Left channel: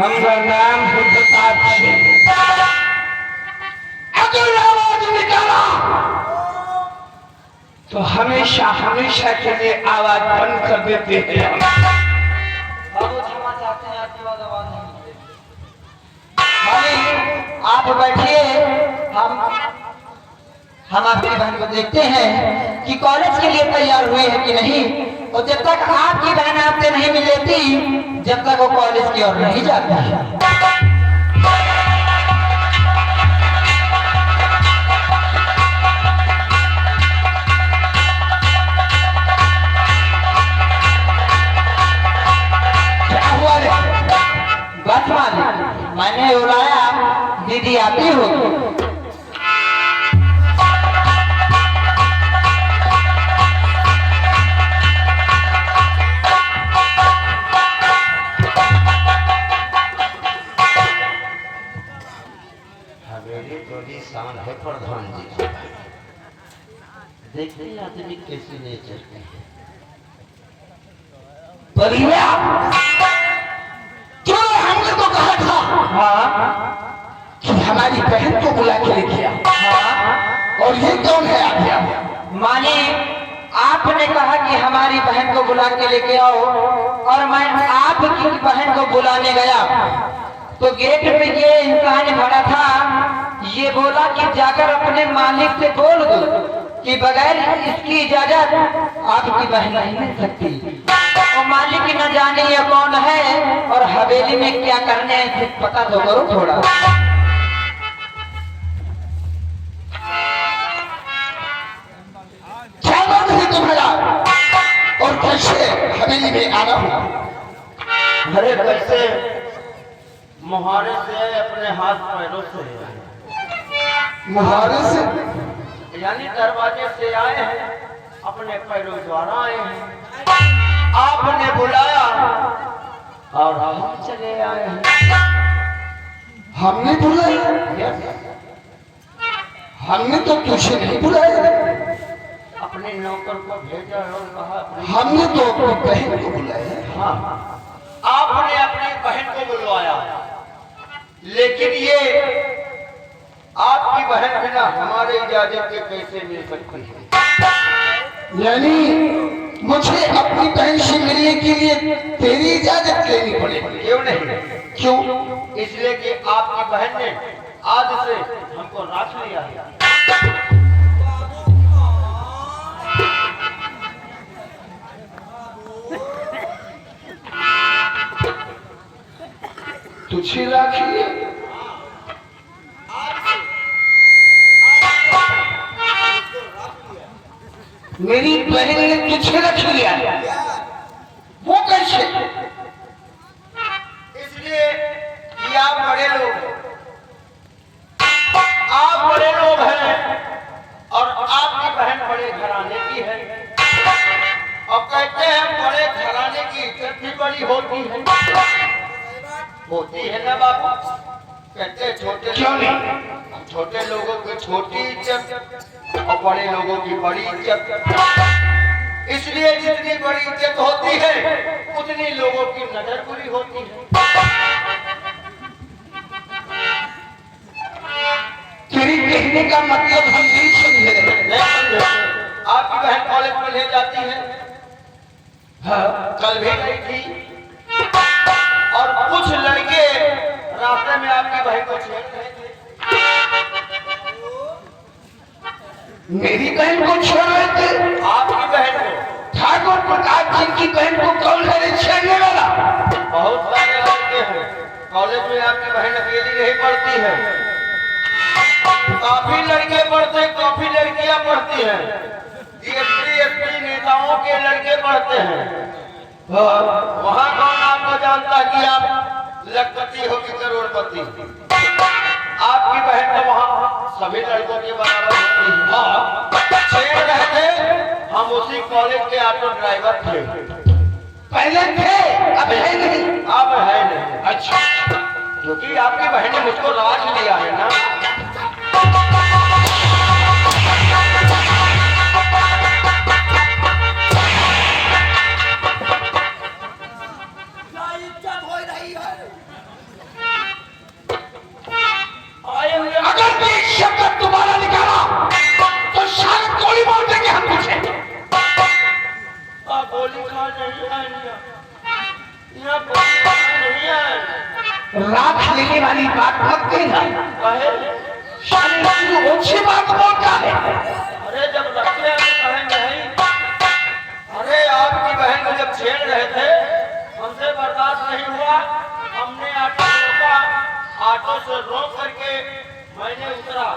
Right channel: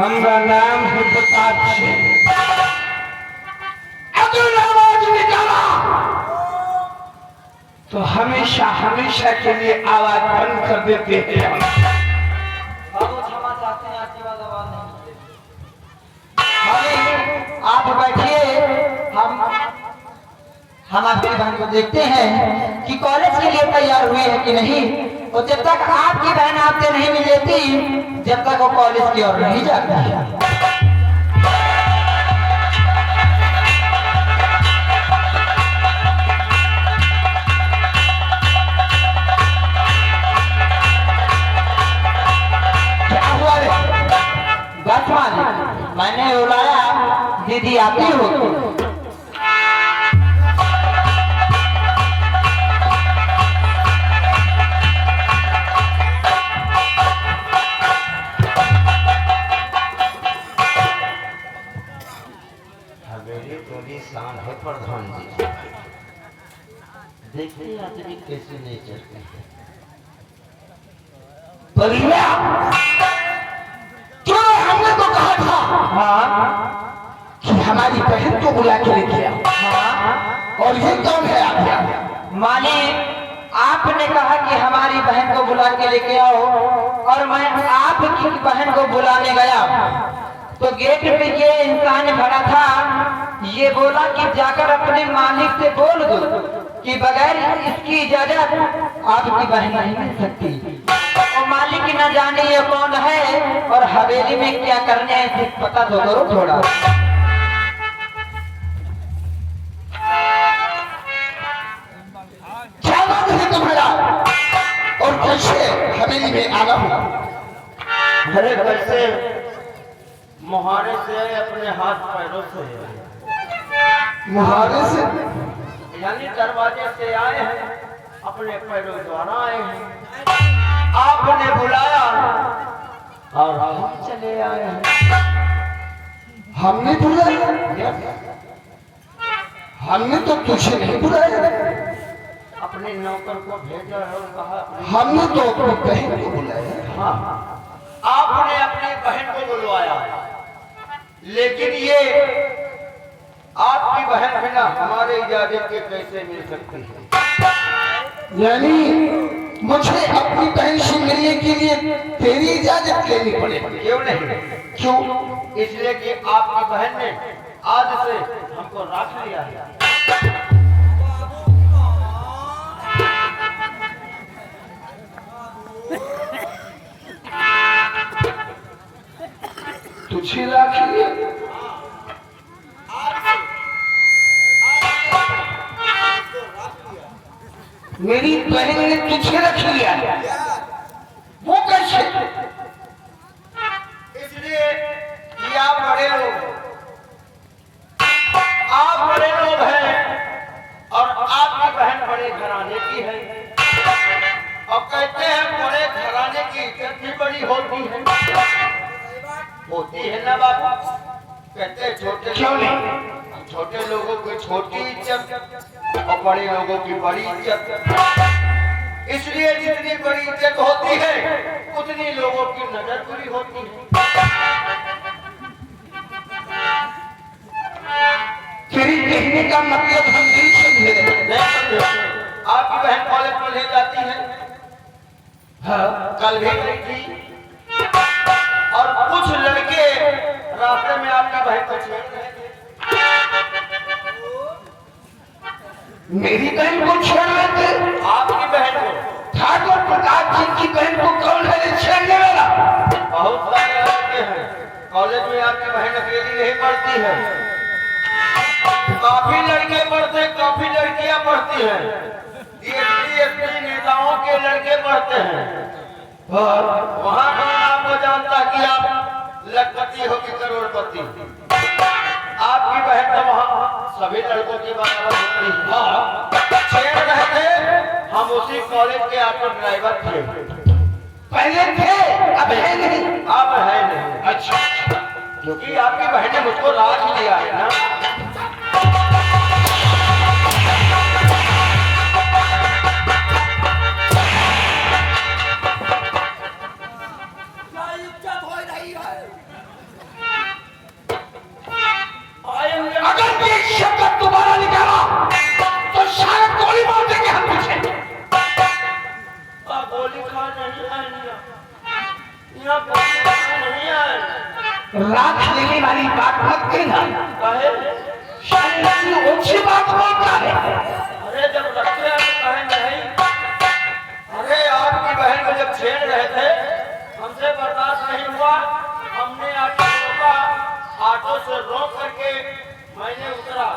हमारा नाम है प्रताप सिंह। अगर आवाज निकाला तो हमेशा हमेशा के लिए आवाज बंद कर देते हैं। आप बैठिए, हम आपकी बहन को देखते हैं कि कॉलेज के लिए तैयार हुए हैं कि नहीं। और जब तक आपकी बहन आपसे नहीं मिल लेती, जब तक वो कॉलेज की ओर नहीं जाती। बस मैंने बुलाया, दीदी आती हो। हवेली थोड़ी शान है प्रधान जी। देखते आदमी कैसे नहीं चलते परिवार। जो हमने तो कहा था कि हमारी बहन को बुला के लेके आओ। और ये कौन है आपका मालिक? आपने कहा कि हमारी बहन को बुला के लेके आओ, और मैं आपकी बहन को बुलाने गया तो गेट पे ये इंसान खड़ा था। ये बोला कि जाकर अपने मालिक से बोल दो कि बगैर इसकी इजाजत आपकी बहन नहीं मिल सकती। और मालिक न जाने ये कौन है और हवेली में क्या करने है, पता तो करो थोड़ा। क्या नाम है तुम्हारा और कैसे हवेली में आना हुआ? अरे कैसे मुहारे से अपने हाथ पैरों से, मुहारे से यानी दरवाजे से आए हैं, अपने पैरों द्वारा आए हैं। आपने बुलाया और हम चले आए हैं। हमने बुलाया? हमने तो तुझे नहीं बुलाया। अपने नौकर को भेजा और कहा हमने तो अपनी बहन को बुलाया। हाँ, आपने अपनी बहन को बुलवाया, लेकिन ये आपकी बहन बिना हमारे इजाजत के कैसे मिल सकती है? यानी मुझे अपनी बहन से मिलने के लिए तेरी इजाजत लेनी पड़ेगी। क्यों नहीं? क्यों? इसलिए कि आपकी बहन ने आज से हमको राख लिया है। तुझे राख लिया? मेरी बहन ने तुझे रख लिया, वो कैसे? इसलिए कि आप बड़े लोग हैं, आप बड़े लोग हैं और आपकी बहन बड़े घराने की है। और कहते हैं बड़े घराने की इज्जत भी बड़ी होती है ना बाबा? कहते हैं छोटे क्यों नहीं? छोटे लोगों की छोटी इज्जत और बड़े लोगों की बड़ी इज्जत। इसलिए जितनी बड़ी इज्जत होती है उतनी लोगों की नजर बुरी होती है। तेरी कहने का मतलब हम नहीं समझे। नहीं समझे? आपकी बहन कॉलेज में ले जाती है, हाँ, कल भी गई थी, और कुछ लड़के रास्ते में आपकी बहन को छेड़ रहे थे। मेरी बहन को छेड़ रहे थे? आपकी बहन को। ठाकुर प्रताप सिंह की बहन को कौन है छेड़ने वाला? बहुत सारे लड़के हैं, कॉलेज में आपकी बहन अकेली नहीं पढ़ती है, काफी लड़के पढ़ते, काफी लड़कियां पढ़ती हैं। एसपी नेताओं के लड़के पढ़ते हैं। वहाँ कौन आपको जानता कि आप लखपति हो कि करोड़पति? आपकी बहन तो वहाँ सभी लड़कों के बराबर होती है। हाँ, छेड़ रहे थे, हम उसी कॉलेज के ऑटो ड्राइवर थे। पहले थे, अब है नहीं। अब है नहीं। अच्छा, क्योंकि आपकी बहन ने मुझको राज लिया है ना। बिना पूछे नहीं आए। रात लेने वाली बात मत कहना, कहे शायद ऊंची बात बोलता है। अरे जब रखते हैं तो कहे नहीं। अरे आपकी बहन को जब छेड़ रहे थे हमसे बर्दाश्त नहीं हुआ, हमने ऑटो रोका, ऑटो से रोक करके मैंने उतरा,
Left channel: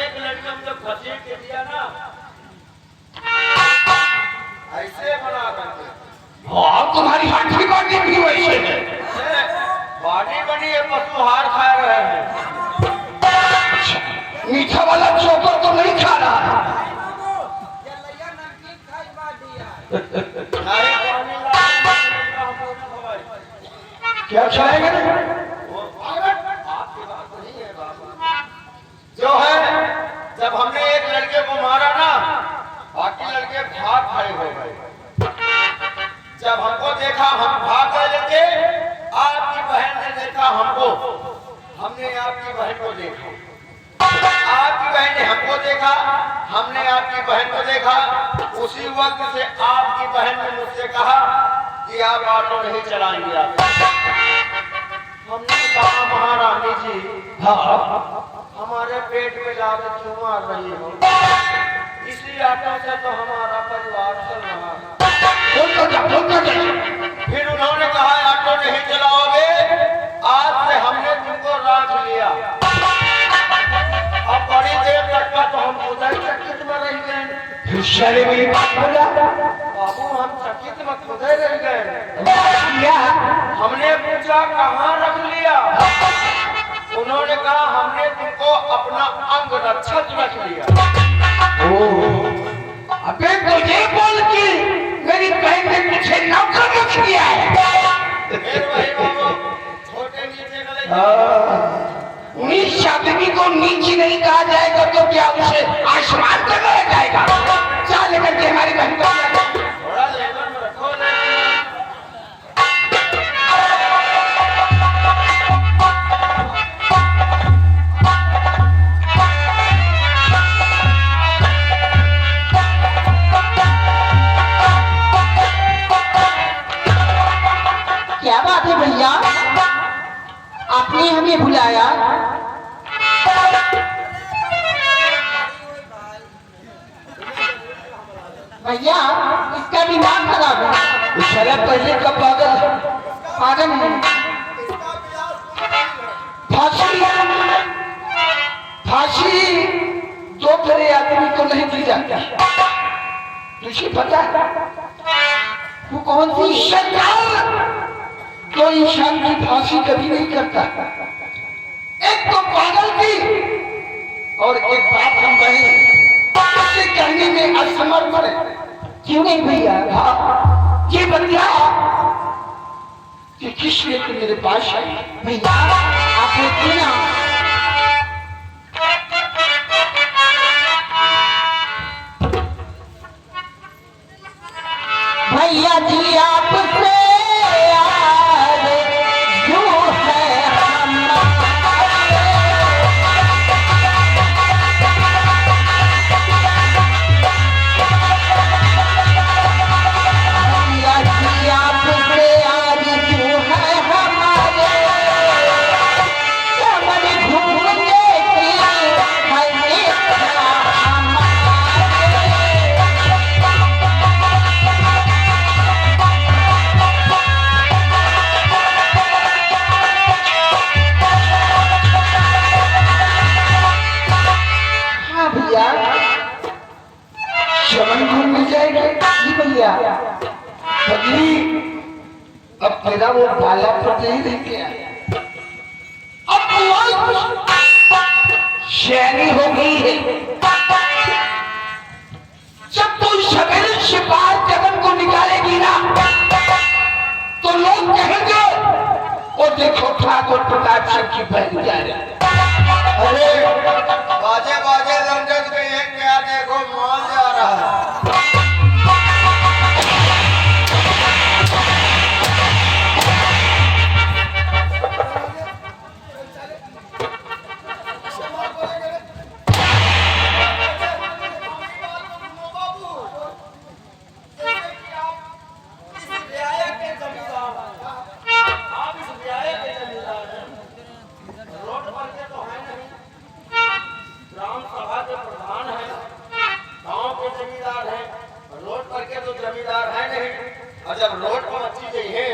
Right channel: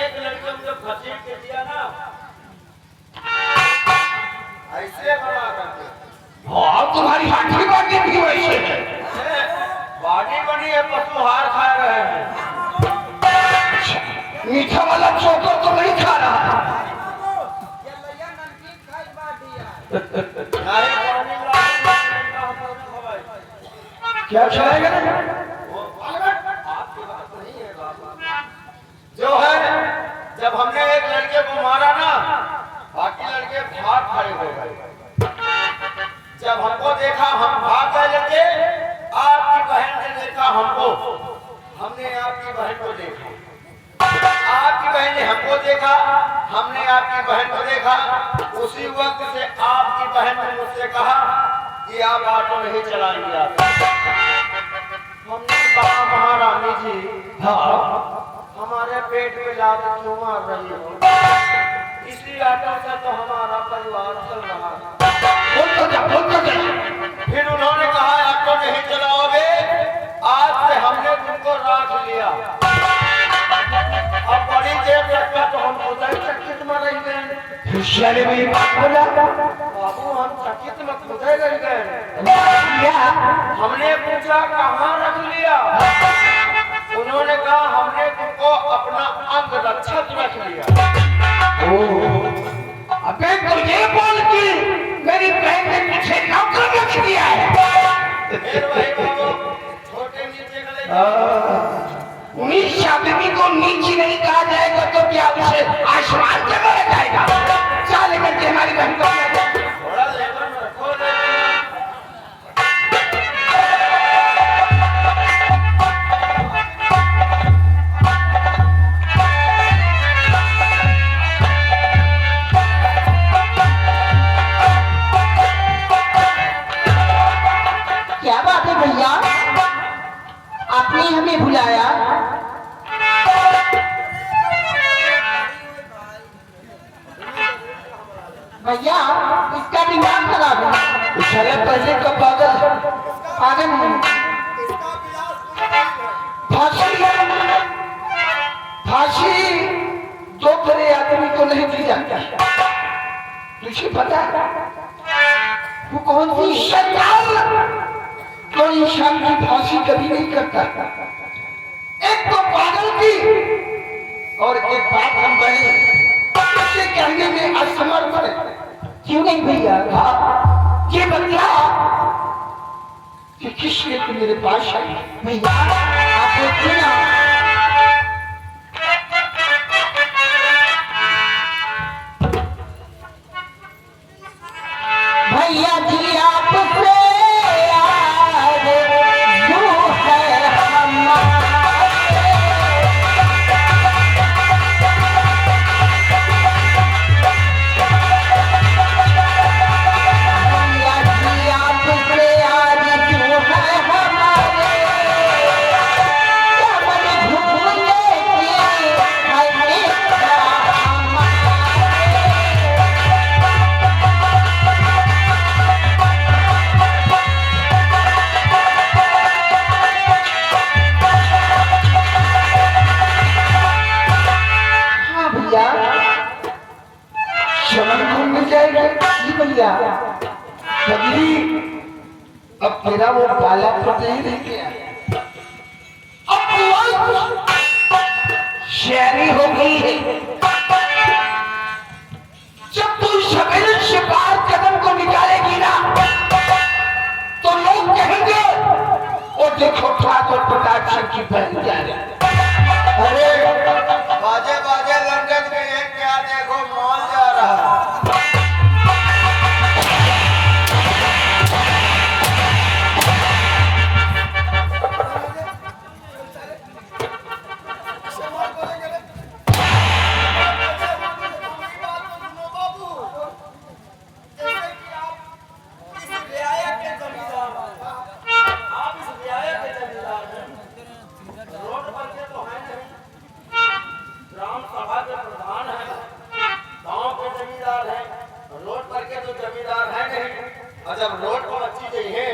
एक लड़के को जब घसीट के दिया ना ऐसे बना करके। और तुम्हारी हाथी बाटी भी वैसे है। बाडी बनी है, पशु हार खा रहे हैं। मीठा वाला चोकर तो नहीं खा रहा है। नारी पानी ला क्या खाएगा? आपकी बात नहीं है बाबा। जो है जब हमने एक लड़के को मारा ना, बाकी लड़के भाग खड़े हो गए। जब हमको देखा हम भाग गए लड़के, आपकी बहन ने देखा हमको, हमने आपकी बहन को देखा, आपकी बहन ने हमको देखा, हमने आपकी बहन को देखा। उसी वक्त से आपकी बहन ने मुझसे कहा कि आप ऑटो नहीं चलाएंगे। आप हमने कहा महारानी जी, हाँ, हमारे पेट में लात क्यों मार रही हो? इसी ऑटो से तो हमारा परिवार चल रहा है। बोल तो जा। फिर उन्होंने कहा ऑटो नहीं चलाओगे, आज से हमने तुमको राख लिया। अब बड़ी देर तक का तो हम उधर चकित में रह गए। होशियारी में ये बात बोला। बाबू हम चकित में खुदे रह गए। क्या? हमने पूछा कहाँ रख लिया? उन्होंने कहा हमने तुमको अपना अंग रक्षक रख लिया। अबे तो ये बोल कि मेरी बहन ने मुझे नौकर रख दिया है। फिर वही बाबू छोटे नीचे गले नीच आदमी को नीच नहीं कहा जाएगा तो क्या उसे आसमान से मारा जाएगा? चल लेकर के हमारी बहन को थोड़ा लेवल में रखो। क्या बात है भैया, आपने हमें बुलाया? भैया इसका दिमाग खराब है। साला पहले का पागल है। पागल है। फांसी दो तरह आदमी को नहीं दी जाती। तुझे पता है? वो कौन सी? शैतान तो इंसान की फांसी कभी नहीं करता। एक तो पागल की और एक बात हम बहन उसे कहने में असमर्थ है। क्यों नहीं भैया? हाँ, ये बतला कि किस लिए तू मेरे पास आई? भैया आप देखिए ना, भैया जी आपसे याद जो है भैया जी आपसे याद जो है हमारे, चमन घूमने की हमें चमन घूम जाएगा। जी भैया। बदली अब तेरा वो बाला तो नहीं रह गया। अब शहरी हो गई है। जब तू सवेरे से बाहर कदम को निकालेगी ना तो लोग कहेंगे वो देखो ठाकुर प्रताप सिंह की बहन जा रही है। अरे बाजे बाजे लंदन के ये क्या देखो मॉल जा रहा है। जमींदार हैं, रोड करके तो जमींदार है नहीं। और जब रोड पर अच्छी चाहिए,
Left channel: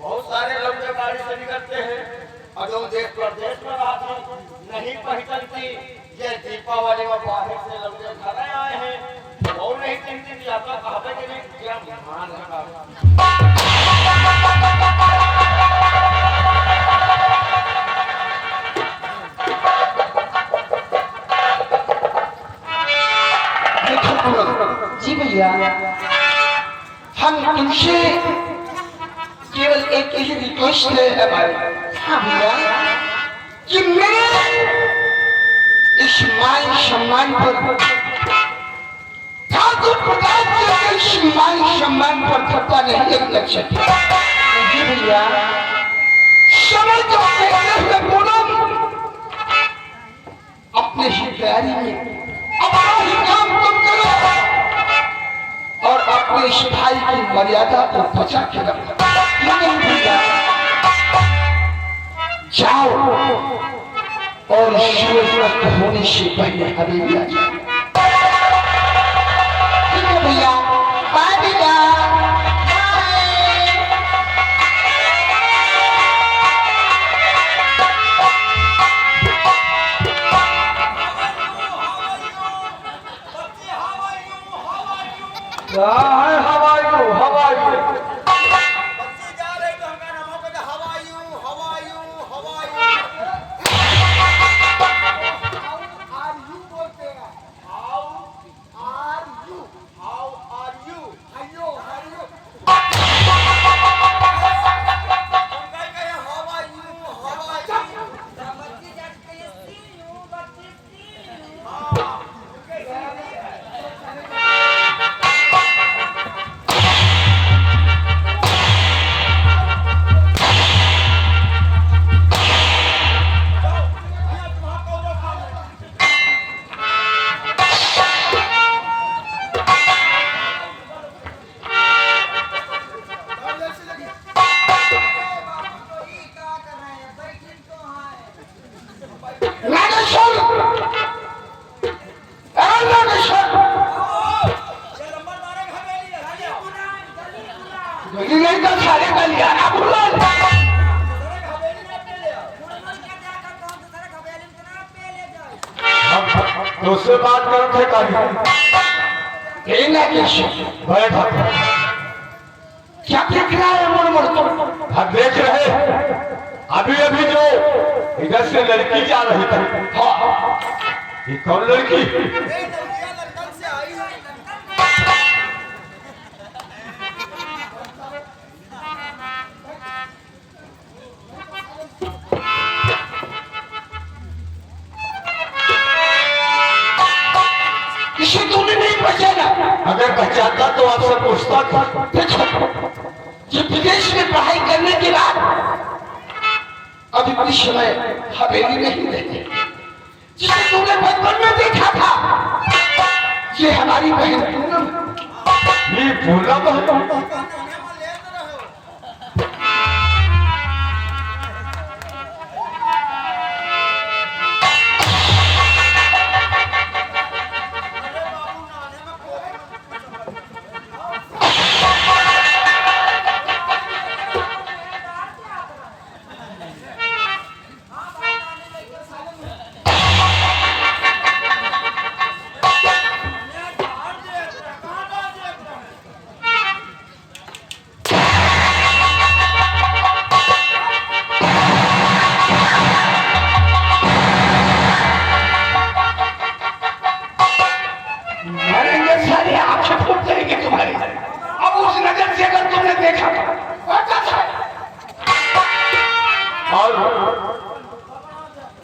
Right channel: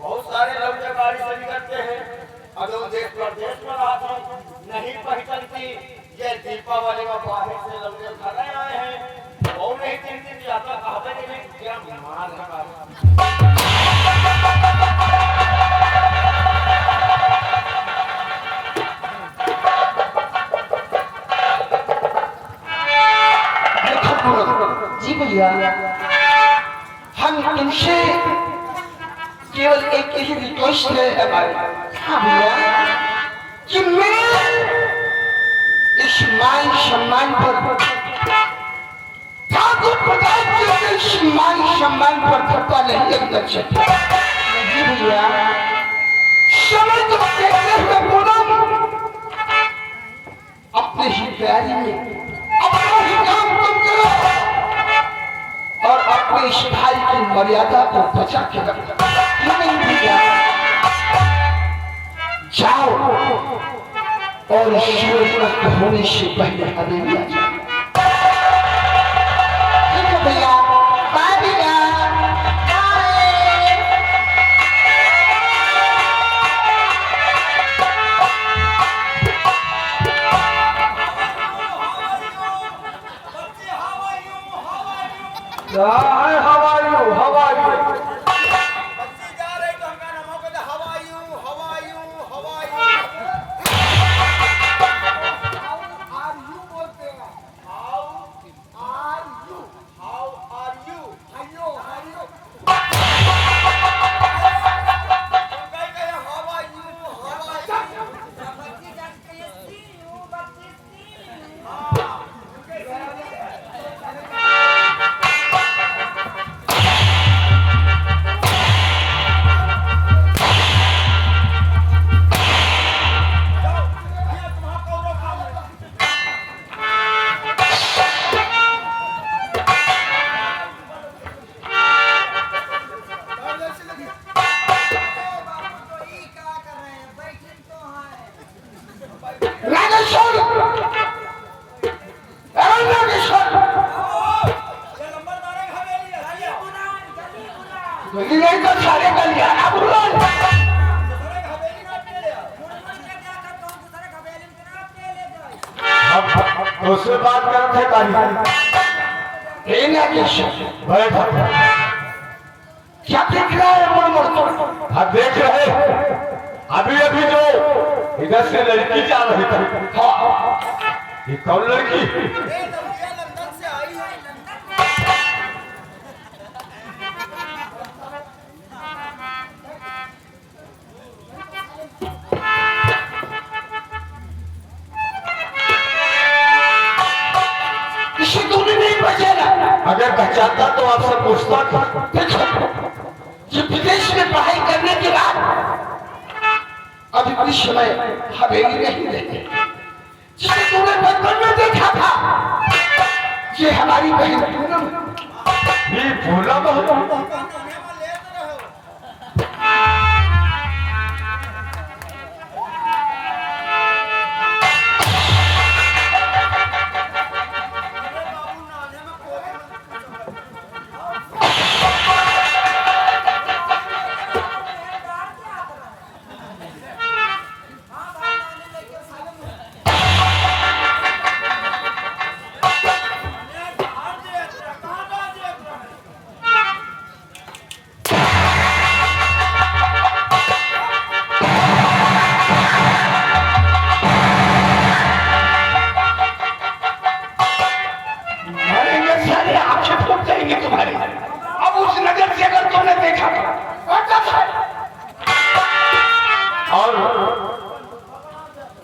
बहुत सारे लोग जो गाड़ी से निकलते हैं, अगर देश प्रदेश में आती नहीं पहचानती, ये दीपावली में बाहर से लोग घर आए हैं, और नहीं 3 दिन जाता कहते कि नहीं क्या मार लगा। जी भैया, हम तुमसे केवल एक ही रिक्वेस्ट है हमारी। हाँ भैया, कि मैं इस मान सम्मान पर ठाकुर प्रताप के इस मान सम्मान पर खपा नहीं लगना चाहिए। जी भैया, समय को देखते हुए पूनम अपने ही तैयारी में अपना ही काम तुम करो और अपने इस भाई की मर्यादा को बचा के रखो। क्यों नहीं भैया? जाओ और सूरज अस्त होने से पहले हवेली आ जाओ। ठीक है भैया, बाय भैया। How are you? उससे बात करते बैठ क्या देख रहा है मुड़ मुड़? हम देख रहे अभी अभी जो इधर से लड़की जा रही थी। हाँ, ये कौन लड़की? इसे तूने नहीं पहचाना? अगर पहचानता तो आपसे पूछता था। ये विदेश में पढ़ाई करने के बाद अभी कुछ समय हवेली नहीं रहते। जिसे तूने बचपन में देखा था, ये हमारी बहन पूनम। ये पूनम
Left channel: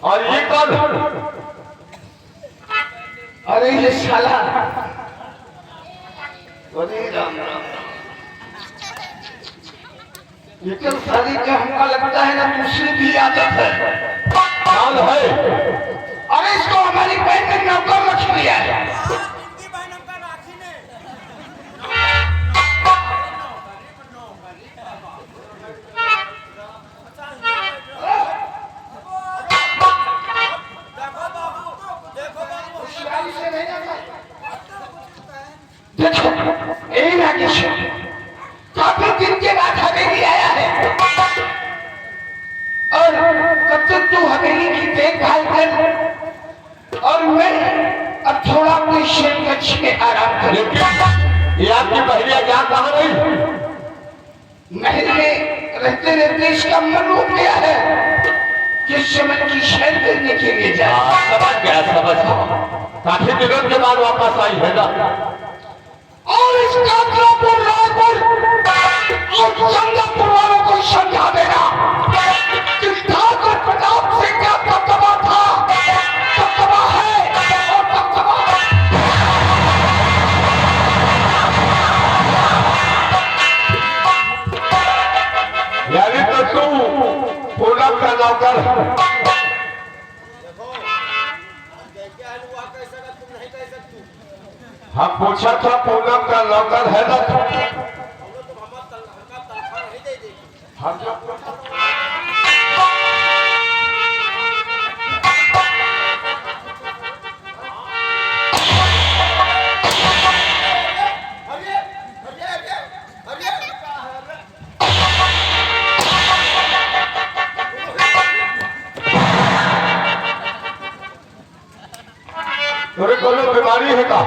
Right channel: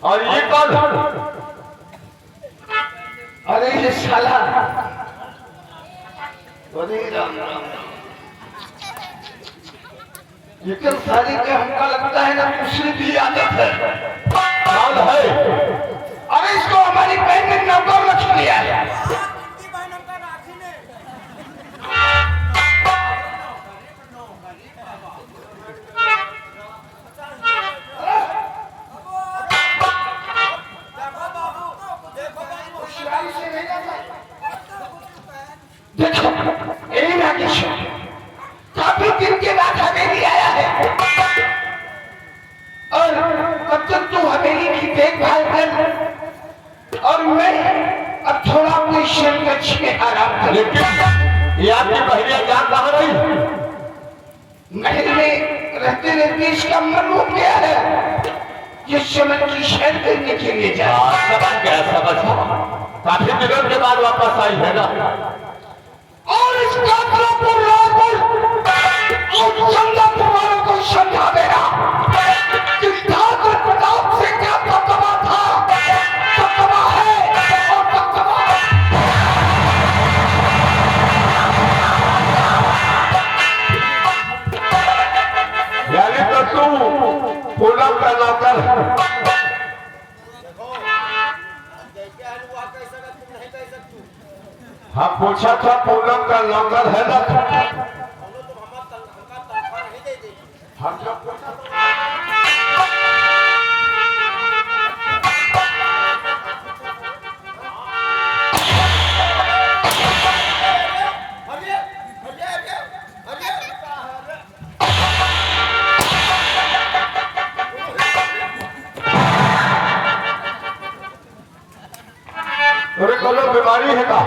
और ये कौन? अरे ये साला लेकिन सारी के हमका लगता है ना दूसरी भी आदत है। कौन है? अरे इसको हमारी बहन ने नौकर रख लिया है। देखो ए नागेश काफी दिन के बाद हवेली आया है और कब तक तू हवेली की देखभाल कर और मैं अब थोड़ा अपने शरीर कक्ष में आराम कर। लेकिन ये आपकी पहले जान कहाँ रही? महल में रहते रहते इसका मन उठ गया है जिस समय की शहर करने के लिए जाए। समझ गया, समझ काफी दिनों के बाद वापस आई है ना। और इस काकरापुर रायपुर और जंगलपुर वालों को समझा देना कि ठाकुर प्रताप से क्या दबदबा था, दबदबा है और दबदबा यानी तो तू पूनम का नौकर। हम पूछा था पूनम का नौकर है ना? हम जो पूछा अरे कलो बीमारी है का?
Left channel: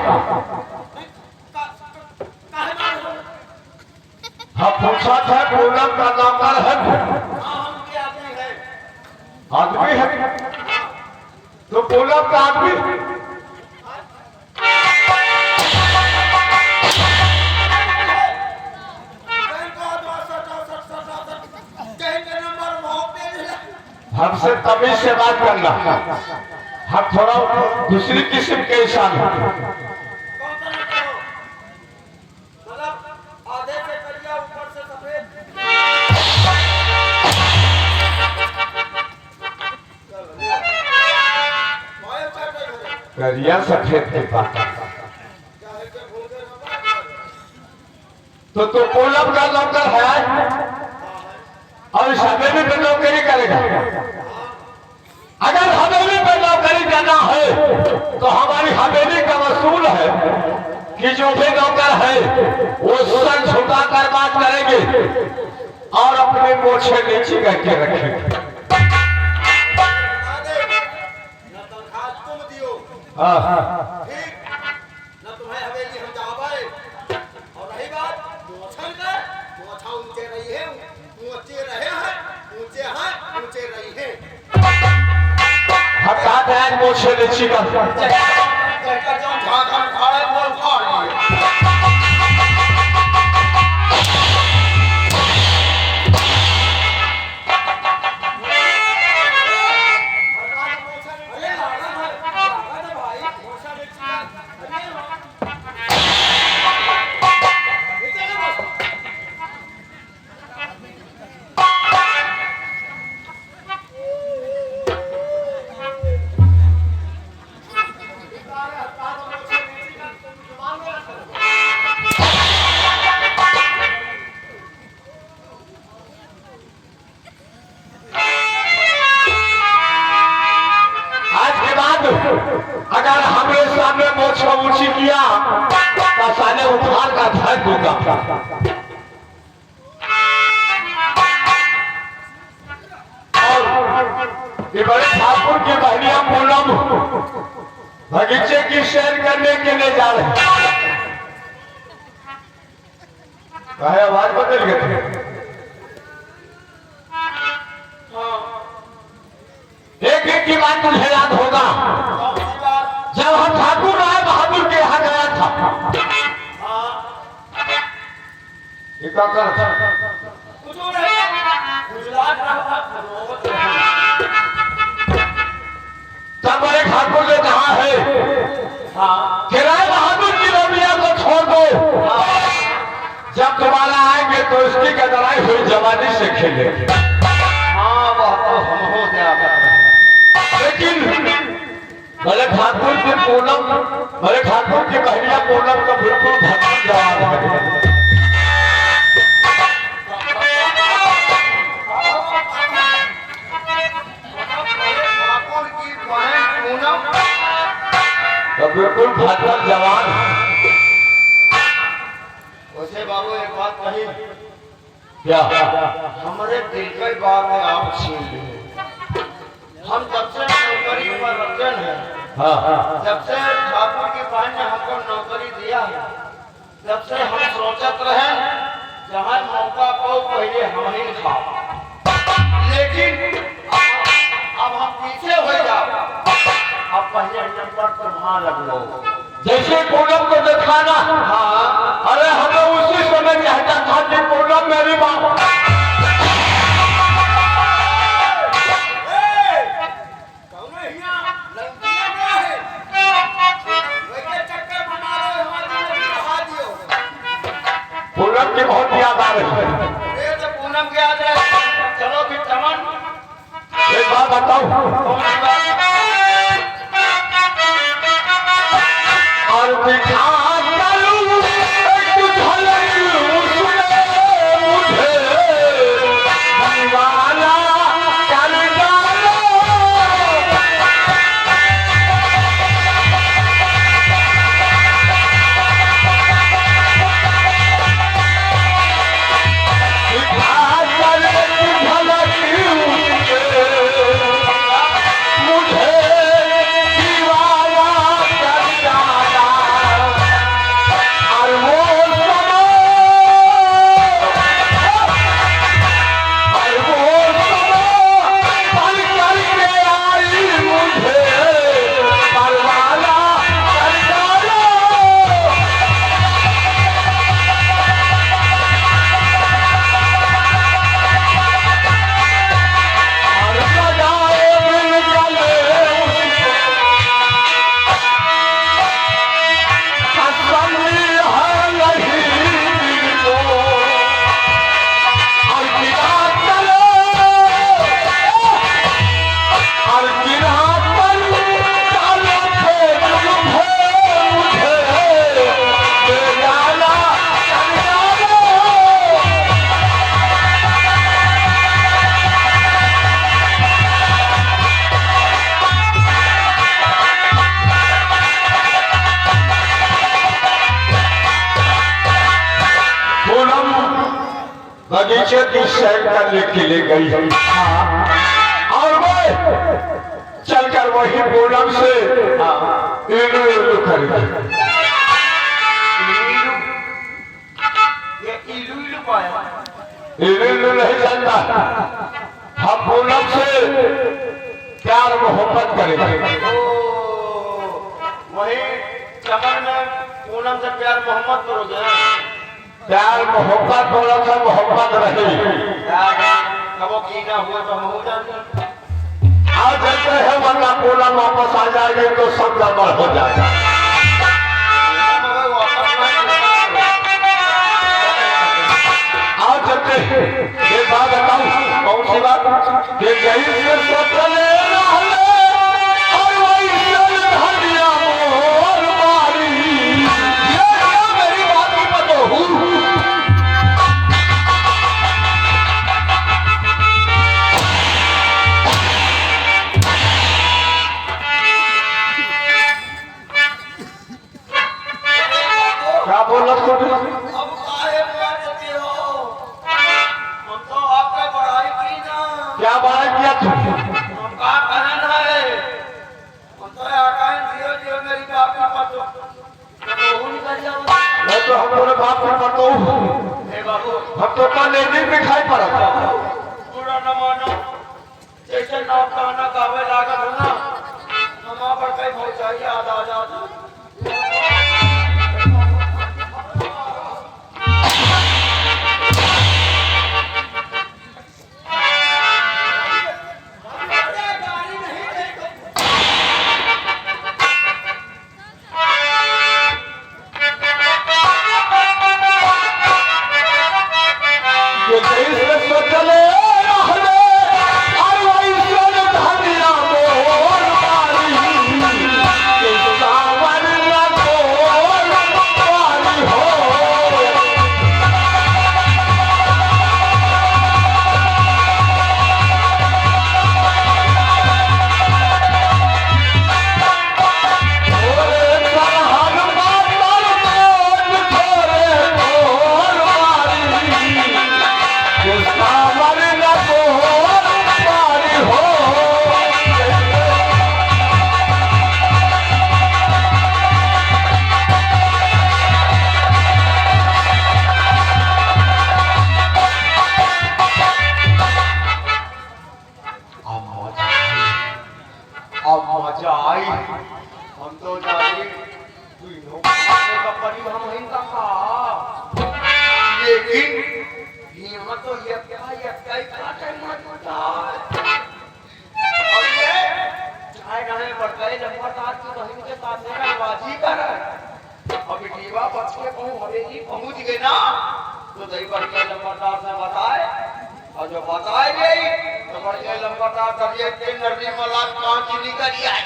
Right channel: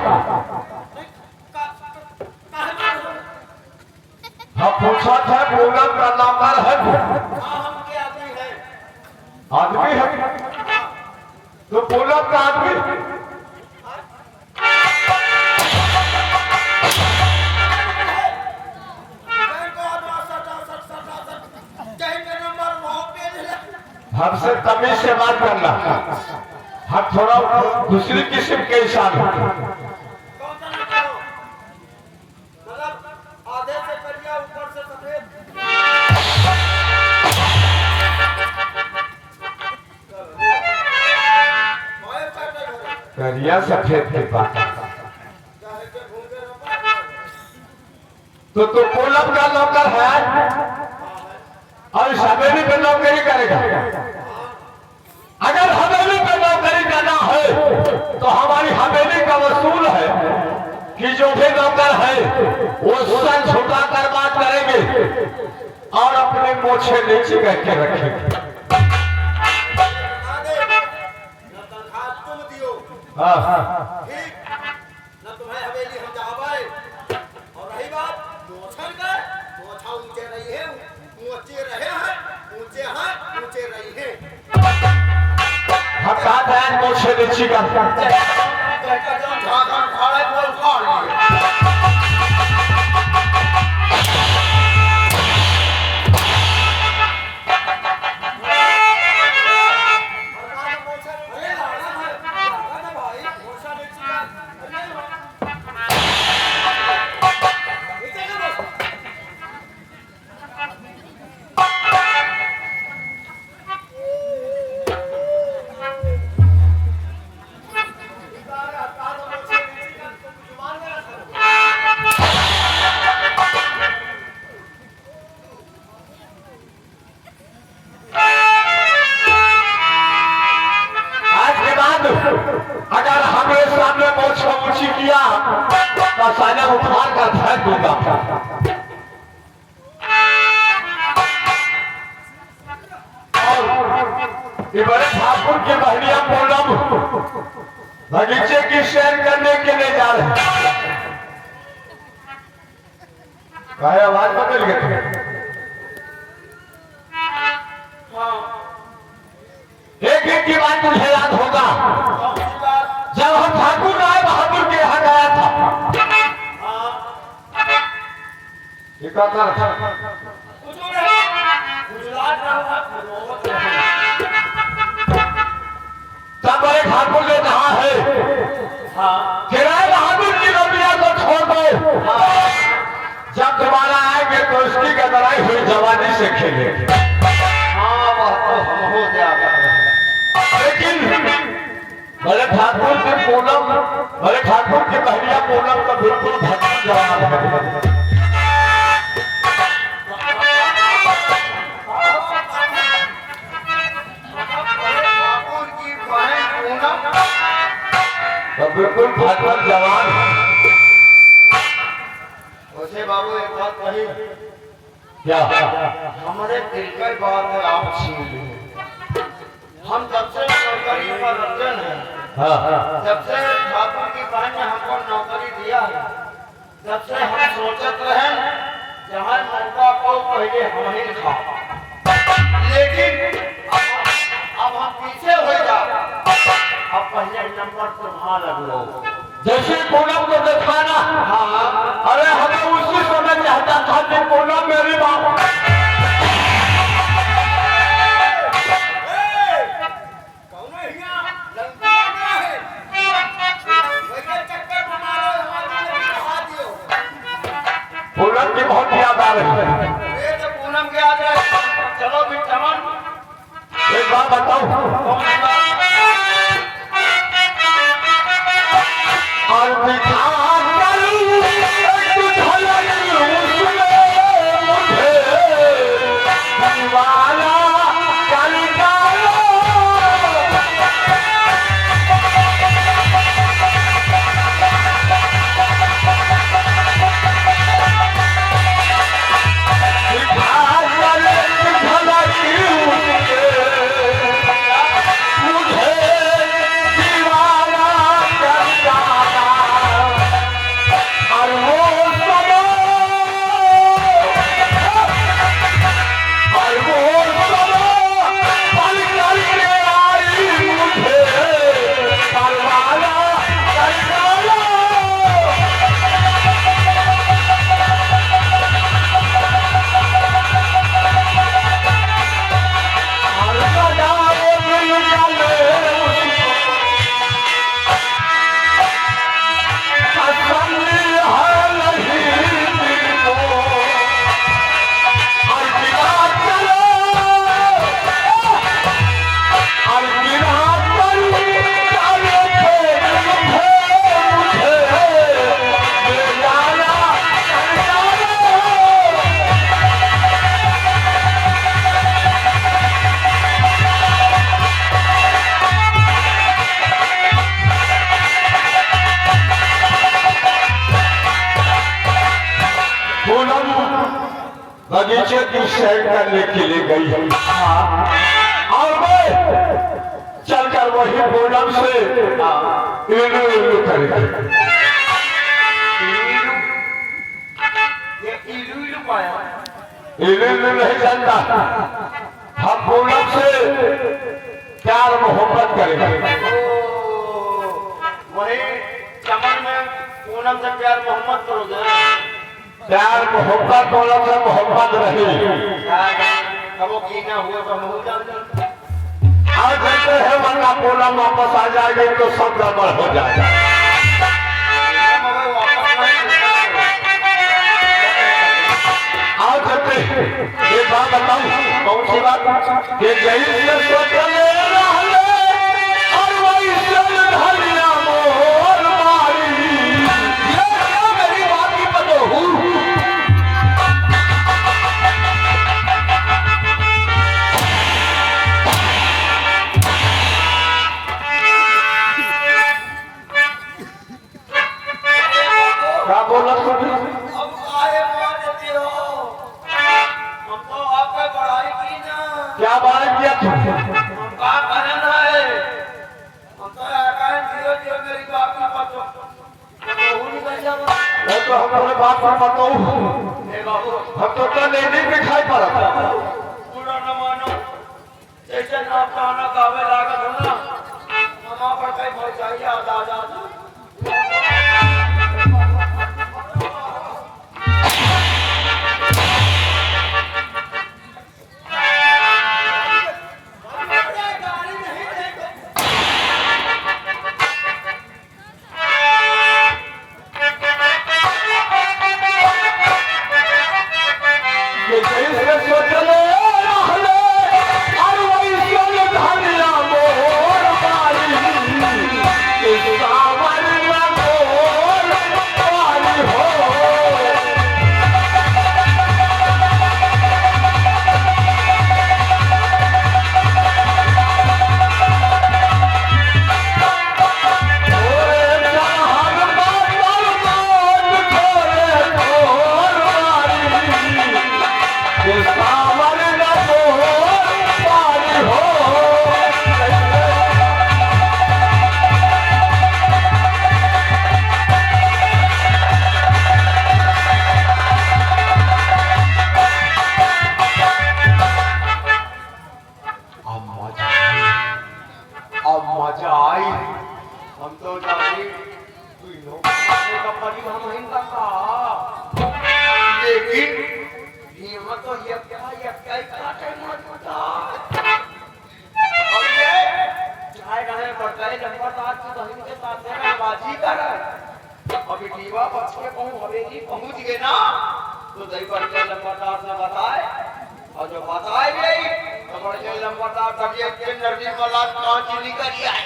हम पूछा था पूनम का नौकर है? आदमी है तो पूनम का आदमी हमसे तमीज से बात करना। हम थोड़ा दूसरी किस्म के इंसान हैं। आधे से करिया ऊपर से सफेद। करिया सफेद के पास तो पूनम का नौकर है और इस हवेली पे नौकरी करेगा। अगर हवेली पे नौकरी करना है तो हमारी हवेली का वसूल है कि जो भी नौकर है वो सर झुका कर बात करेंगे और अपने मोछे नीचे करके रखेंगे। न तनख्वाह तुम दियो, हाँ ठीक न तुम्हें हवेली हम जावाए। और रही बात मोछन का, मोछा ऊंचे रही है, ऊंचे रहे हैं, ऊंचे हैं, ऊंचे रही है। हटा दें मोछे नीचे का। अगर हमरे सामने मोछ ऊंची किया तो साले उठान का धर दूंगा। और ये बड़े ठाकुर की बहनियां पूनम बगीचे की सैर करने के लिए जा रहे हैं। भाई आवाज बदल गई। एक एक की बात मुझे याद होगा जब हम ठाकुर राय बहादुर के यहाँ गया था। ये क्या कर तब बड़े ठाकुर ने कहा है कि राय बहादुर की रबिया को छोड़ दो, जब दोबारा आएंगे तो इसकी गदराई हुई जवानी से खेलेंगे। हाँ वह तो हम हो जाएगा। लेकिन बड़े ठाकुर की पूनम, बड़े ठाकुर की बहनिया पूनम का बिल्कुल भटक जवाब है। ठाकुर की बहन पूनम तो बिल्कुल भटक जवान है। कही क्या? हमारे दिल की बात है आप छीन ली। हम जब से नौकरी पर रखे हैं, हाँ जब से ठाकुर की बहन ने हमको नौकरी दिया है, जब से हम सोचते रहे जहाँ मौका को पहले हम ही खा, लेकिन अब हम पीछे हो जाओ, अब पहले नंबर तुम्हारा लग लो। जैसे पूनम को दिखाना, हाँ अरे हमें उसी समय चाहता था कि पूनम मेरी माँ। कौन है यहाँ? लंका क्या है? वैसे चक्कर बना रहे हो, हमारी लड़की को हाथ दियो। पूनम की बहुत याद आ रही है। ये तो पूनम के आ जाए। चलो भी चमन, एक बात बताऊं, कौन सी बात? और दिखा चलूं तुझलक उसने मुझे दीवाना कर डाला। दिखा चले तुझलक उसने मुझे दीवाना कर डाला। और वो समय पल करके आई मुझे परवाना कर डाला। और सजाए दिल जले उसको, तसल्ली है नहीं दिल को। और गिरा चले, और गिरा चले डाले थे मुझे बेगाना कर डाला। पूनम बगीचे की सैर करने के लिए गई है, और मैं चलकर वही पूनम से इलू इलू करेगी। ये इलू इलू पाया। इलू इलू नहीं जानता, हम पूनम से प्यार मोहब्बत करेंगे। ओ, वही चमन में पूनम से प्यार मोहब्बत करोगे? प्यार मोहब्बत पूनम से मोहब्बत रही। कबो की ना हुआ तो हम हो जाते। आज कहते हैं वरना पूनम वापस आ जाएगी तो सब गड़बड़ हो जाएगा। मगर वापस नहीं। आज चलते हैं, एक बात बताऊं, कौन सी बात? ये जही से सोचले रहले और वही चल धनिया मोर मारी। ये मेरी बात की बतहू। क्या बोला तुम? अब काहे मार देते हो? हम तो आपका पढ़ाई की ना। क्या बात किया तुम? हम का कहन है? हम तो आकाश जियो जियो मेरी बाप की पतो। तो निकल जाओ। मैं तो हमारे बाप को बताऊं, ए बाबू, हम तो नहीं दिखाई पड़ा। पूरा न मानो। जैसे ना गाना गावे लागत हो ना, हमारा पर कहीं पहुंचाइए आधा आधा। ये जही से सोचले रहले और वही चल धनिया मोर मारी। ये सावन में मोर मारी हो। ओरे चलहन मातल मोर छोरे मोर मारी। लेकिन यहाँ तो ये क्या काटे मत बता। और ये चाय गाने बढ़ते लंबा तार की बहन के साथ मेरा बाजी कर रहा है। अभी दीवा बच के हवेली पहुंच गए ना तो दही बढ़ के लंबा तार से बताए और जो बताए गई तो बढ़ के लंबा तार करिए तेल नरमी वाला कांच निकल आए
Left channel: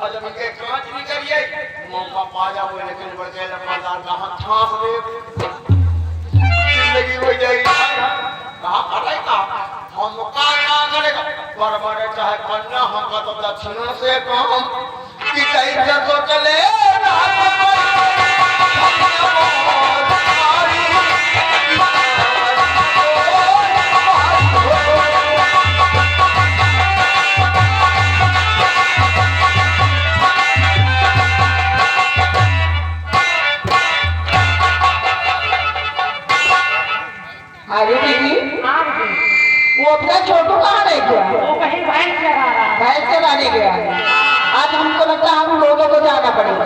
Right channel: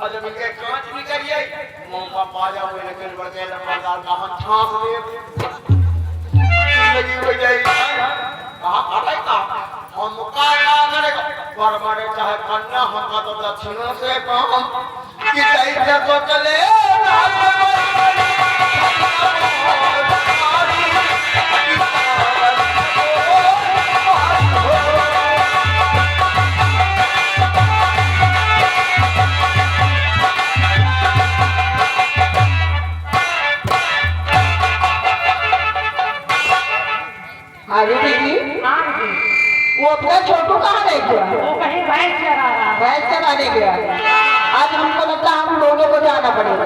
और जब इनके कांच निकल गए मौका पा जाओ लेकिन बढ़ के लंबा तार कहाँ छाप दे जिंदगी हो जाएगी कहाँ फटेगा हम मुकाबला करेगा पर बड़े चाहे कन्या हमका तो दक्षिणों से काम कि कैसे तो चले अरे दीदी वो अपना छोटू कहाँ रह गया? वो कहीं भैंस चरा रहा है। भैंस चराने गया। आज हमको लगता है हम लोगों को जाना पड़ेगा।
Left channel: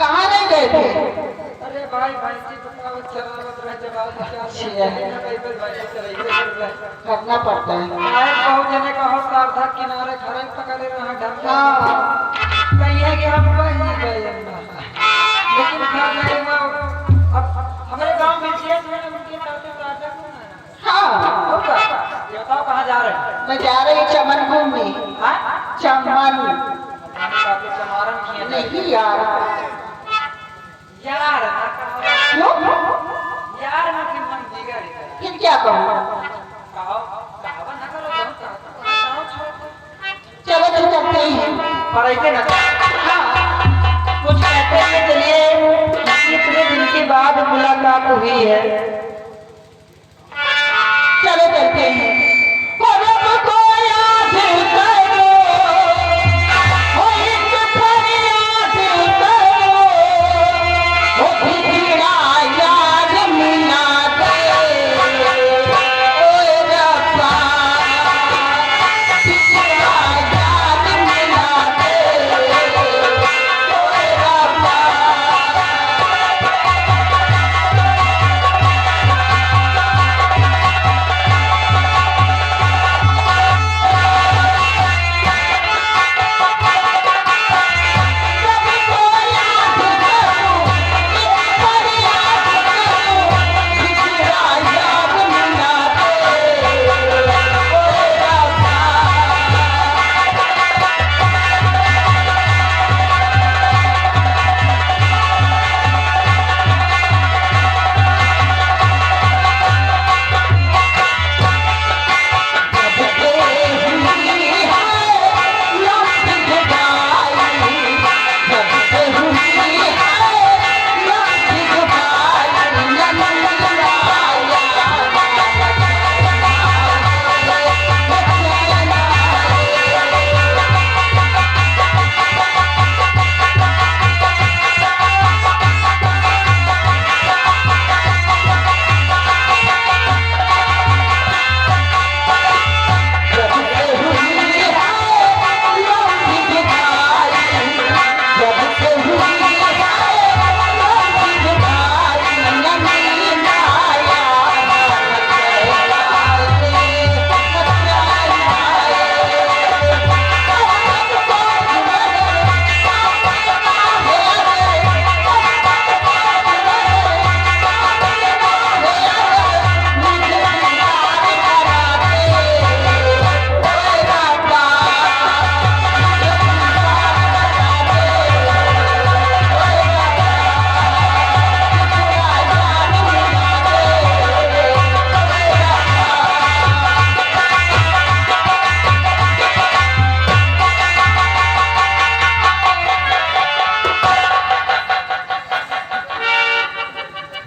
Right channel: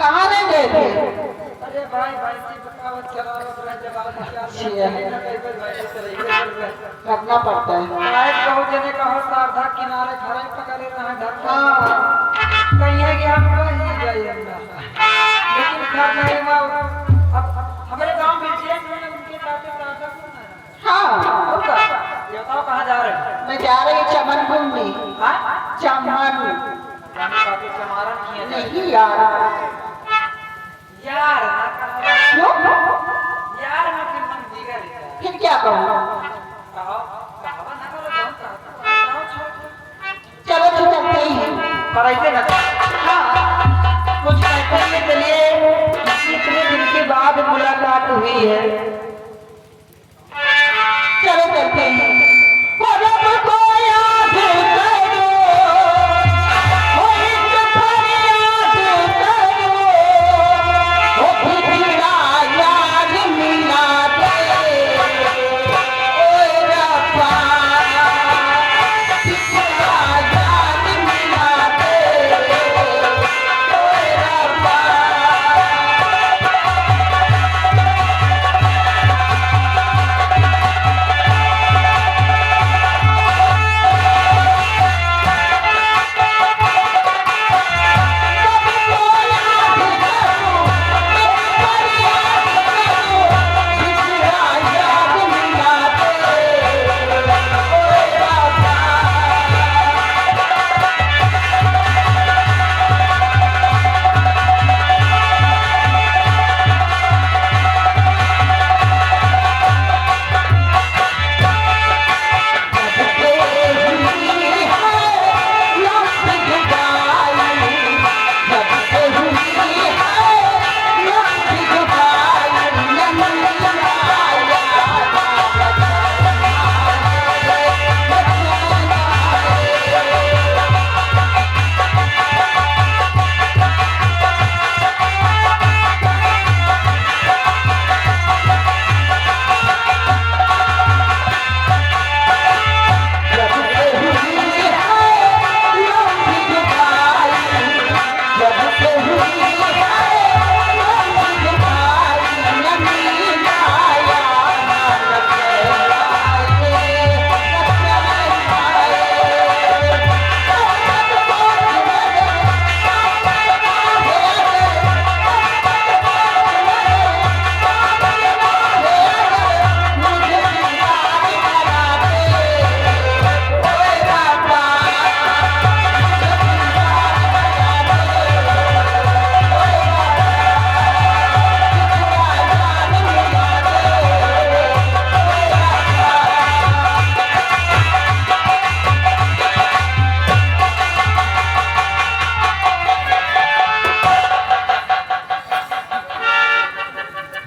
कहाँ नहीं गए थे? अरे भाई भैंसी बताओ चरावत रहे जवाब क्या करना पड़ता है। बहुत जने कहो सारधा किनारे खड़े पकड़े रहे ढक हाँ कहिए कि हम वही गए लेकिन घर में अब हमारे गांव में जेठ में उनके ताते ताता हाँ होगा ये बताओ कहाँ जा रहे हैं? मैं जा रही चमन घूमने। हाँ चमन ताते चमारन किए नहीं यार। यार ना कहो क्यों? यार ना कि मन बिगड़ जाए फिर क्या कहूँ? कहो कहो ना करो कहो छोड़ चलो तो चलते ही हैं। पर ऐसे ना हाँ कुछ कहते हैं चलिए इतने दिन के बाद मुलाकात हुई है चलो चलते हैं। परब को याद करो हो एक फरियाद करो हो बिछड़ा याद मिला दे ओए रब्बा बिछड़ा याद मिला दे ओए रब्बा।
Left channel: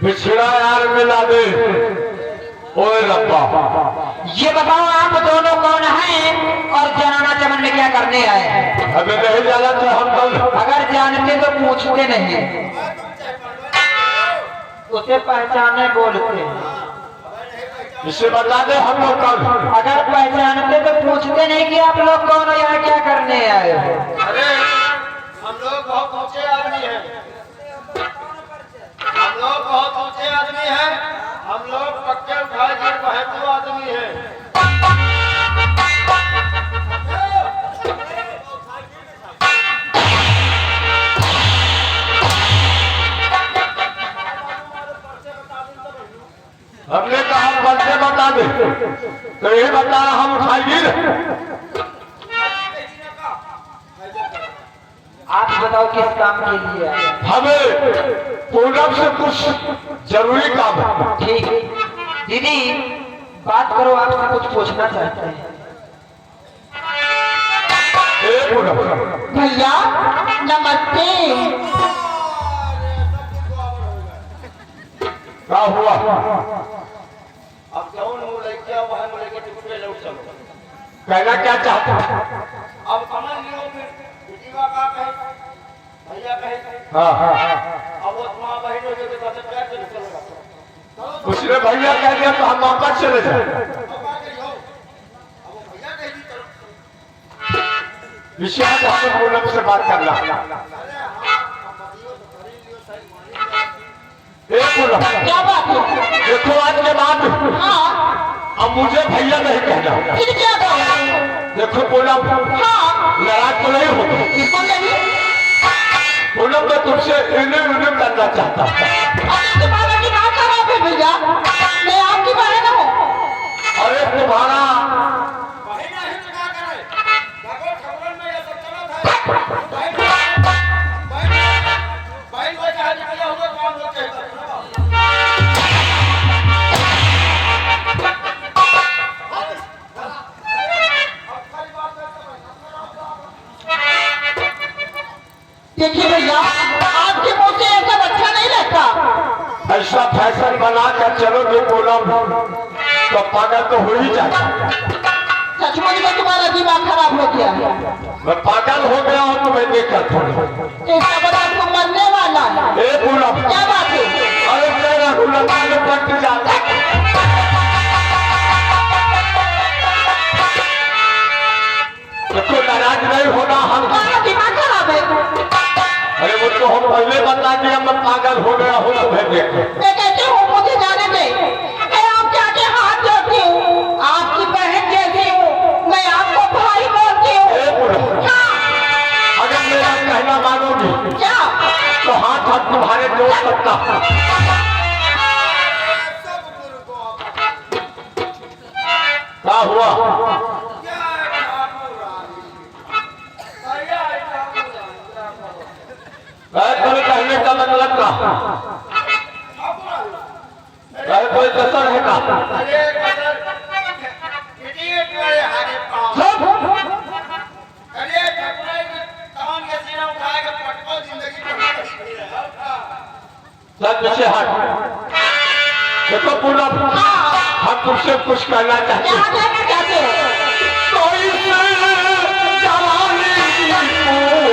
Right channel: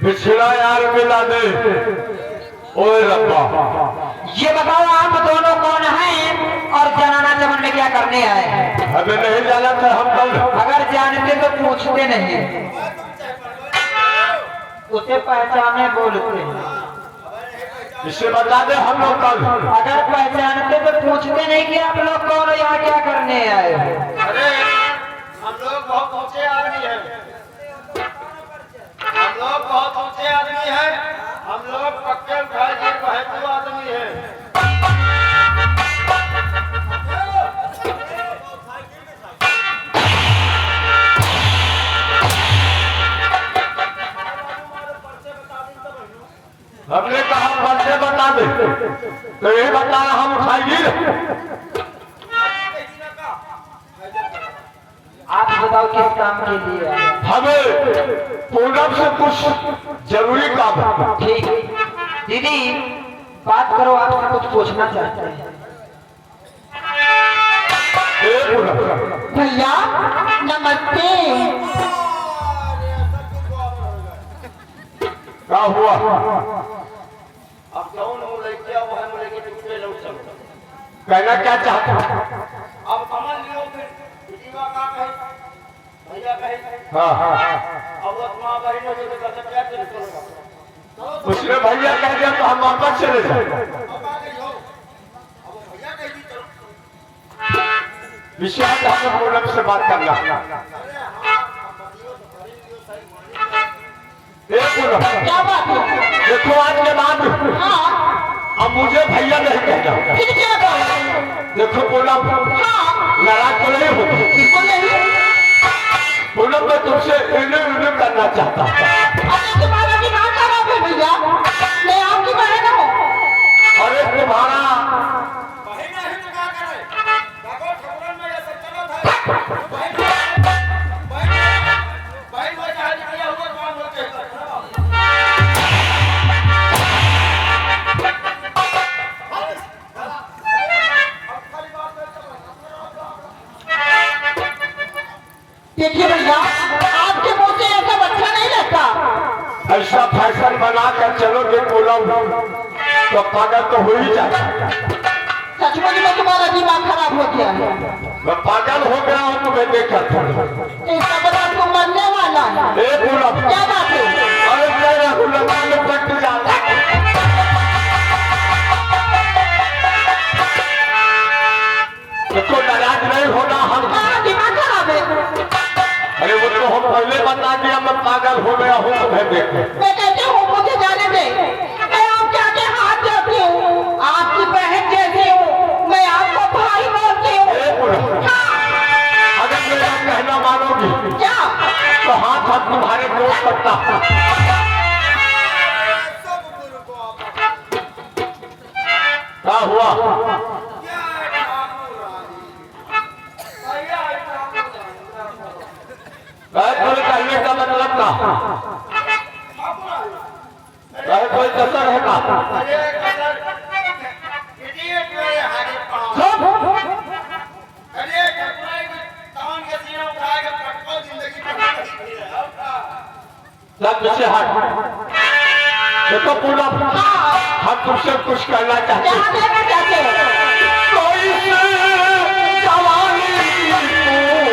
बिछड़ा यार मिला दे ओए रब्बा। ये बताओ आप दोनों कौन हैं और जनाना चमन में क्या करने आए हैं? हमें नहीं जाना था हम कल। अगर जानते तो पूछते नहीं, उसे पहचाने बोलते हैं। इसे बता दे हम लोग कौन। अगर पहचानते तो पूछते नहीं कि आप लोग कौन हो, यहाँ क्या करने आए हो। अरे हम लोग बहुत ऊंचे आदमी हैं, हम लोग बहुत ऊंचे आदमी हैं, हम लोग पक्के उठाए के बहतू आदमी हैं। हमने कहा बच्चे बता दे तो यही बता रहा हम उठाएंगे। आप बताओ किस काम के लिए आए? हमें पूनम से कुछ जरूरी काम है। ठीक है दीदी, बात करो, आपसे कुछ पूछना चाहते हैं। ए पूनम, भैया नमस्ते। क्या हुआ? अब कौन हो लड़किया वह लेके टुकड़े लौट सब कहना क्या चाहता है? अब समझ लियो फिर बेटीवा का कहे भैया कहे। हाँ अब वो मां बहन हो जाए तो क्या करेगा? उसने भैया कह दिया तो हम वापस चले जाए। विश्वास हमें पूनम से बात करना। क्या बात है? देखो आज के बाद हाँ अब मुझे भैया नहीं कहना। फिर क्या करो? देखो पूनम, हाँ नाराज तो नहीं होता। बिल्कुल नहीं। पूनम मैं तुमसे इन्हें करना चाहता था। अरे तुम्हारा दिमाग खराब है भैया, मैं आपकी बहन हूँ। अरे तुम्हारा बहन है तो क्या करे? देखो ठकुरन में ये सब चला था। बहन बहन वो जहां निकला हुआ काम होते हैं। देखिए भैया, आपके मुंह से ऐसा अच्छा नहीं लगता। ऐसा फैशन बना कर चलोगे पूनम तो पागल तो हो ही जाए। सचमुच में तुम्हारा दिमाग खराब हो गया है। मैं पागल हो गया हूँ तुम्हें देखकर थोड़ा। इसका मतलब तुम मरने वाला है। ए पूनम, क्या बात है? अरे क्या पूनम में कट जाता। देखो नाराज नहीं होना हम। तुम्हारा दिमाग खराब है। अरे वो तो हम पहले बता दिया मैं पागल हो गया हूँ तुम्हें देख। मैं कहती हूँ मुझे जाने दे। मैं आपके आगे हाथ जोड़ती हूँ, आपकी बहन जैसी हूँ, मैं आपको भाई बोलती हूँ। ए पूनम, हाँ, अगर मेरा कहना मानोगी क्या? तो हाथ हाथ तुम्हारे दो सकता। सब गुरु को आप क्या हुआ? क्या तुम्हें कहने का मतलब का कोई कसर है का? अरे कदर इडियट मेरे हारे पाँव। अरे ठकुराई के कान के सीना उठा के पटको जिंदगी में सब पीछे हट। देखो पूनम, हम तुमसे कुछ कहना चाहते क्या हैं। कहना चाहते हो? कोई जवानी पूनम तुले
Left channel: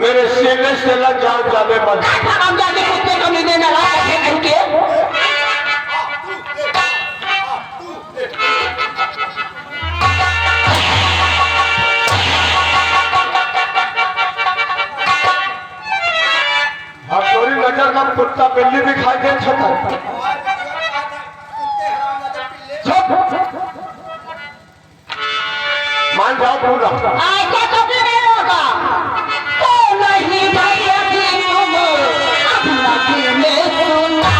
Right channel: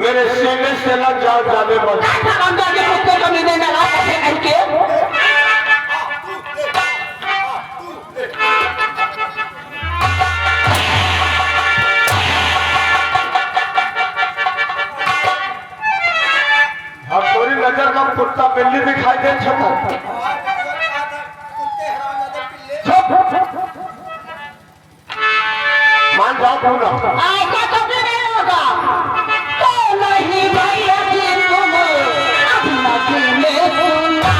मेरे सीने से लग जाओ जाने मत। हम जाके कुत्ते कमीने में ला के नजर में कुत्ता बिल्ली दिखाई दे छता और जीवन कहा था कुत्ते हरामजादे पिल्ले चुप मान जाओ पूरा ऐसा कभी नहीं होगा तो नहीं भैया जी तुम अपना दिल में सुना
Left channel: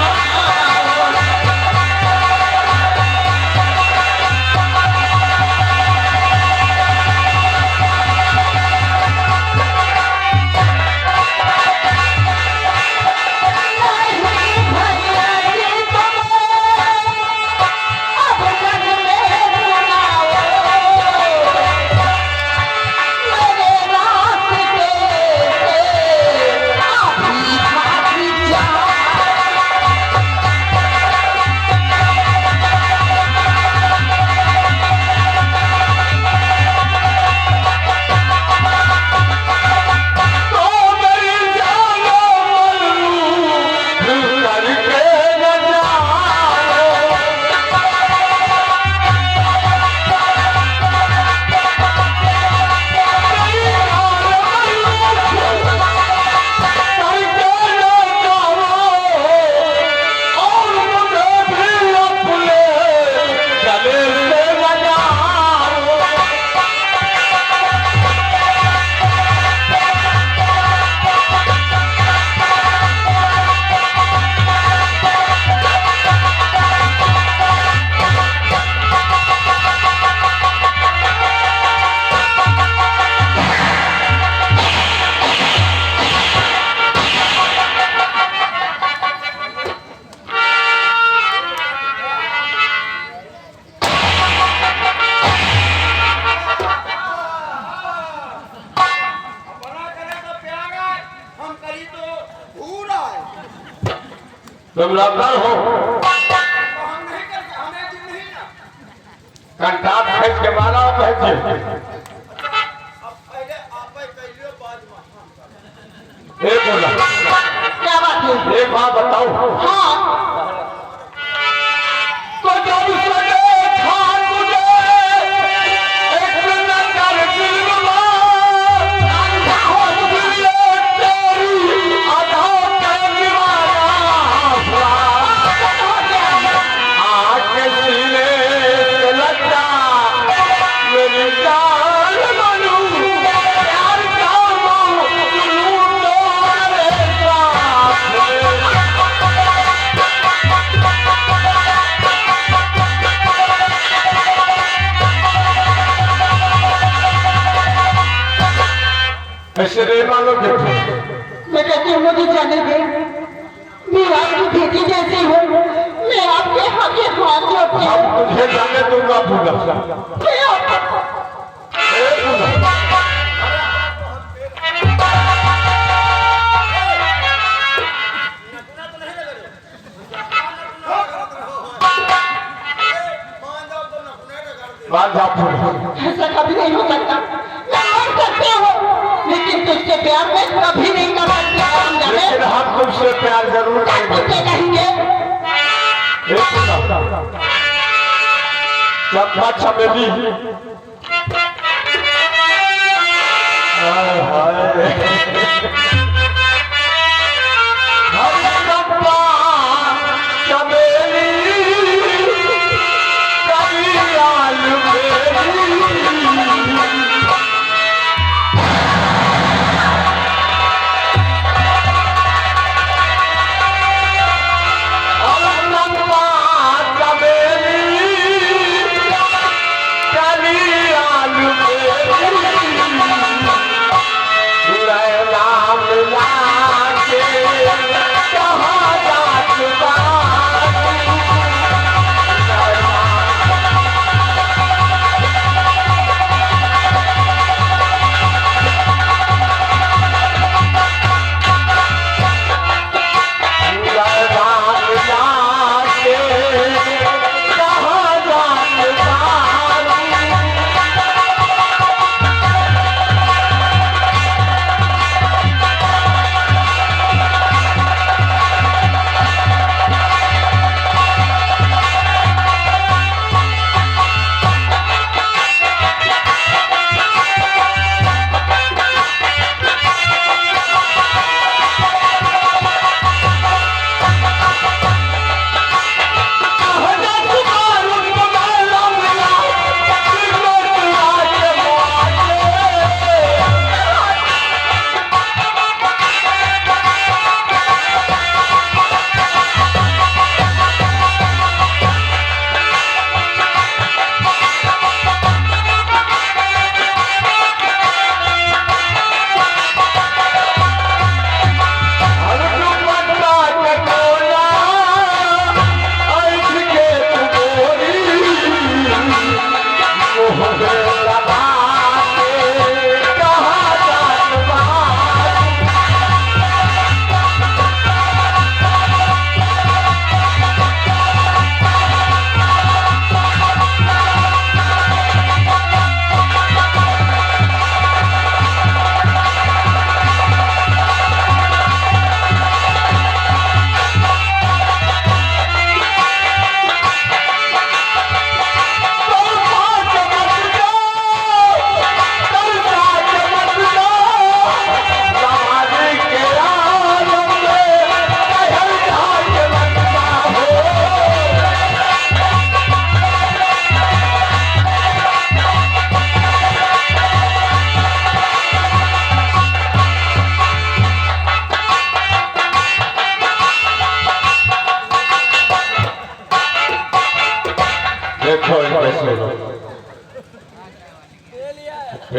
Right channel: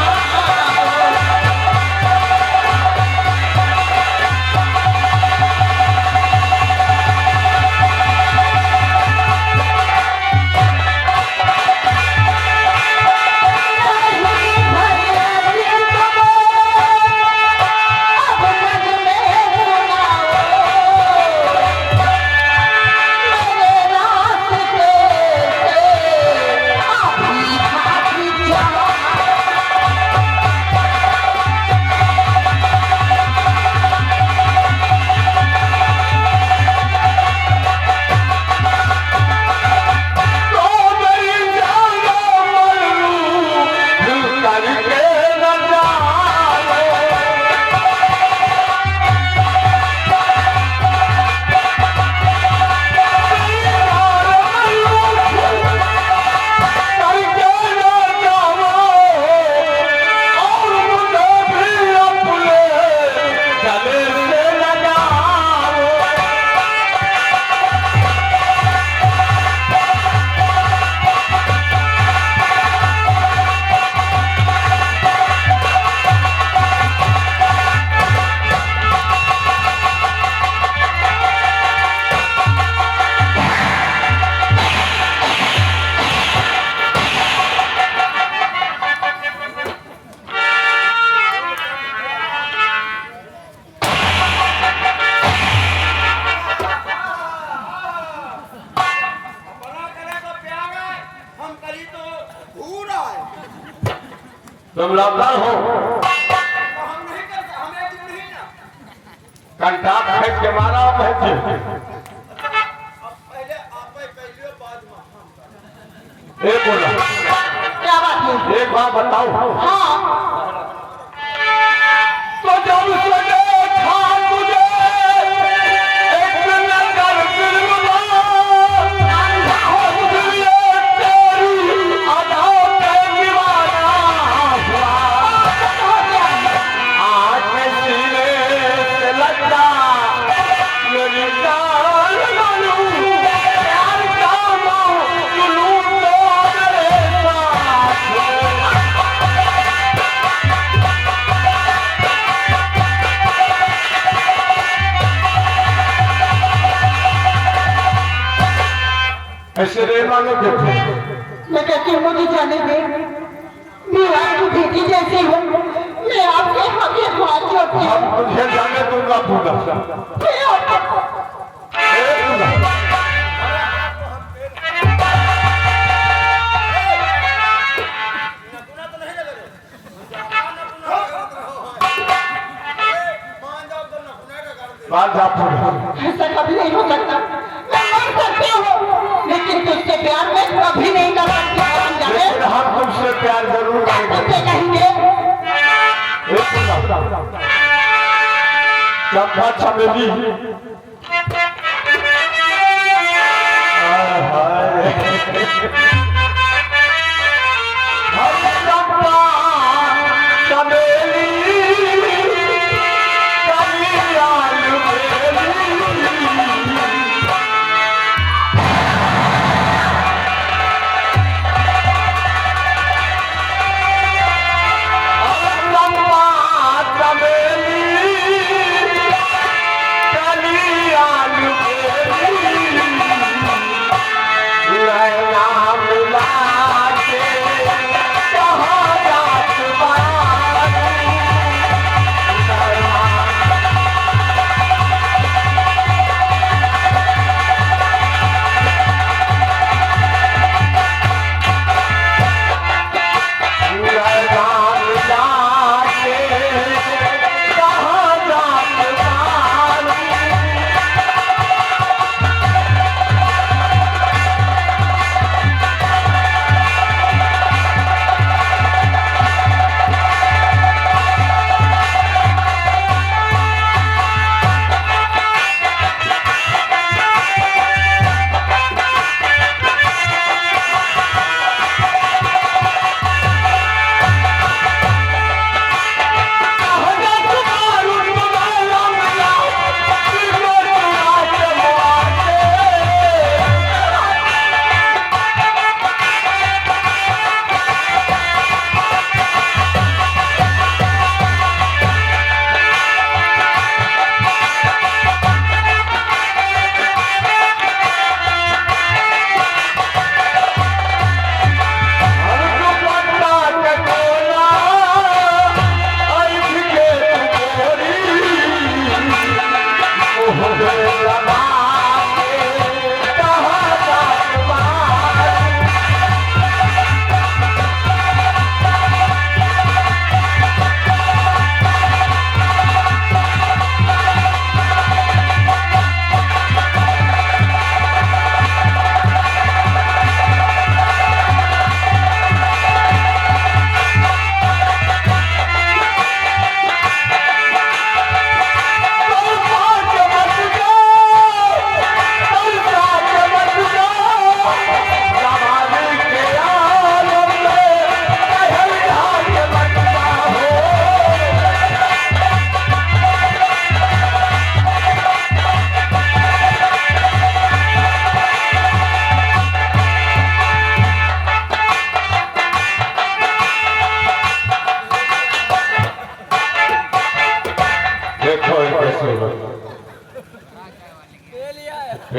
तुम लौटल हो तो हम नहीं करते हमें दिन नहीं ना कंटाप फेंक के मारा भेज अब पहले आप कैलियो बाद में हम एक बोला क्या बात है एक बात बताओ हाँ तो जब सके था मुझे एक नजर गिरवा अंधा हो दिए तेरी आधा आके सीने से लगता मेरी जान बनू प्यार का जुनून तुम्हारे साथ ऐसे रे मानो देखो मैं कहती हूँ मुझे जाने दे मैं आपकी बेटी जैसी हूँ मैं आपके आगे हाथ जोड़ती हम हूँ तुझे जाने दूंगा पूरा मैं आप- नकुना तो नहीं लग रहे मान जाओ तो नकुना का कर दे बात आप पूरा ऐसा कभी नहीं हो सकता मैं मर सकती हूँ लेकिन तुझसे प्यार मैं कभी नहीं कर सकती हम जाने लेकिन हम तुमसे प्यार जरूर करेंगे तुझसे कहेंगे एक मिनट चंपा चमेली हाय हाय हम चंपा चमेली कवियाल बेली नाम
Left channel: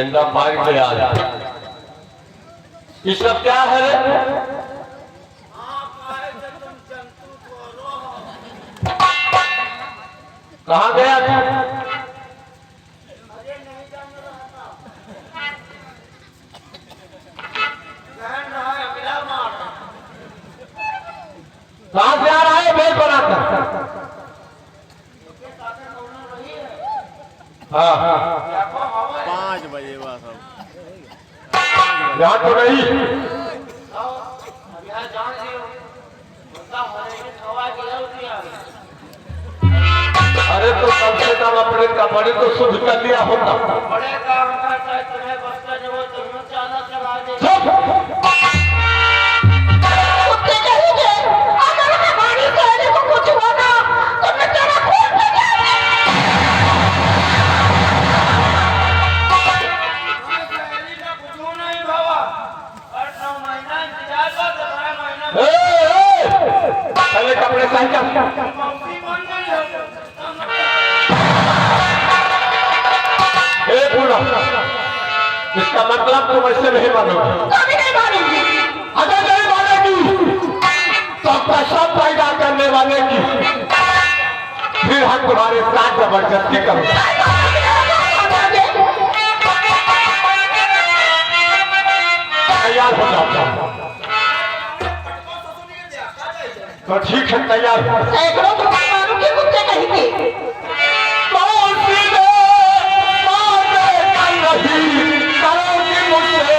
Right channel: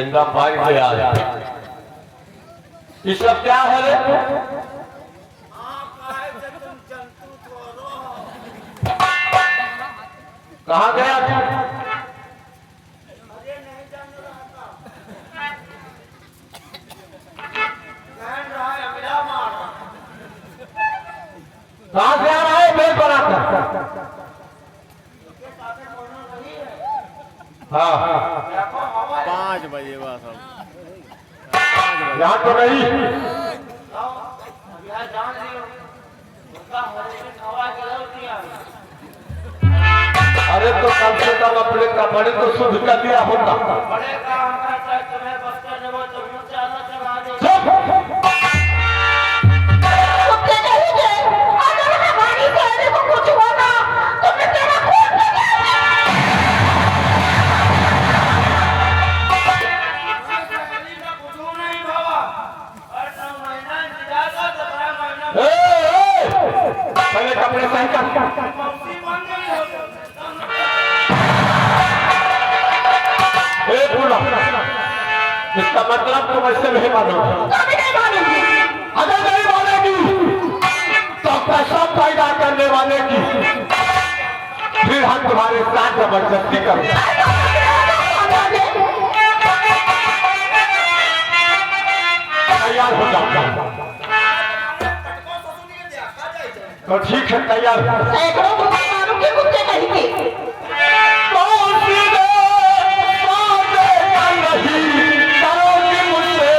बिंदा पार के आ जाए। ये सब क्या है रे? कहाँ गया तू? कहाँ से आ रहा है बेल बनाकर? हाँ 5 बजे बस अब यहाँ तो नहीं। अरे तो कम से कम अपने कपड़े तो शुद्ध कर दिया होता। कुत्ते कहेंगे, अगर हमारी बहन को कुछ होना तो मैं तेरा खून पहले कपड़े सही कर। इसका मतलब तुम ऐसे नहीं मानोगे। कभी नहीं मानूंगी। अगर नहीं मानेगी तो कसम पैदा करने वाले की फिर हम तुम्हारे साथ जबरदस्ती करेंगे। तैयार हो जाओ। तो ठीक है तैयार। सैकड़ों कुत्ते मारूंगी, कुत्ते कहेंगे। करोगी मुझसे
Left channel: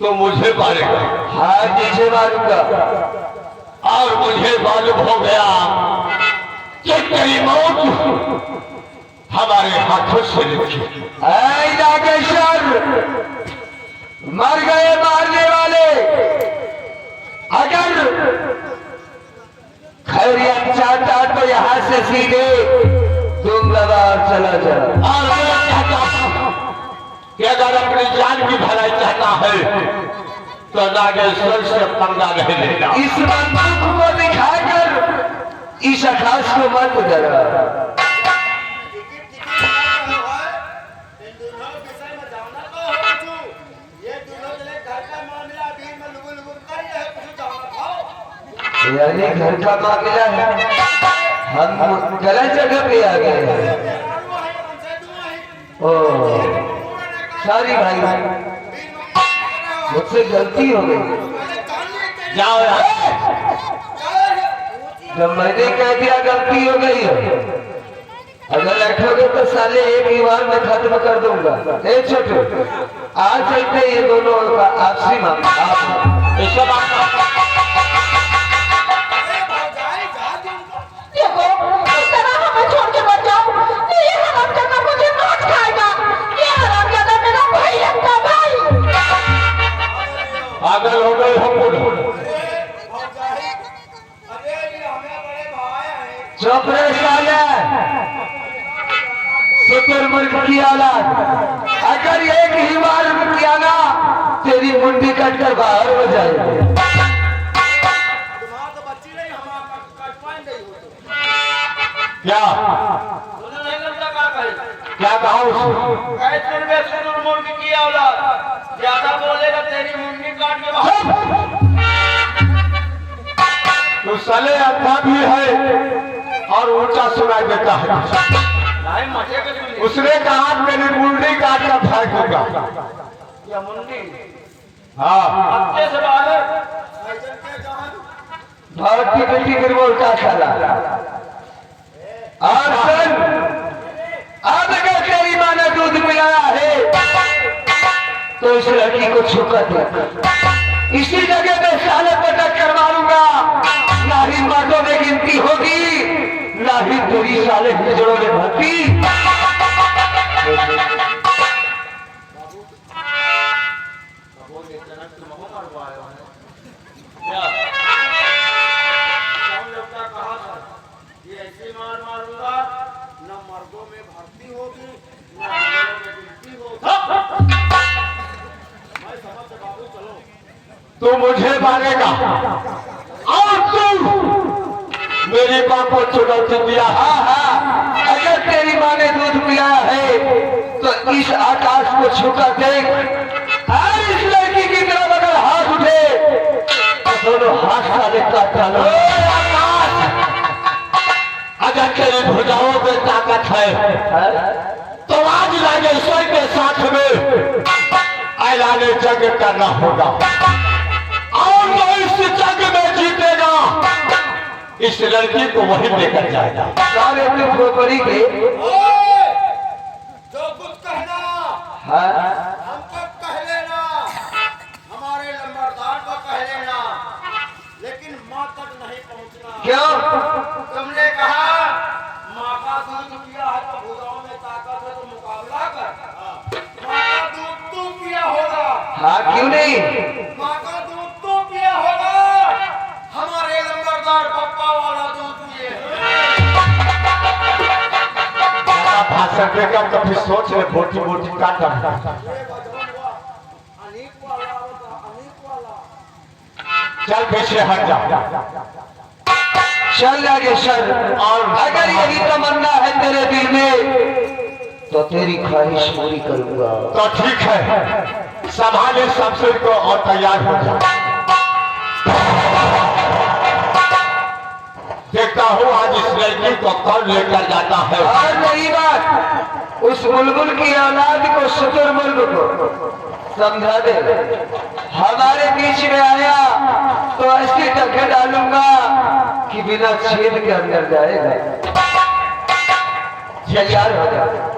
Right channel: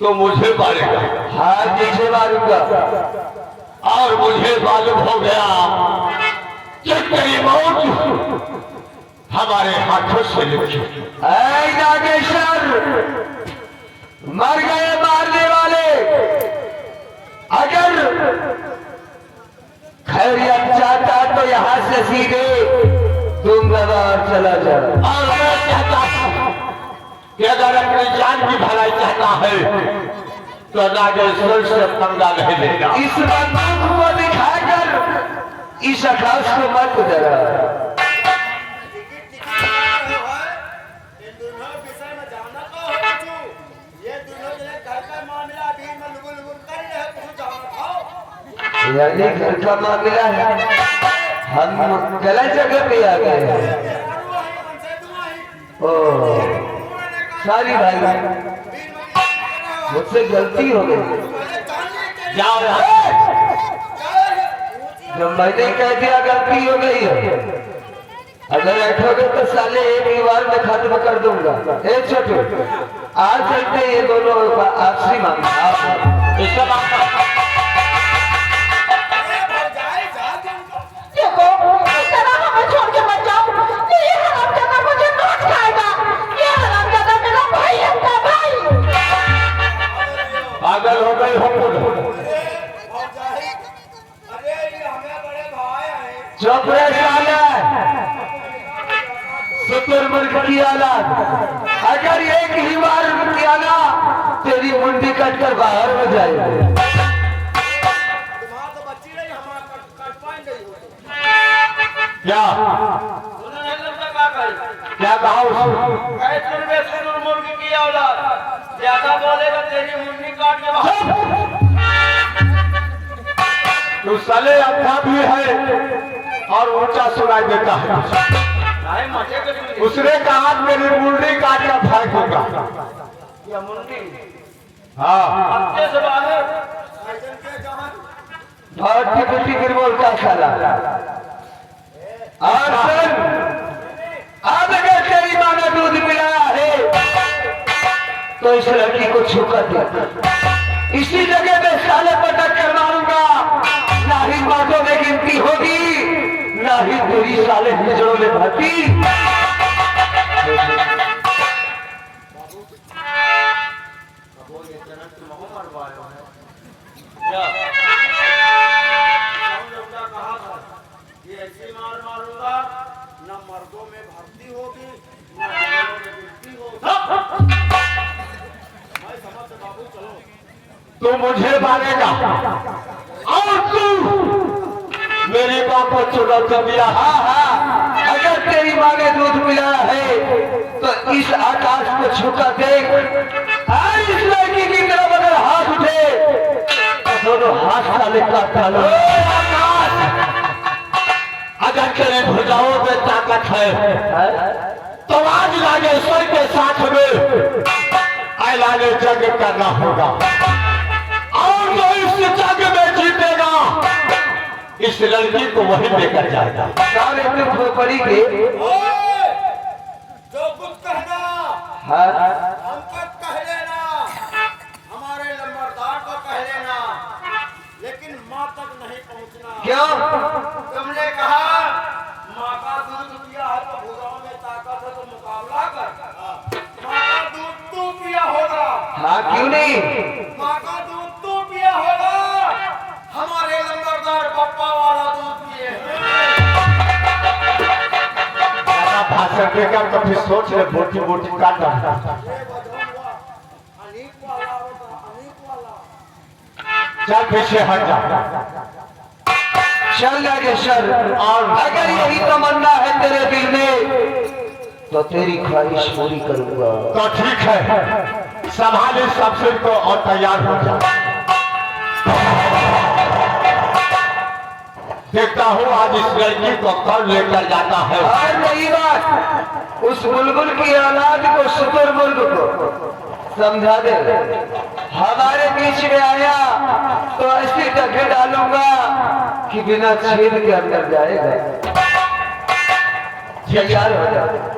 तो मुझे मारेगा। हाँ तुझे मारूंगा। और मुझे मालूम हो गया कि तेरी मौत हमारे हाथों से लिखी। ऐ नागेश्वर, मर गए मारने वाले, अगर खैरियत चाहता तो यहाँ से सीधे तुम लगा और चला जा। और मैं चाहता हूं कि अगर अपनी जान की भलाई चाहता है तो नागेश्वर से पंगा नहीं लेगा। इस बंदूक को दिखाकर इस आकाश को मत डरा। इन दोनों विषय में जाना तो हो कुछ। ये दोनों जने घर का मामला अभी में लुबुल कर रहे हैं, कुछ जाना था। यानी घर का मामला है, हम गलत जगह पे आ गए हैं। ओ सारी भाई, मुझसे गलती हो गई। जाओ यहाँ। जब मैंने कह दिया गलती हो गई है, अगर बैठोगे तो साले एक ही बार में खत्म कर दूंगा। ए छोटू, आज चलते ये दोनों का आपसी मामला। देखो, तेरा हमें छोड़ के मत जाओ। ये हरामजादा मुझे नोच खाएगा। ये हरामजादा मेरा भाई है, का भाई। पागल हो गई हो अरे ये हमें बड़े भाई हैं। चुप रहे साले, शुक्र की औलाद। अगर एक ही बार किया ना, तेरी मुंडी कट कर बाहर हो जाएगी। तुम्हारा तो बच्ची नहीं, हमारा कट पाएंगे ही हो तो। क्या क्या कहा मुर्गी की औलाद, ज्यादा बोलेगा तेरी मुंडी काट के बाहर। तू साले अंधा भी है और ऊंचा सुनाई देता है। उसने कहा मेरी मुंडी काट कर भाग होगा। हाँ बहुत टिकटी गिरबोल का साला। और सुन, अब अगर तेरी माँ ने दूध पिलाया है तो इस लड़की को छूकर दे। इसी जगह पे साले पटक कर मारूंगा। ना ही मर्दों में गिनती होगी, ना ही पूरी साले हिजड़ों में भर्ती। ये ऐसी मार मारूंगा, न मर्दों में भर्ती होगी, न हिजड़ों में गिनती होगी। मैं समझ बाबू, चलो। तू मुझे मारेगा और तू मेरी माँ को चुनौती दिया। हाँ हाँ, अगर तेरी माँ ने दूध पिलाया है तो इस आकाश को छूकर देख। और इस लड़की की तरफ अगर हाथ उठे तो दोनों हाथ साले काट डालो। अगर तेरे भुजाओं में ताकत है तो आज नागेश्वर के साथ में ऐलान जंग करना होगा। और जो इस जंग में जीतेगा इस लड़की को वही लेकर जाएगा। सारे तुम खोपड़ी के ओए, जो कुछ कहना हाँ हमको कह लेना, हमारे लंबरदार को कह लेना, लेकिन माँ तक नहीं पहुँचना। क्यों? तुमने कहा माँ का दूध पिया है तो भुजाओं में ताकत है तो मुकाबला कर। माँ का दूध तू पिया होगा। हाँ क्यों नहीं? माँ का दूध तू पिया होगा। हमारे लंबरदार पप्पा वाला दूध पिए ज्यादा भाषण देगा तो फिर सोच ले बोटी बोटी काट ये बजौन हुआ अनीक वाला होता, अनीक वाला। चल पीछे हट जा। चल नागेश्वर, और अगर यही तमन्ना है तेरे दिल में तो तेरी ख्वाहिश पूरी करूंगा। तो ठीक है, संभाले सबसे को और तैयार हो जा। देखता हूँ आज इस लड़की को कौन लेकर जाता है। और नहीं बात, उस बुलबुल की औलाद को, शुतुरमुर्ग को समझा दे। हमारे बीच में आया तो ऐसी टक्कर डालूंगा कि बिना छेद के अंदर जाएगा। तैयार हो जाए।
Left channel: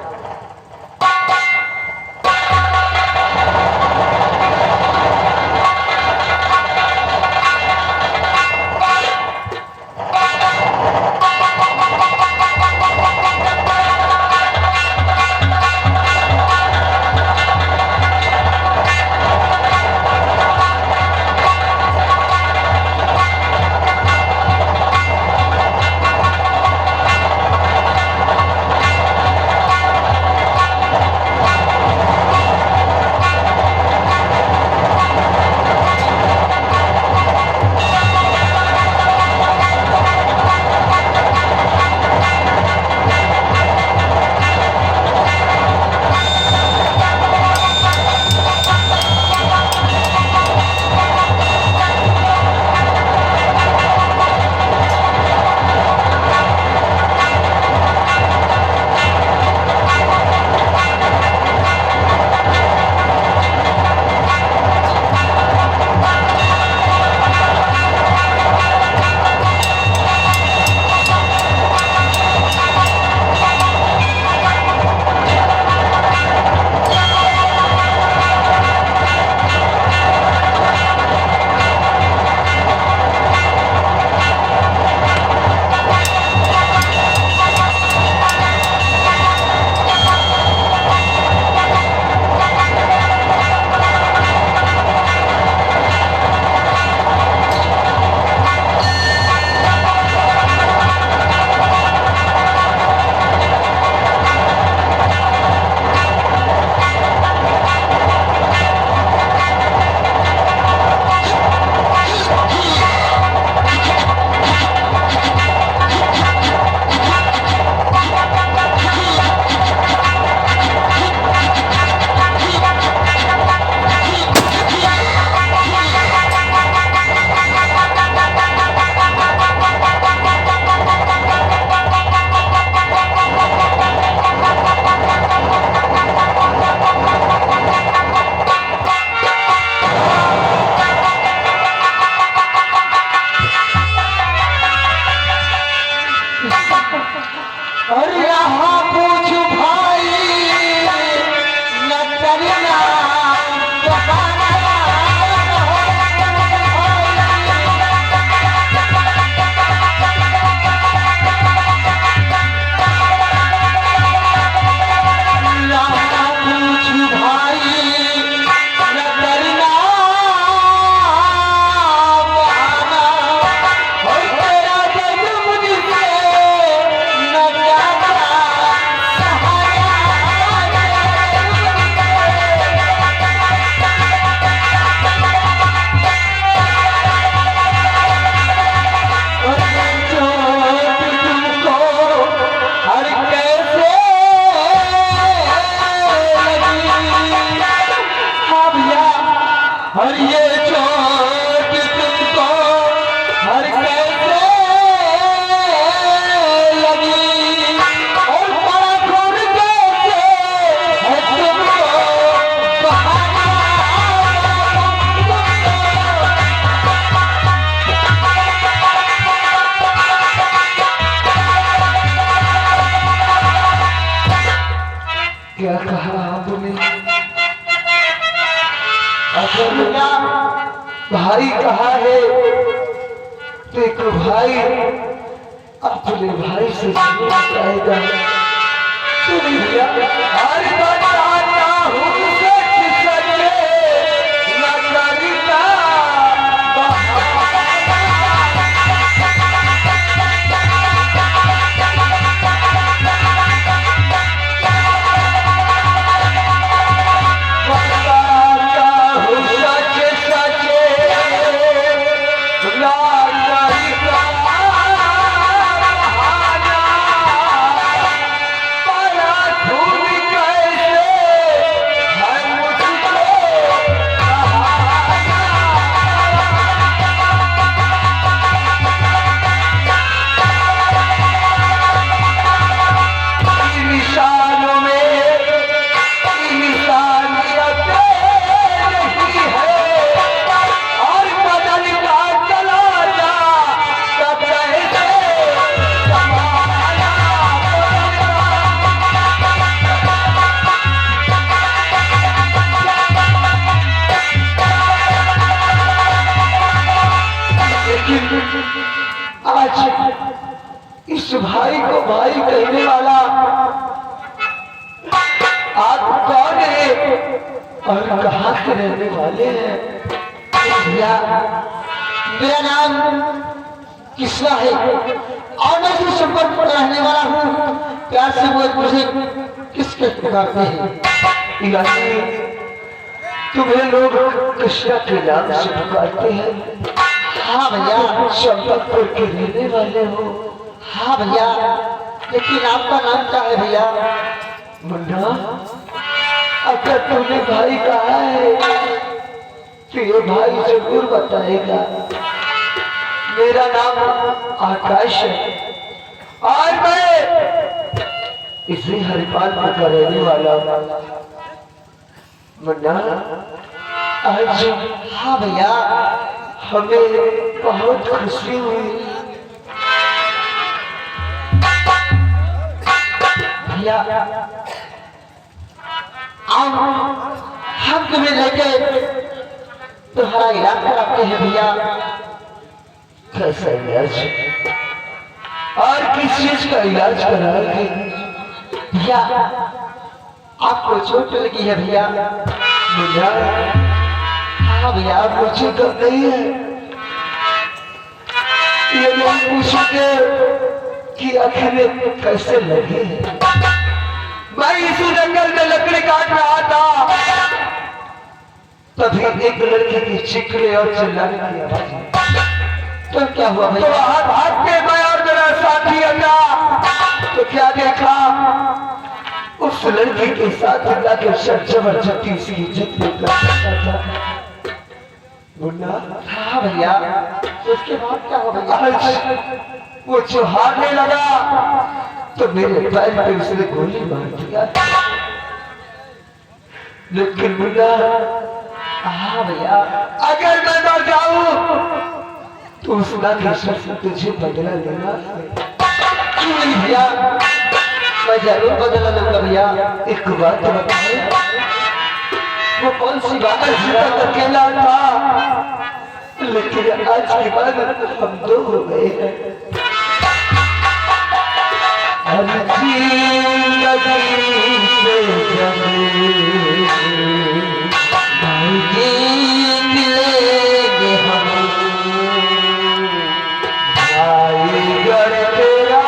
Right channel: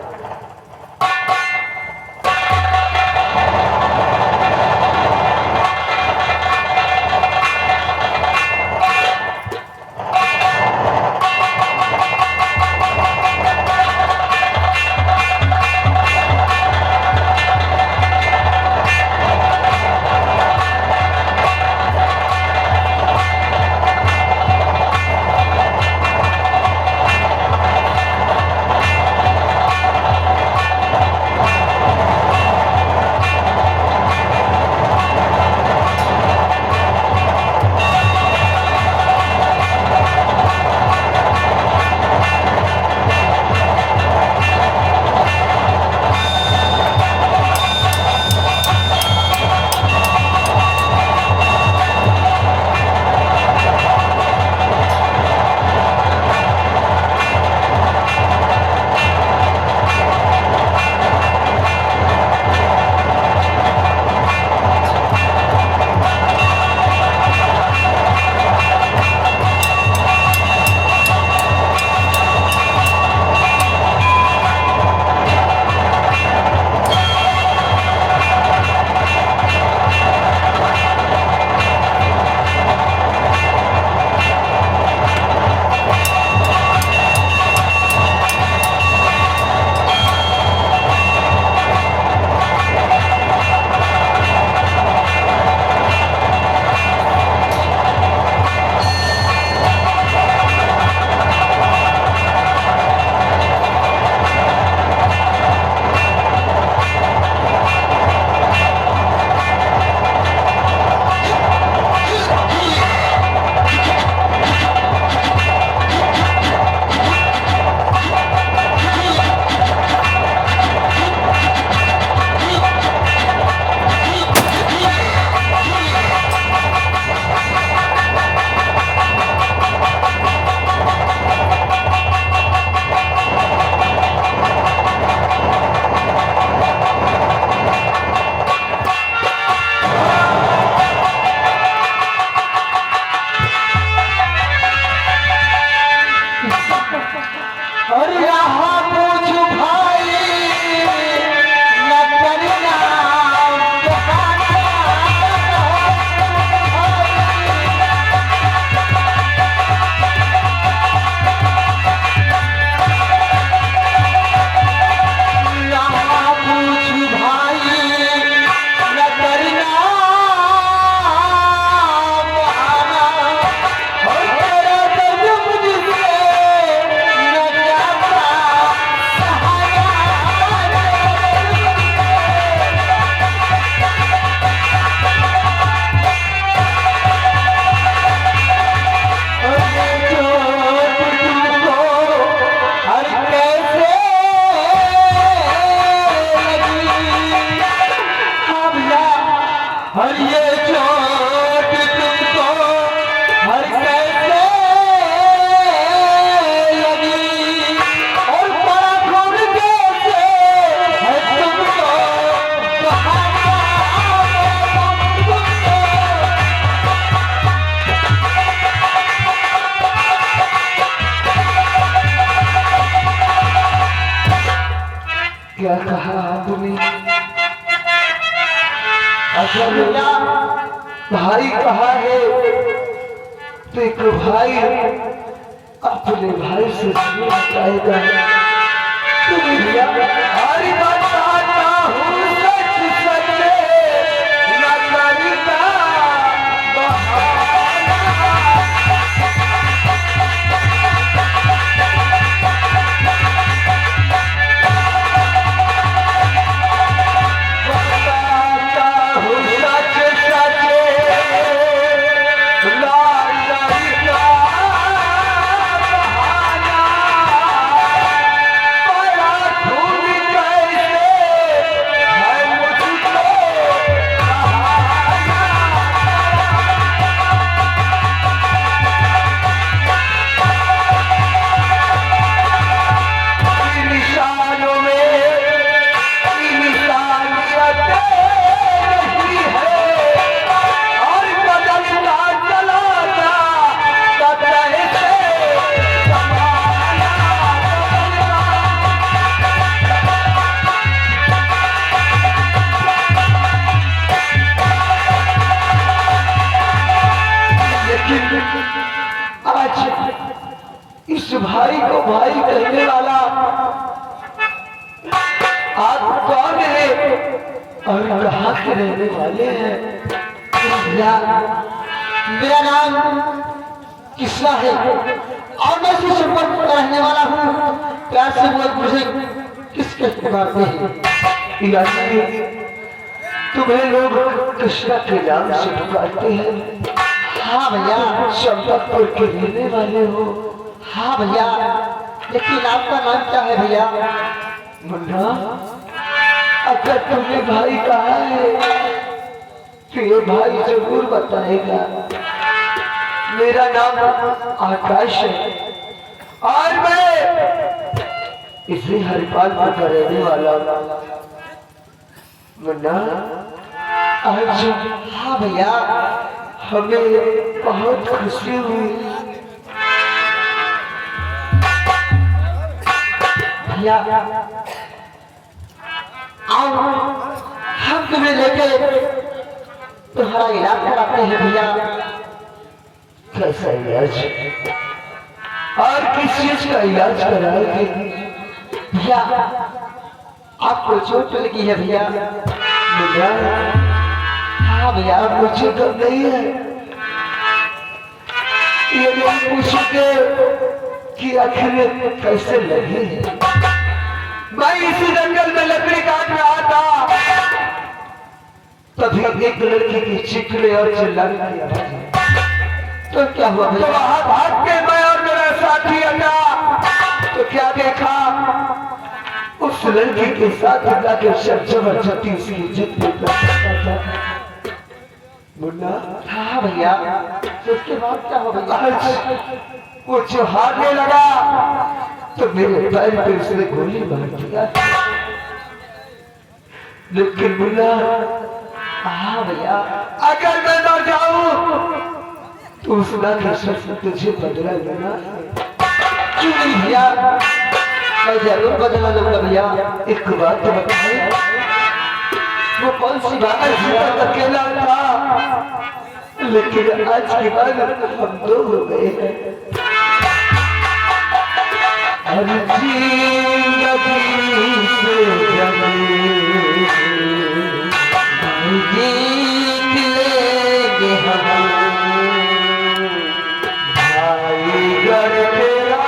क्या कहा आपने? असल भाई कहा है तो एक भाई अपने भाई से बताएगा। तो भैया हर बताता हूँ सच सच न करता आज इस भाई को भाई कहने वाला आप कौन है और कहाँ के रहने वाले हैं? मेरा नाम किस्ना है और मैं इसी संपर्क पर रहने वाला हूँ। प्यार से वो मुझे किसके पुकारते हैं? इलाही तुम्हें लोग कृष्णा के नाम से पुकारते हैं। हाँ भैया। चंपकपुर के रहने वाले हो? हाँ भैया, लेकिन आपका नाम क्या है भैया? मुन्ना, अगर तुम्हें भाई कहा है तो ये भाई जरूर बताएगा। मेरा नाम आकाश है और मैं इसी हरिपालपुर का रहने वाला हूँ। मुन्ना, आज हाँ भैया। हमें बहुत खुशी हुई। भैया आओ, हम तुम्हें लेके तुम्हारा इलाज कराते हैं भैया। कैसा इलाज और किस चीज का इलाज कराओगे? भैया आपको चोट लगी है भैया। मुन्ना, हाँ भैया। मुझे तो नहीं है। ये लोग पूछोगे कि आखिर कैसे लगे। मैं इसी जंगल में लकड़ी काट रहा था, तभी एक लड़की की चीखने और चिल्लाने की आवाज आई। तो क्या हुआ तो भैया? वहां भाग के मैं और मेरा साथी हटा तो क्या देखा, उस लड़की के साथ जाकर जबरदस्ती उसकी इज्जत में करता था। मुन्ना, हाँ भैया। तो उसके बाद क्या हुआ भैया? आज वो चौहारने लगा तो मेरे पैर पे उसने गोली मार दिया। लेकिन मुन्ना, हाँ भैया। अगर मैं मर जाऊं तो उस राक्षस से तुझे बदला लेना है। क्यों नहीं भैया, मैं जरूर बदला लूंगा भैया। एक बात बताए, वो कौन सी बात है? तक अकेला था, लेकिन आज के बाद हम दो हो गए हैं। हर जिंदगी से जीत लेंगे हम। भाई घर तेरा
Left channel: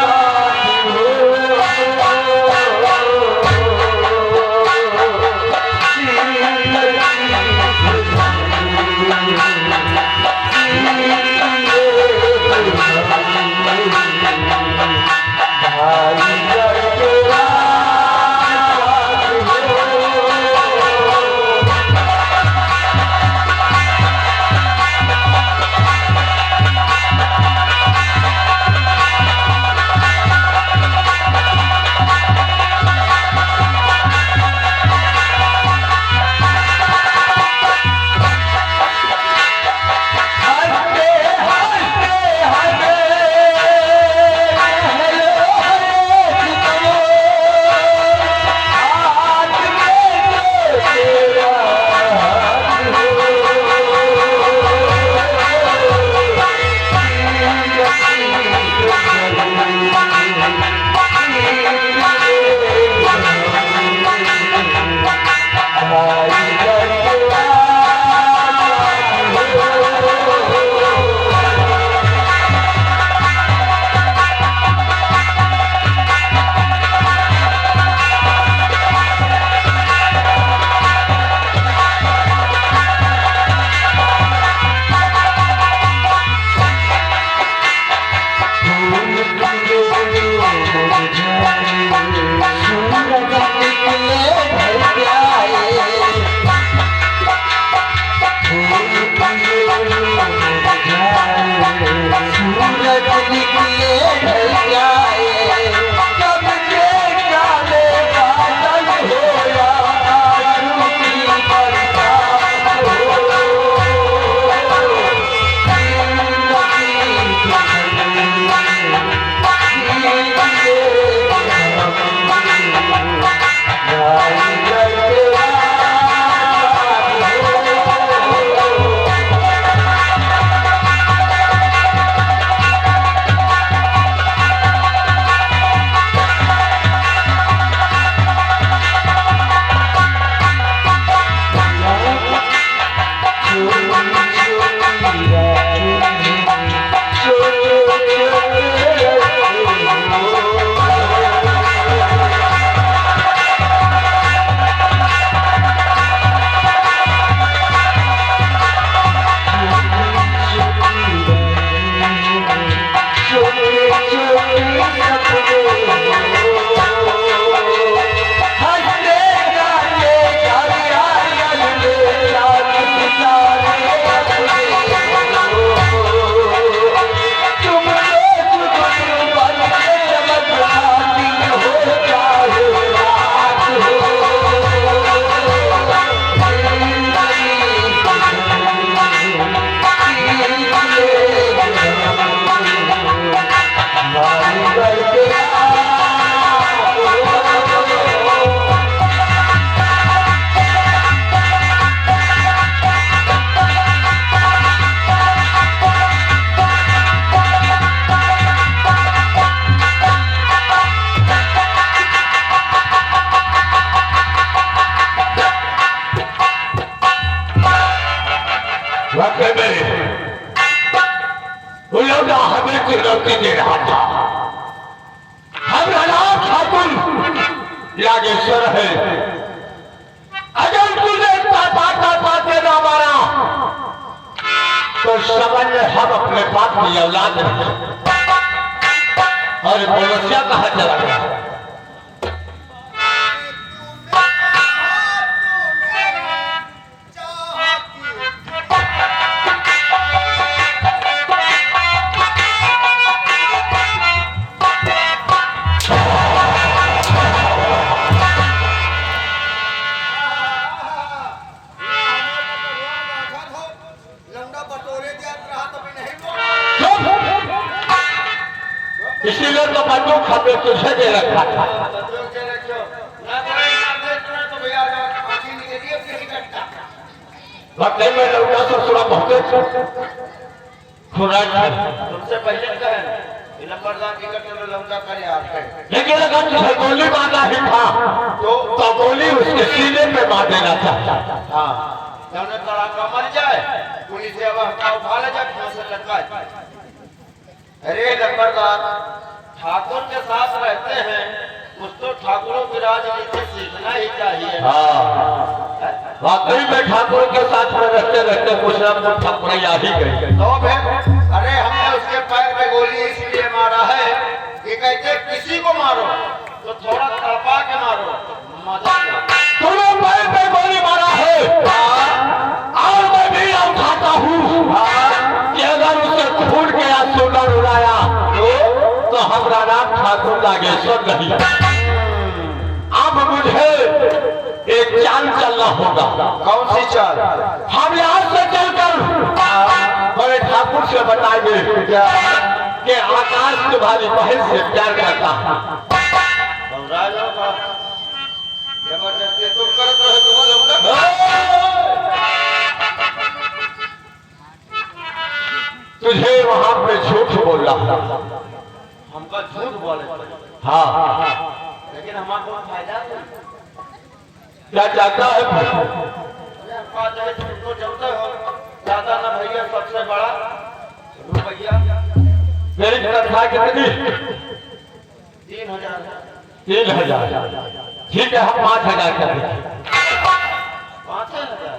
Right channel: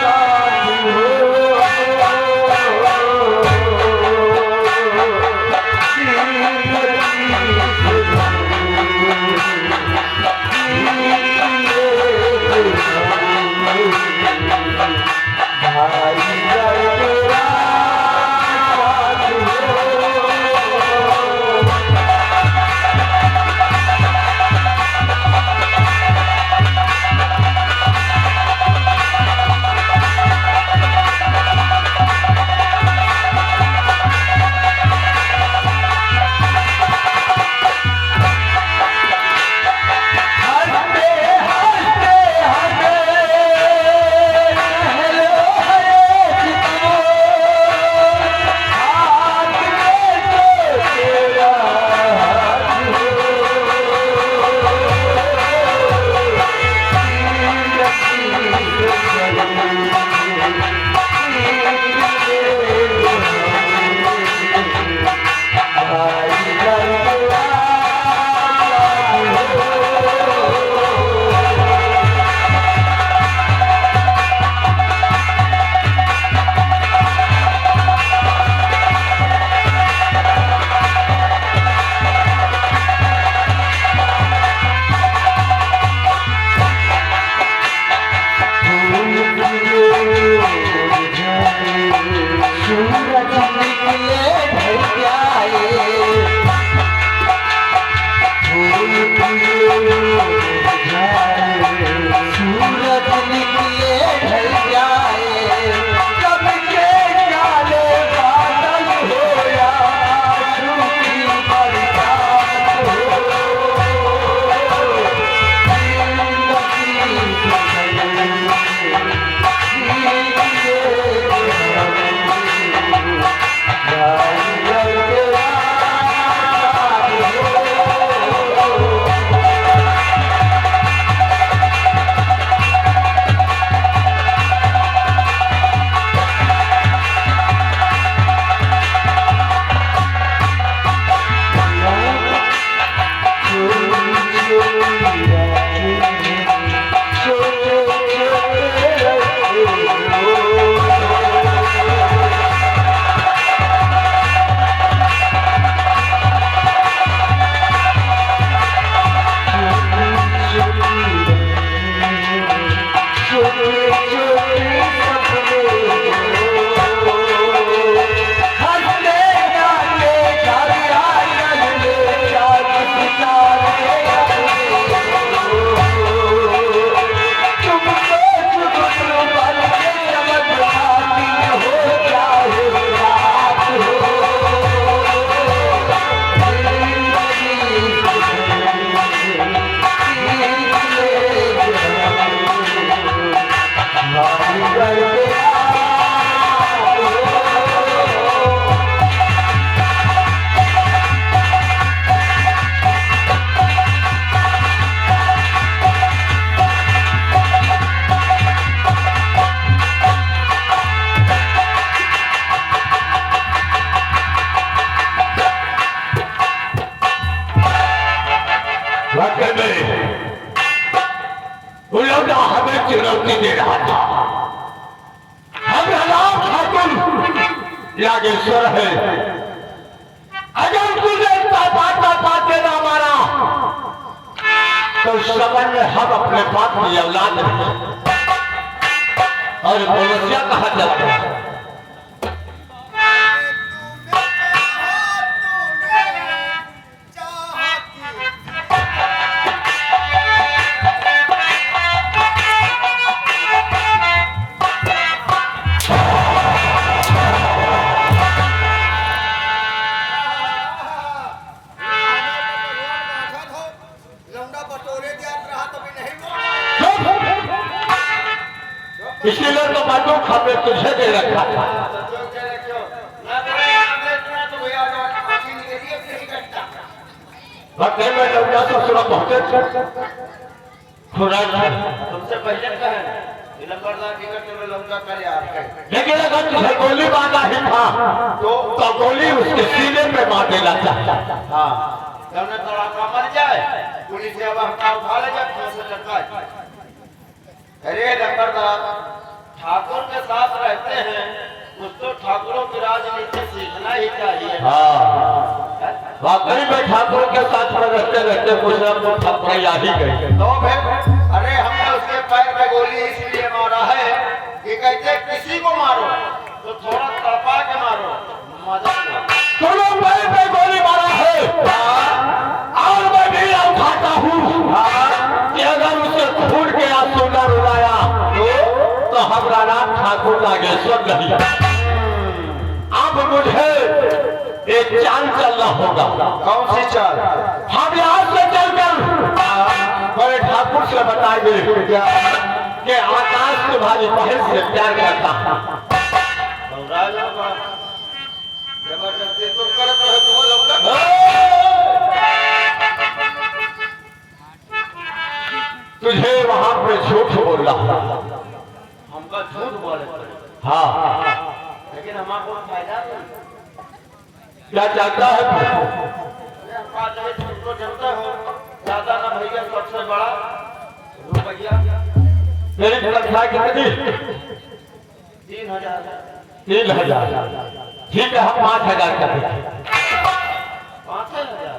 साथ हो, भाई घर तेरा है वो लौटा हमें चुनौती दे रहा था। हम राम ठाकुर नागेश्वर है, अगर तुझे पाते ना मारा तो समझ हम अपने बाप की औलाद हैं। और मनुष्य कहा चला गया। इसीलिए तो बंदूक हमने तुझे दे रखा था। बकरे में लौटा ससुरा बहुते खुरा तुमसे पहले कहे लंबरदार टिकट में लंका कर यार है। लेकिन अगर तुझे गोली मारना ही था तो गोली उसके सीने पे मार देना चाहता। हाँ जब तड़ाका मर जाए पुलिस से अब उठा ले जाए से लटका। अरे लंबरदार ठाकुर के साथ रहते हैं कुछ तो ठाकुरों की राजनीति सीखना ही चाहिए। हाँ वाकई में ठाकुर के साथ में रहते रहते कुछ ना कुछ ठाकुर आ ही गए। तो फिर अरे हमने उसके पैर पे गोली इसलिए मारा है कि कहते किसी को मारो तो थोड़ा तड़पा के मारो मजा लो। तूने पैर पे गोली मारा है और मैं भी उठाता हूँ कि अगर उसे खून के आंसू न रुलाया तो हमारा नाम ठाकुर नागेश्वर नहीं। अब मुझे एक चाल चलना होगा। कौन सी चाल? हम यहाँ से चलकर बड़े ठाकुर से बताएंगे कि आकाश तुम्हारी बहन से प्यार करता है। जबरदस्ती तुम करते हो तुम लोग तुझे वहां पे झूठ बोल रहा। हमका झूठ बोले हाँ लेकिन हमारा कोई फायदा नहीं। क्या चाहता है? तुमको जानते हो ज्यादा ना भैया सबसे बड़ा रुपया मेरी तनख्वाह कितनी? 3000। 3000 ठीक है हम 5000 कर देंगे। 5000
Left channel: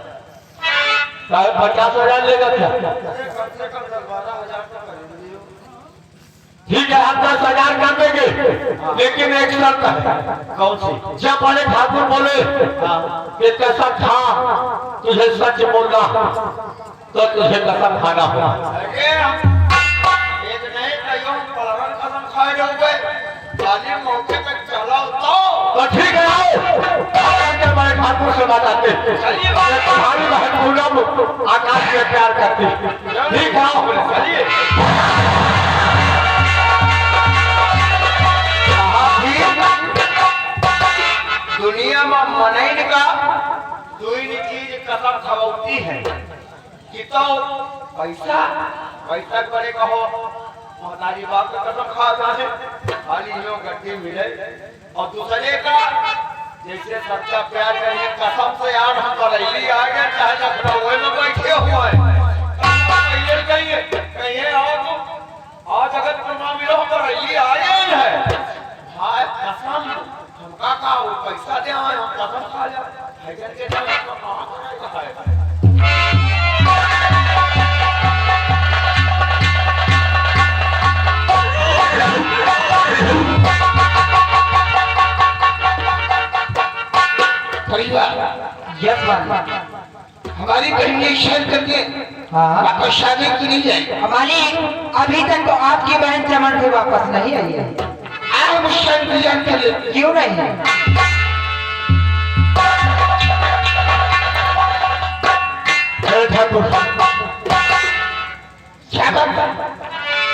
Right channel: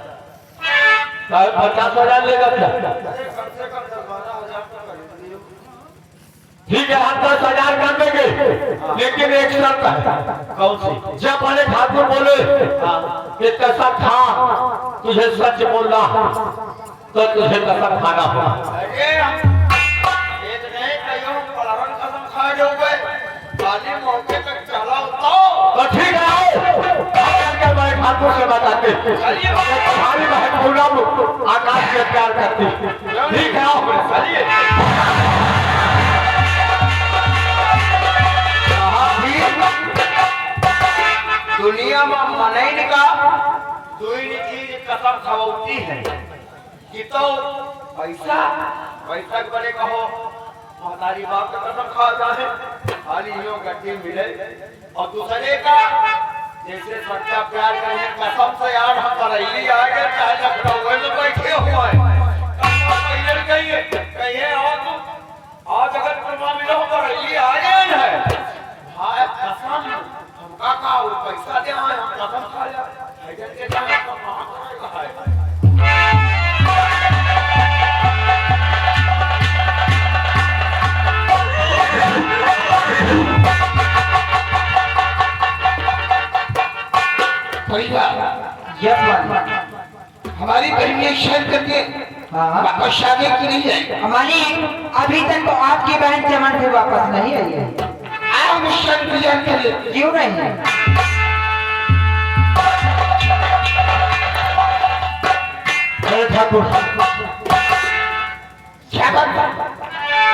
50,000 लेगा क्या? कम से कम 10-12,000 तो कर दियो। ठीक है हम 10,000 कर देंगे लेकिन एक शर्त है। कौन सी? जब बड़े ठाकुर बोले कि कसम खा तुझे सच बोलना तो तुझे कसम खाना होगा। अरे एक नहीं कहियो पलवन कसम खाए जाओगे खाली मौके तक चला तो ठीक है आओ बड़े ठाकुर से बताते तुम्हारी बहन पूनम आकाश से प्यार करती। ठीक है आओ चलिए। दुनिया में मनैन का दुई चीज कसम खवौती है कि तो पैसा पैसा के बड़े कहो महतारी बाप का कसम खा जाए खाली लो गड्ढे मिले और दूसरे का जैसे सच्चा प्यार करने कसम से यार हम बरैली आ गए चाहे लखनऊ में बैठे हुए हैं कहिए आओ तुम आज अगर तुम मिलो बरैली आ गए है भाई कसम हमका का वो पैसा दे हम कसम खा जा हैदर के जाने का कहां है। यस हमारी बहन ने शहर करके वापस शादी की नहीं है। मालिक अभी तक तो आपकी बहन चमन से वापस नहीं आई है। आप शहर इंतजार कर लेते क्यों नहीं है? ठाकुर क्या बात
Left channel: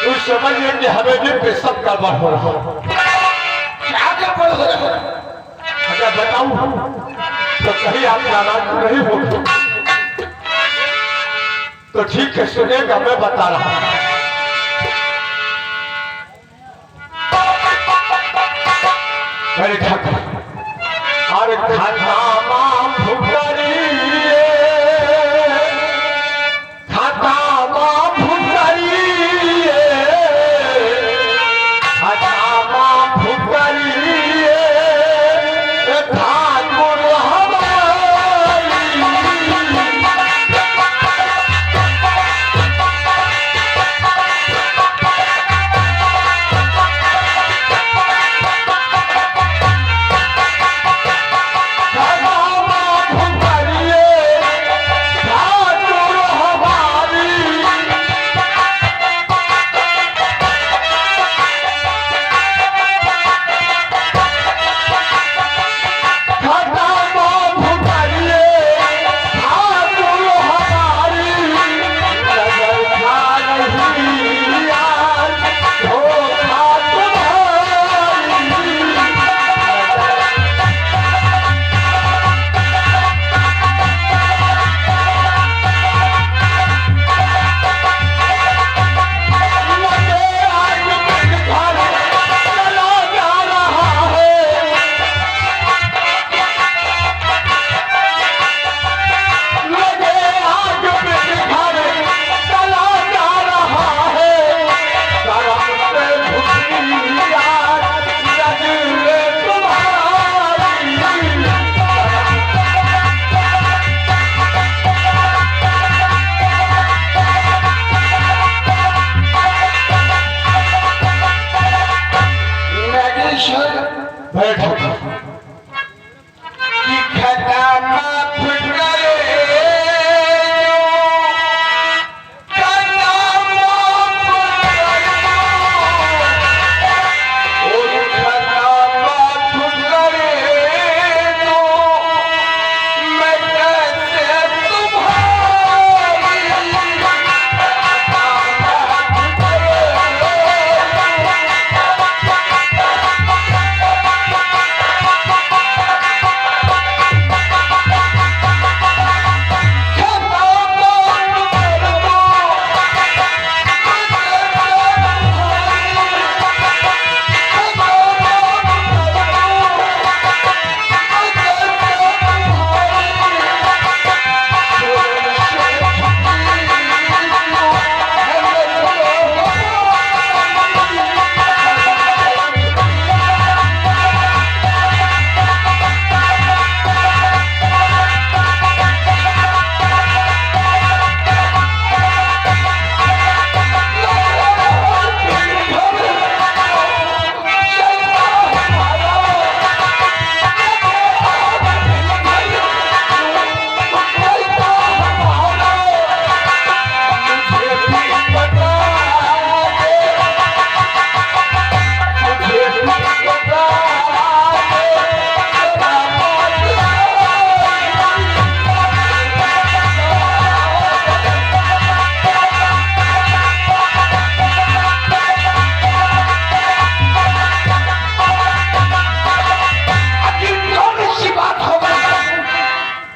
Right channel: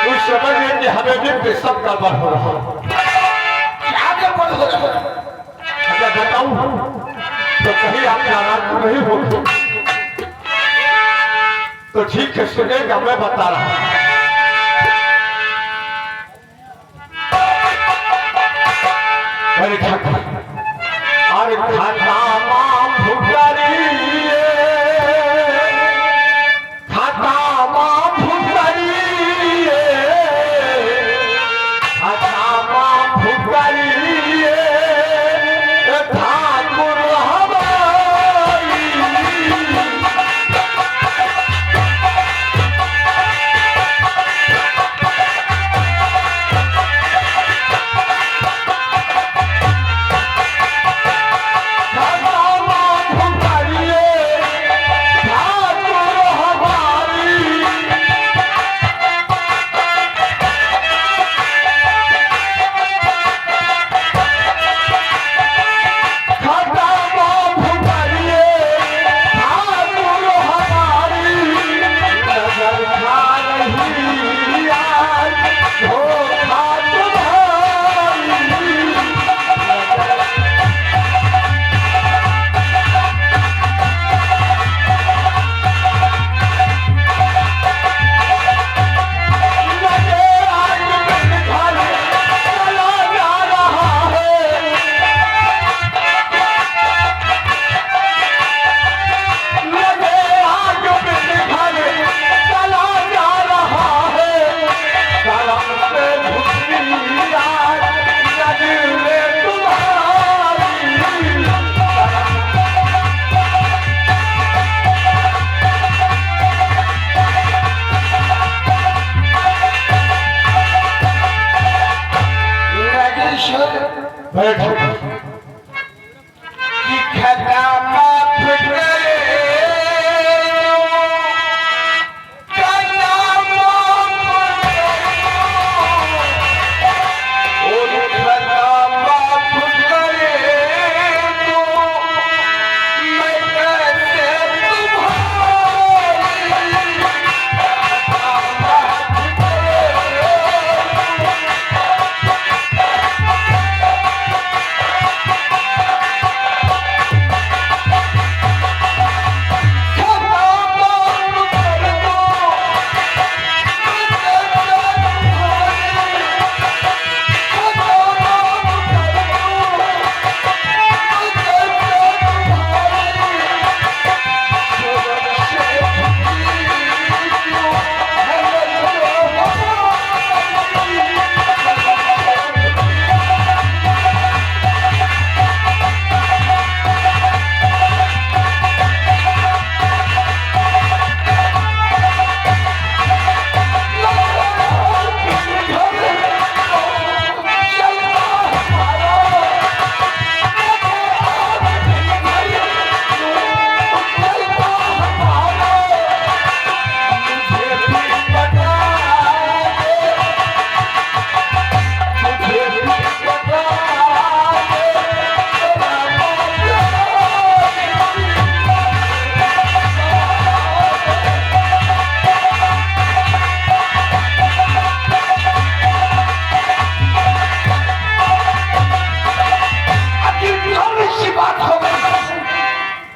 उस समझ में कि हमें भी पेशब गड़बड़ हो रहा है। क्या गड़बड़ हो रहा है अगर बताऊं तो कहीं आप नाराज नहीं हो तो ठीक है सुनेगा मैं बता रहा हूं। अरे ठाकुर अरे खाता मां फुकरी खाता बैठ कि खता माफ करे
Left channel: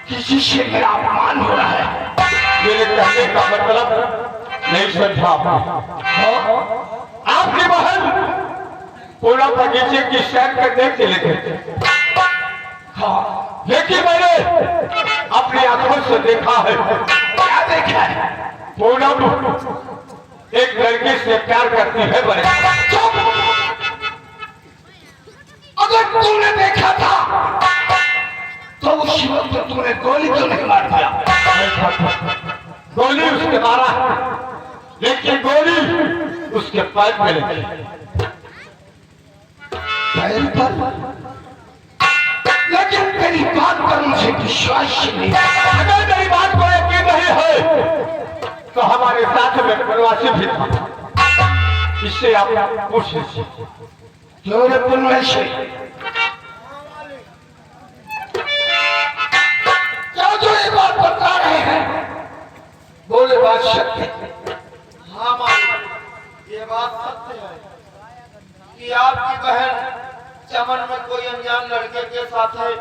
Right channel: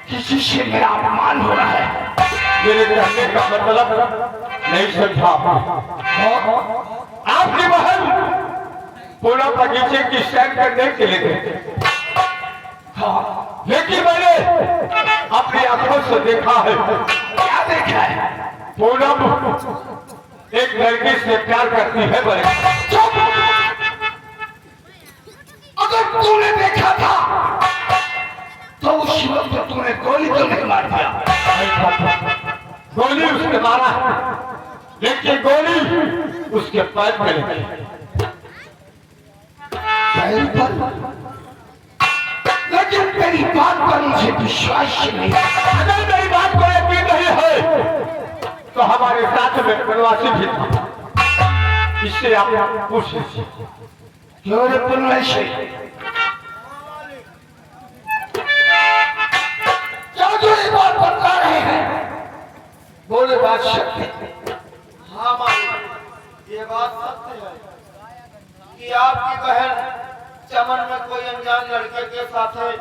किसी से मेरा अपमान हो रहा है। मेरे कहने का मतलब नहीं समझा। आपकी बहन पूरा बगीचे की सैर करने के लिए गए। हाँ, लेकिन मैंने अपनी आंखों से देखा है। क्या देखा है? पूनम एक लड़की से प्यार करती है। बड़े अगर तूने देखा था तो उस वक्त तो तूने गोली क्यों नहीं मार दिया? गोली उसने मारा है, लेकिन गोली उसके पैर में लगी। पैर पर? लेकिन तेरी बात पर मुझे विश्वास नहीं। अगर मेरी बात को यकीन नहीं है तो हमारे साथ में प्रवासी भी था। इससे आप पूछ लीजिए। क्यों रे पुनवैसे? जो ये बात बता रहे हैं बोले बात सत्य। हाँ मालिक, ये बात सत्य है कि आपकी बहन चमन में कोई अनजान लड़के के साथ है।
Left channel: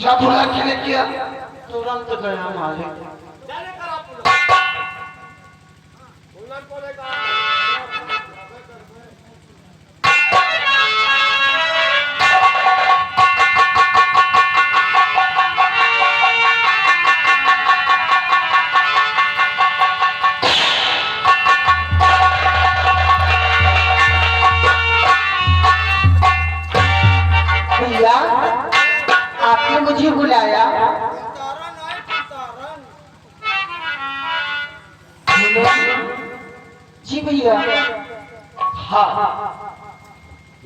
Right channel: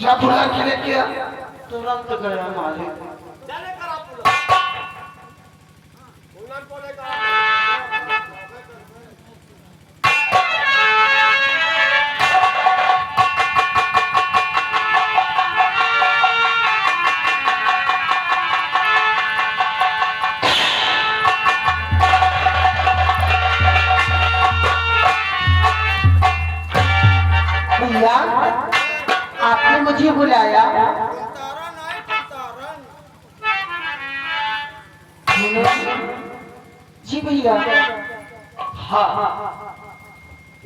जब बुला के लिए किया तुरंत गया मालिक। भैया, आपने मुझे बुलाया? जी भैया। हाँ,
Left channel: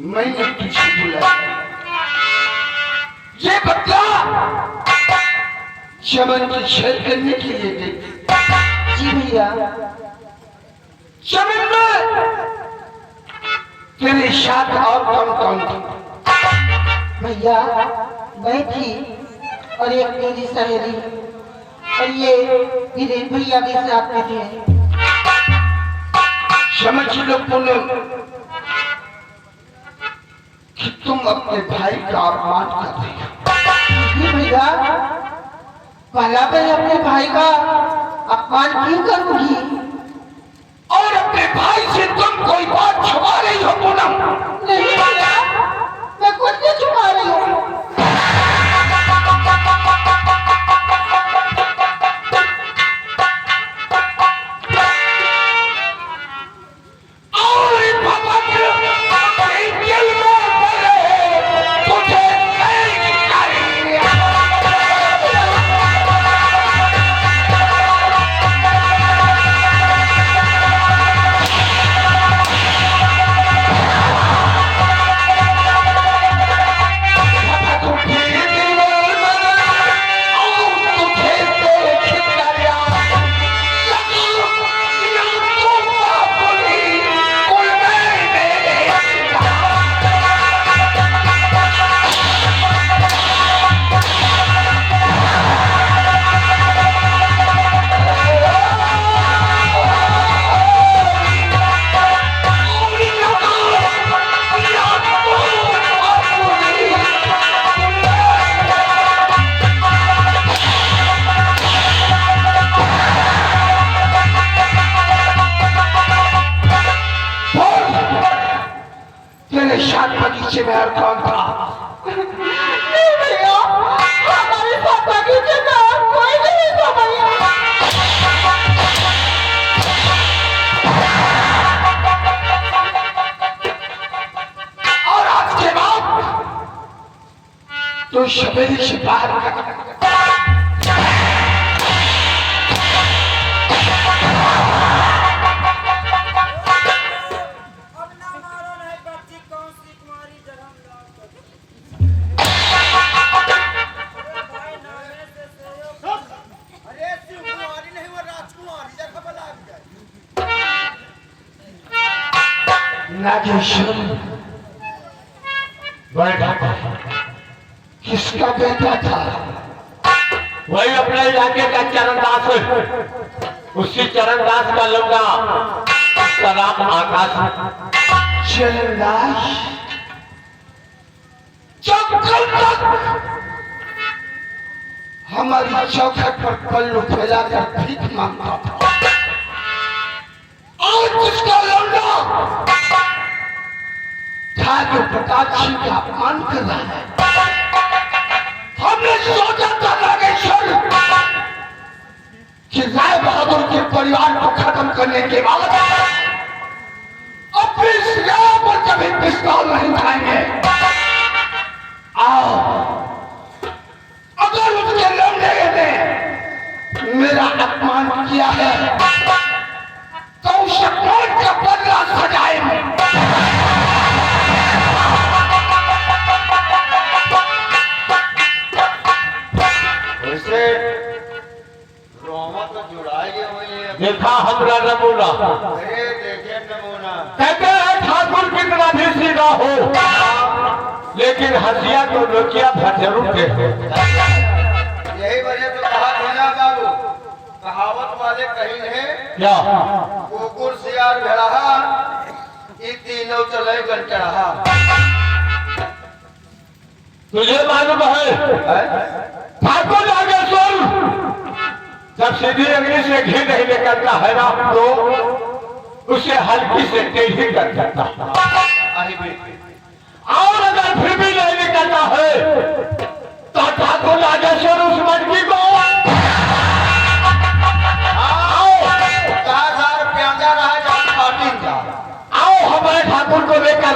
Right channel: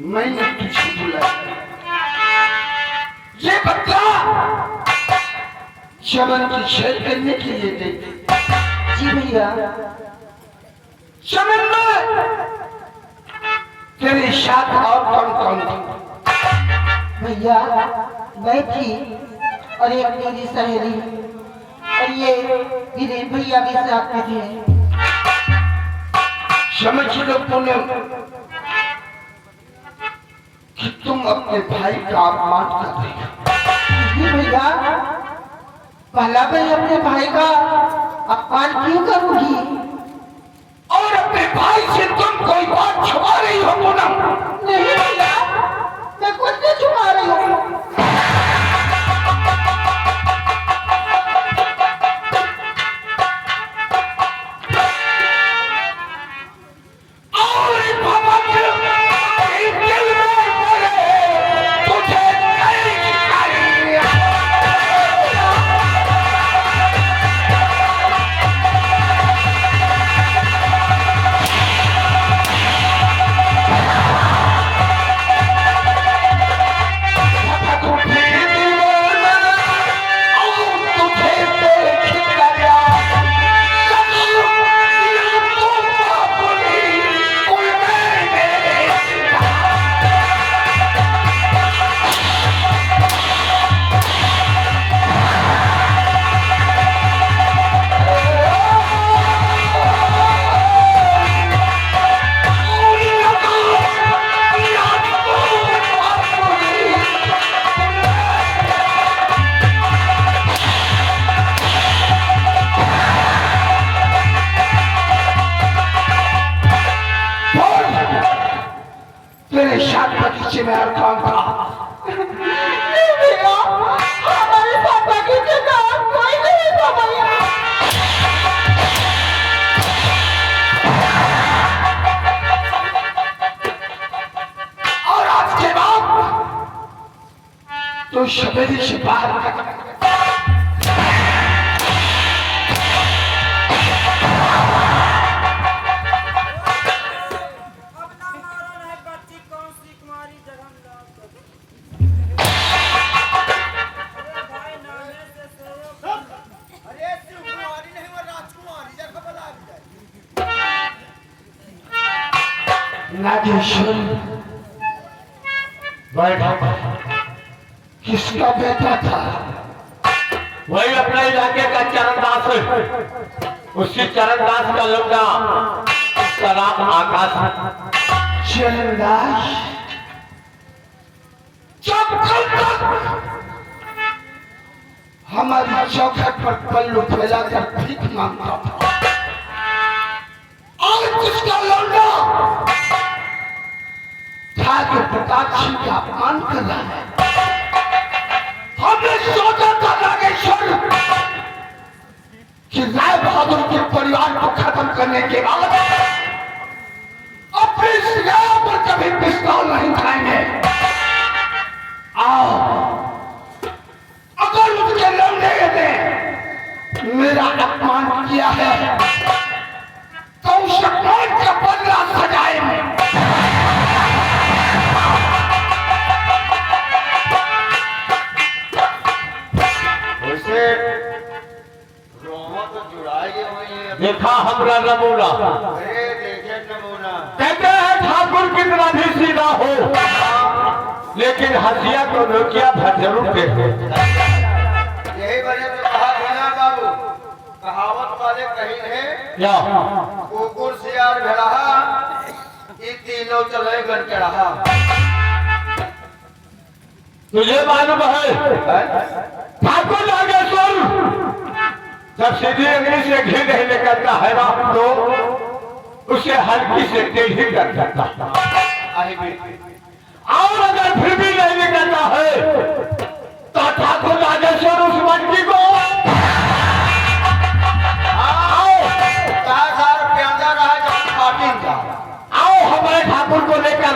मैंने तुझे बुलाया। ये बता चमन की शेर करने के लिए गई। जी भैया। चमन में तेरे साथ और कौन कौन था? भैया, मैं थी और एक मेरी सहेली और ये वीरेन भैया भी साथ में थे। समझ लो पूनम कि तुम अपने भाई का अपमान कर रही हो। जी भैया, पहला मैं अपने भाई का अपमान क्यों करूंगी? और अपने भाई से तुम कोई बात छुपा रही हो पूनम? नहीं भैया, मैं कुछ नहीं छुपा रही हूँ। तेरे साथ बगीचे में और कौन था? नहीं भैया, हमारे साथ बगीचे में और कोई नहीं था भैया। और आज के बाद तो सवेरे से बाहर अब ना मारो नहीं बच्ची कौन सी कुमारी जगह अरे भाई नामे से सहयोग अरे शिव कुमारी नहीं वो राजकुमारी जगह बता दिया नागेश्वर बैठा किसका बेटा था? वही अपने इलाके का चरणदास है। उसी चरणदास का लौंडा, उसका नाम आकाश है। चरणदास जब कल तक हमारी चौखट पर पल्लू फैलाकर भीख मांगता था, आज उसका लौंडा ठाकुर प्रताप सिंह का अपमान कर रहा है। हमने सोचा था नागेश्वर कि राय बहादुर के परिवार को खत्म करने के बाद अपनी सियार पर कभी पिस्तौल नहीं उठाएंगे। आओ, अगर उसके लौंडे ने मेरा अपमान किया है तो उस अपमान का बदला सजाएंगे। वैसे रोमा तो जुड़ाई हुई है। देखा हमरा नमूना, अरे देखे नमूना कहते हैं ठाकुर कितना भी सीधा हो, लेकिन हंसिया तो नोकिया भर जरूर देखो। यही वजह तो कहा देना बाबू, कहावत वाले कहीं है क्या कुकुर सियार भेड़ा ये तीनों चले गन के रहा। तुझे मालूम है ठाकुर नागेश्वर जब सीधी अंगली से घी नहीं निकलता है ना तो उसे हल्की से टेढ़ी कर सकता है। और अगर फिर भी नहीं निकलता है तो ठाकुर नागेश्वर उस मटकी को आओ हमारे ठाकुर को लेकर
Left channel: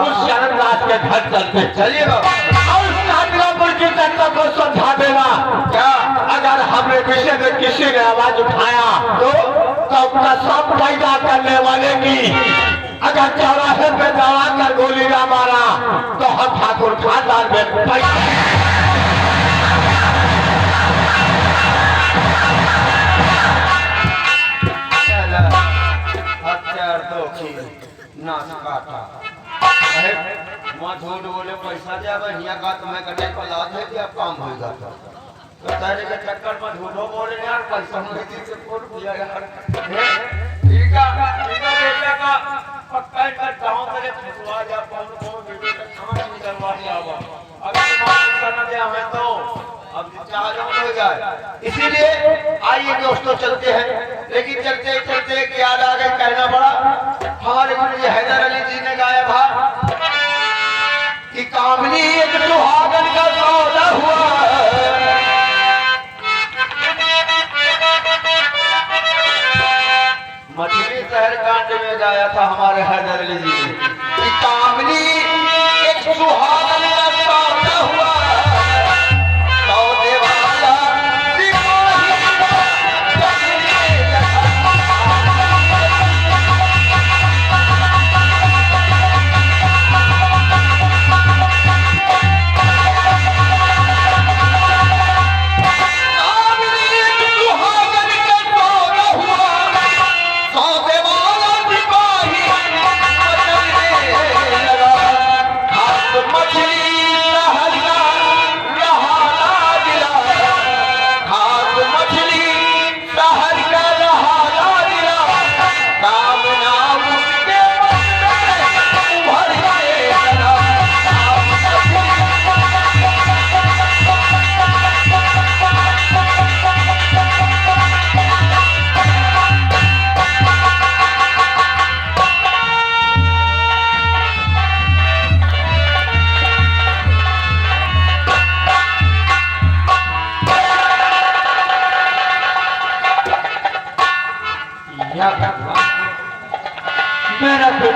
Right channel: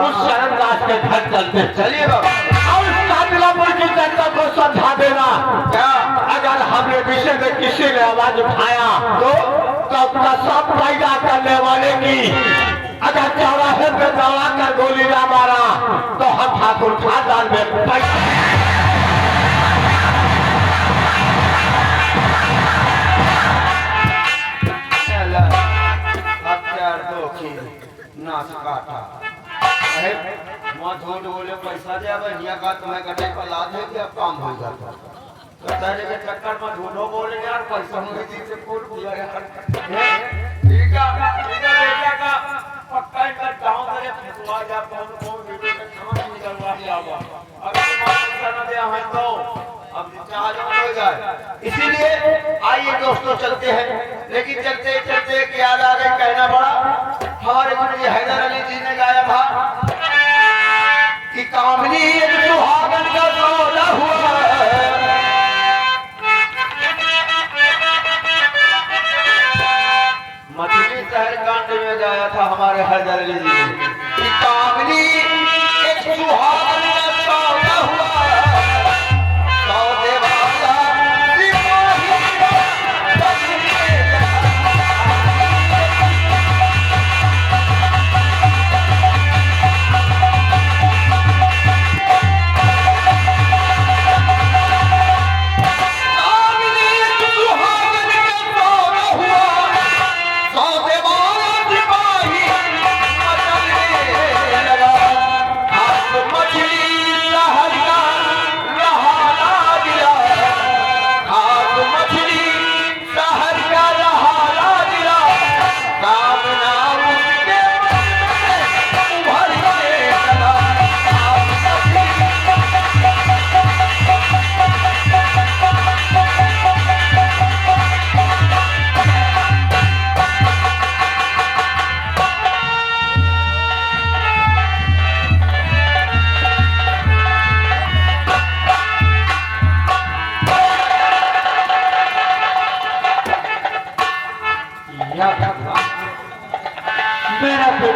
उस चरणदास के घर चलते। चलिए बाबा, और उस कातिलापुर की जनता को समझा देना क्या अगर हमने विषय में किसी ने आवाज उठाया तो अपना सब पैदा करने वाले की अगर चौराहे पे दौड़ा कर गोली ना मारा तो हम ठाकुर खानदान में पैसा नाच काटा वहाँ झूठ बोले पैसा दे हिया का तुम्हें कटे पर ला दे दिया काम होगा तो तेरे के चक्कर में झूठो बोले यार पैसा नहीं दी से फोन किया यार ठीक है बेटा का पक्का इनका गांव तेरे फसवा जा कौन वीडियो का कहां निकलवा दिया हुआ अगर तुम्हारा पैसा न दिया है तो अब चाह जो हो जाए। इसीलिए आइए दोस्तों चलते हैं, लेकिन चलते चलते एक याद आ गई कहना पड़ा। हमारे गुरु जी हैदर अली जी ने गाया था कि कामनी एक सुहागन का सौदा हुआ मछली शहर कांड में गाया था हमारे हैदर अली जी ने कि कामनी एक सुहागन का सौदा हुआ सौदे वाला मछली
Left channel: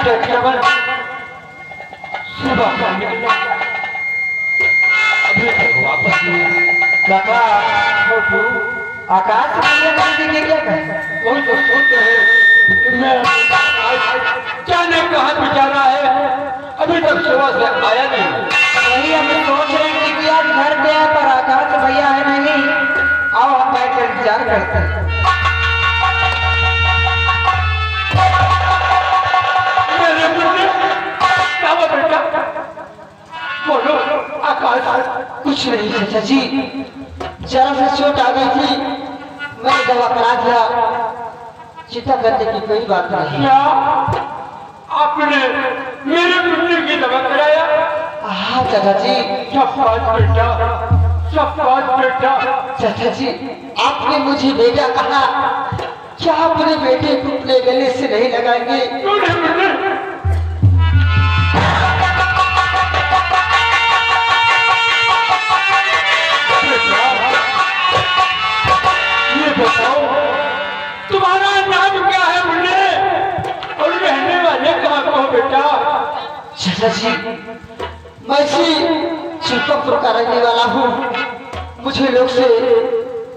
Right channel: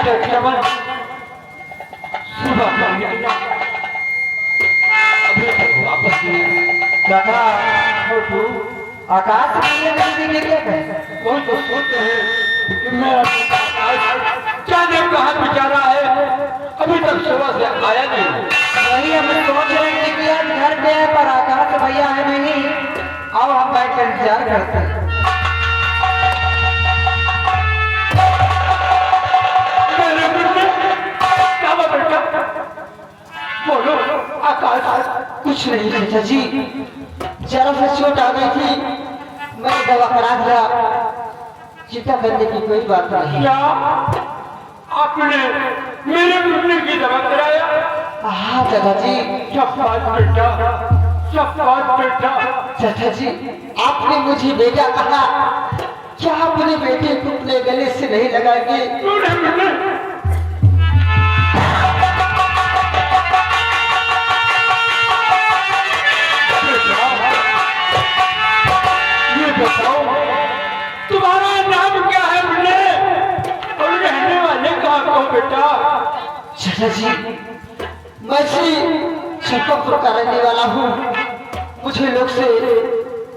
चमन सुबह को निकला, अभी तक वापस नहीं। काका छोटू आकाश में नहीं दिखे क्या कर? वही तो सोचते हैं कि मैं जाने कहाँ बेचारा है, अभी तक सुबह से आया नहीं। वही हम सोच रहे हैं कि आज घर पे है पर आकाश भैया है नहीं। आओ हम बैठ कर इंतजार करते हैं। मेरे बेटे क्या बात बेटा, बोलो आकाश। कुछ नहीं चाचा जी, जरा सा चोट आ गई थी, मैंने दवा करा दिया, चिंता करने की कोई बात नहीं। क्या आपने मेरे बेटे की दवा कराया? हाँ चाचा जी। शाबाश बेटा, शाबाश बेटा। चाचा जी आपने मुझे बेटा कहा, क्या अपने बेटे को अपने गले से नहीं लगाएंगे? क्यों नहीं बेटे? ये बताओ तुम्हारा नाम क्या है मुन्ने, और रहने वाले कहाँ हो बेटा? चाचा जी मैं श्री चिंतापुर का रहने वाला हूँ, मुझे लोग से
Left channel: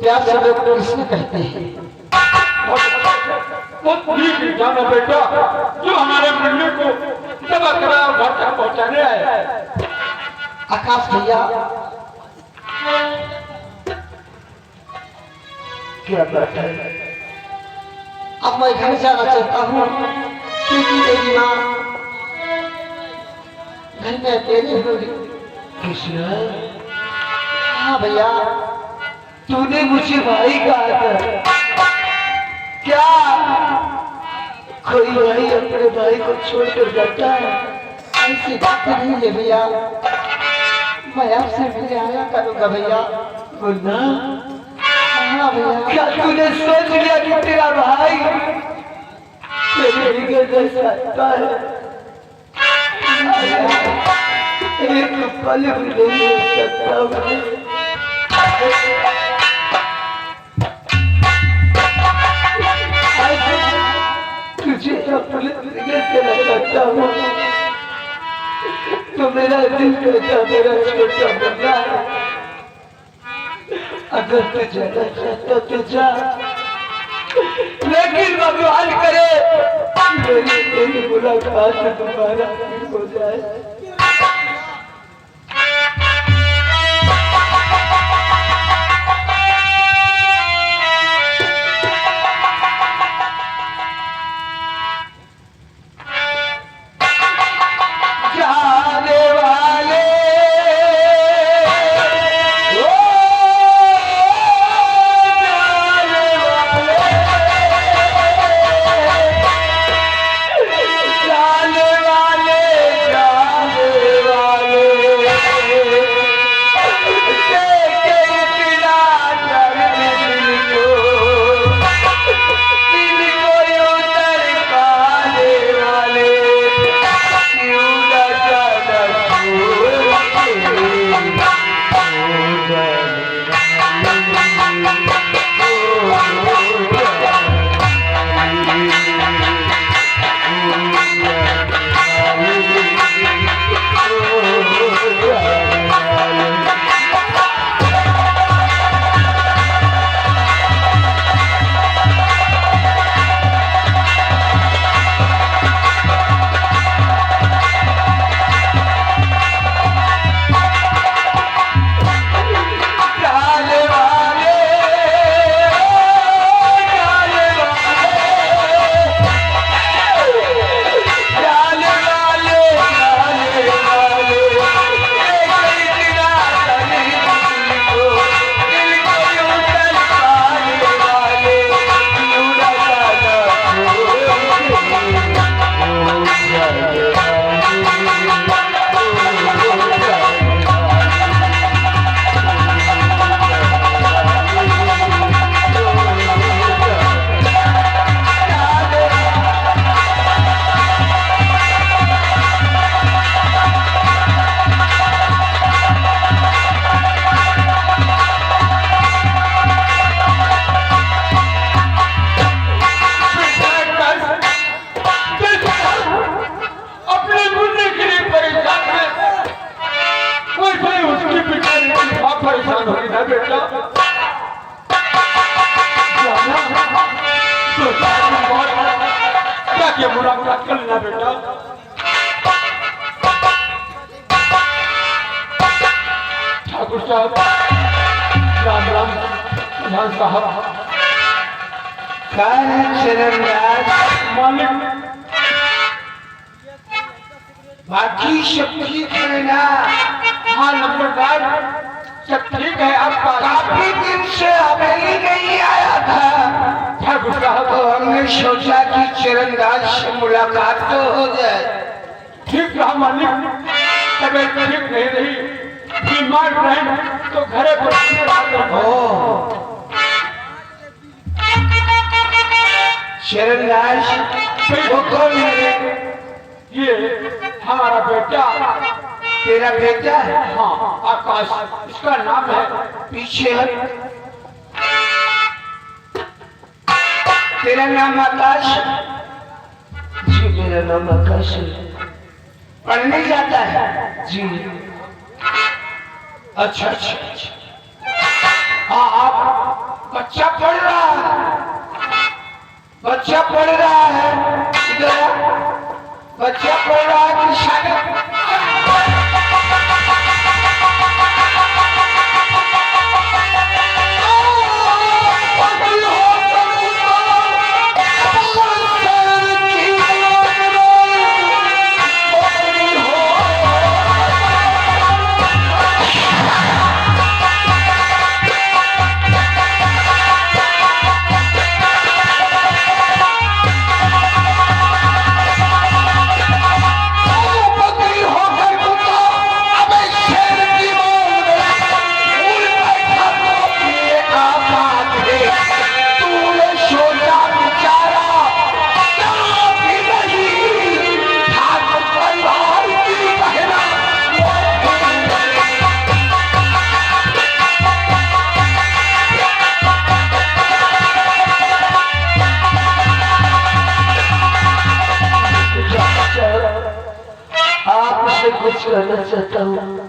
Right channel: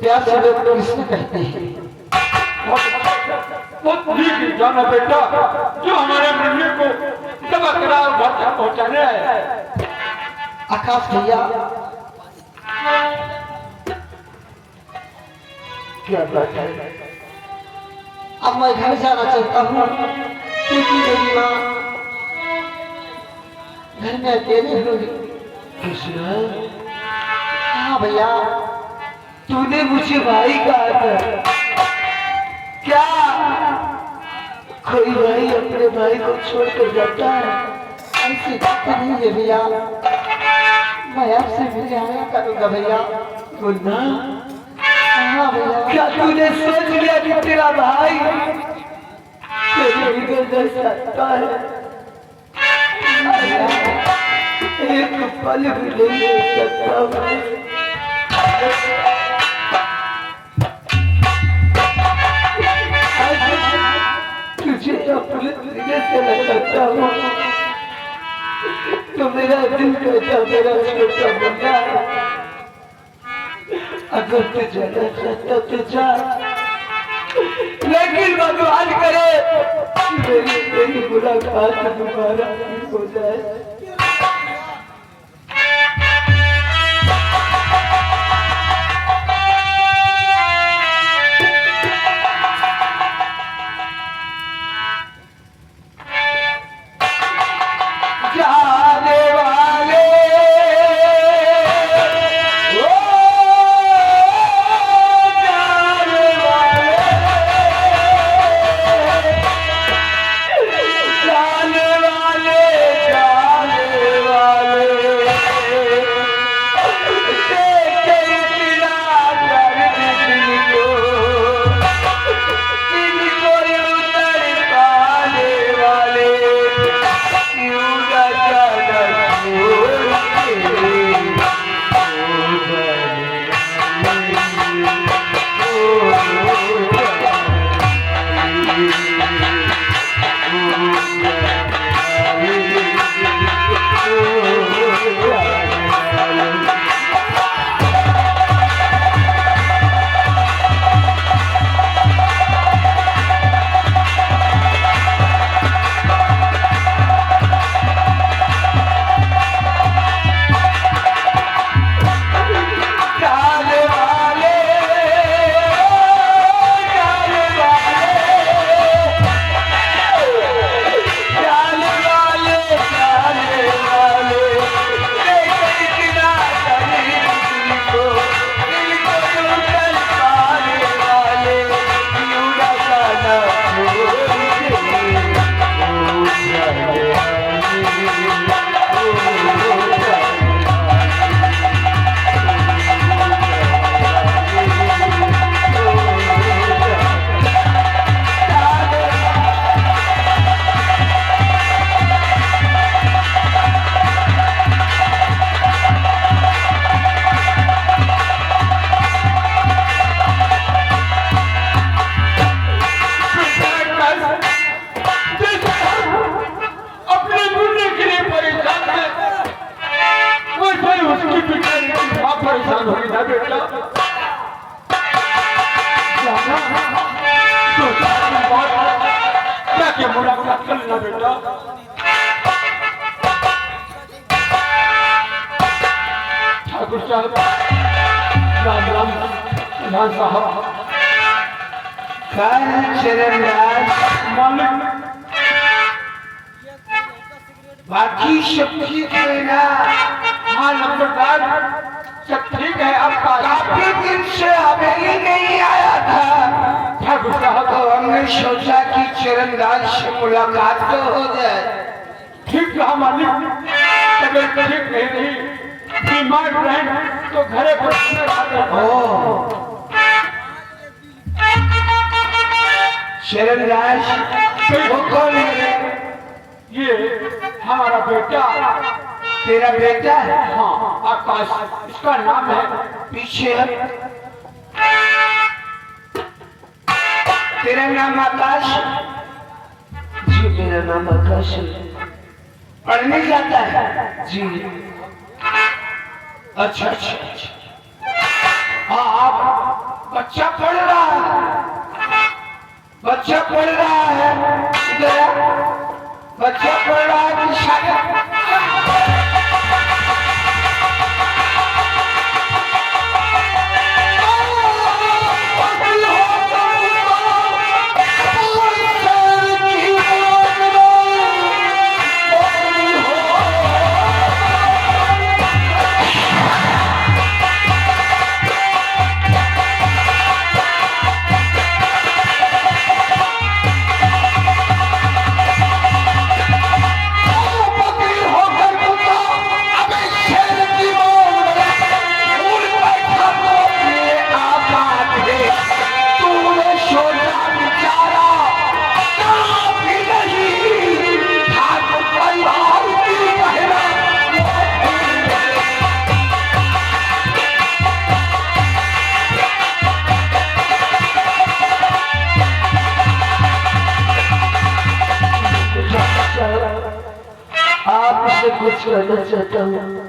प्यार से लोग कृष्ण कहते हैं। बहुत ठीक जाना बेटा, जो हमारे मुन्ने को दवा करा घर तक पहुँचाने आए। आकाश भैया क्या बात है? अब मैं घर जाना चाहता हूँ, क्योंकि मेरी माँ घर में अकेले हो गई। हाँ भैया, तूने मुझे भाई कहा था, क्या कोई भाई अपने भाई को छोड़कर जाता है? ऐसी बात नहीं है भैया, मैं आपसे मिलने आया करूँगा भैया। मुन्ना, हाँ भैया। क्या तूने सोच लिया कि तेरा भाई तेरे बिगड़ जैसा आता है? एक पल भी नहीं हो सकता मैं। तुझे अपने सीने से लगाता हूँ, तो मेरा दिल कहता मेरा छोटा बंदा है। अगर तू जाना चाहता तो जा, लेकिन भगवान करे मेरी मुलाकात दोबारा हो जाए। जाने वाले जाने वाले बेटा तो क्या क्या मुलाकात कर लेना बेटा। ठाकुर साहब राम राम प्रधान साहब। मालिक बाकी सब ठीक है ना? हाँ नंबरदार सब ठीक है। आपका काफी दिन से हवेली नहीं आया था, ठाकुर साहब तो हमने सोचा कि चरणदास से मुलाकात तो हो जाए। ठीक रहा मालिक, तबीयत ठीक नहीं रही, बीमार रहे तो घरे पर चरणदास वो कौन है? ये हमारा बेटा। तेरा बेटा है? हाँ आकाश इसका नाम है। पीछे है। तेरा नाम आकाश? जी मेरा नाम आकाश है। पढ़ने जाता है? जी। अच्छा अच्छा अच्छा। हाँ आप बच्चा पढ़ रहा है, बच्चा पढ़ रहा है। इधर आ। बच्चा पढ़ रहा है कि शादी? आपसे कुछ कहना चाहता हूँ।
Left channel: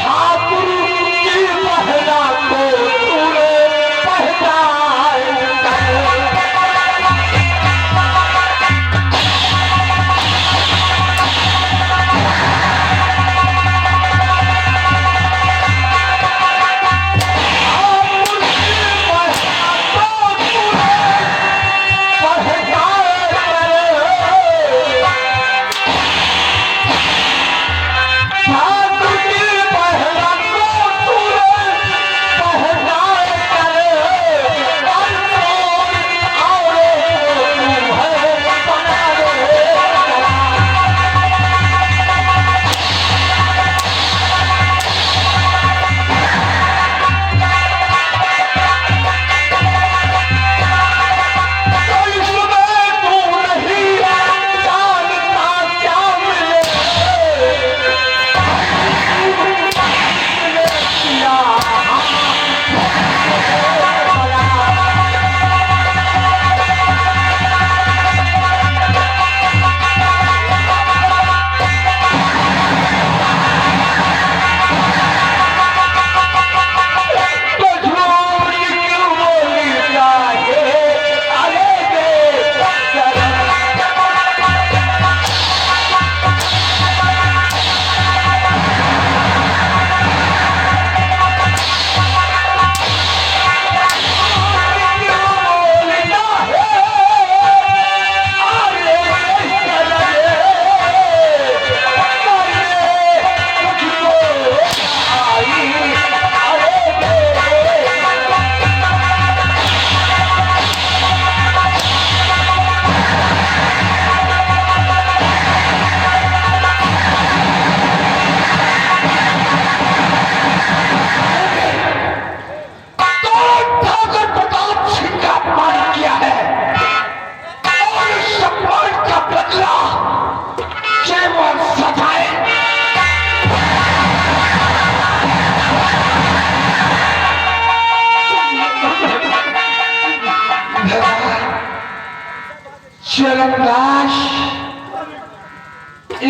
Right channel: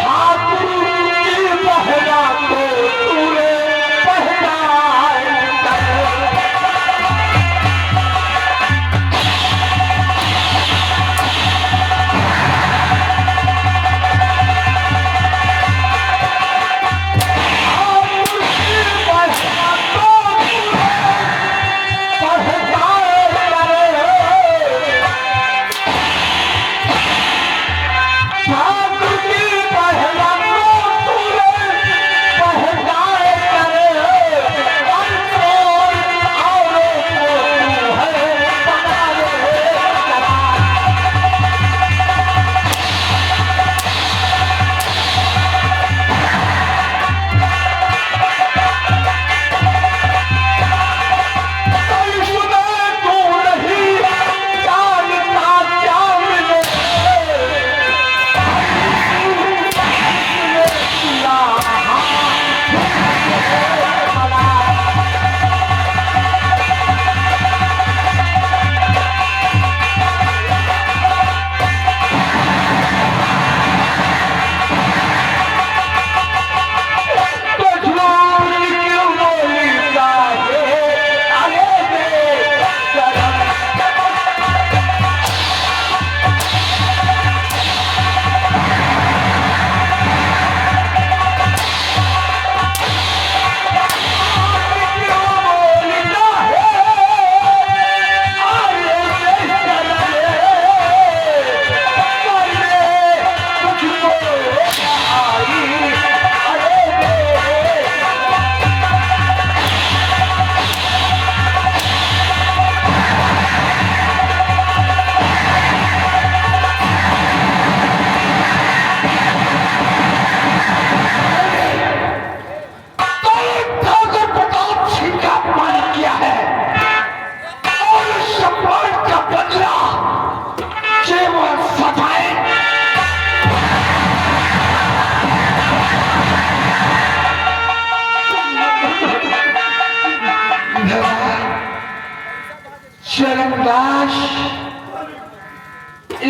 ठाकुर की पहला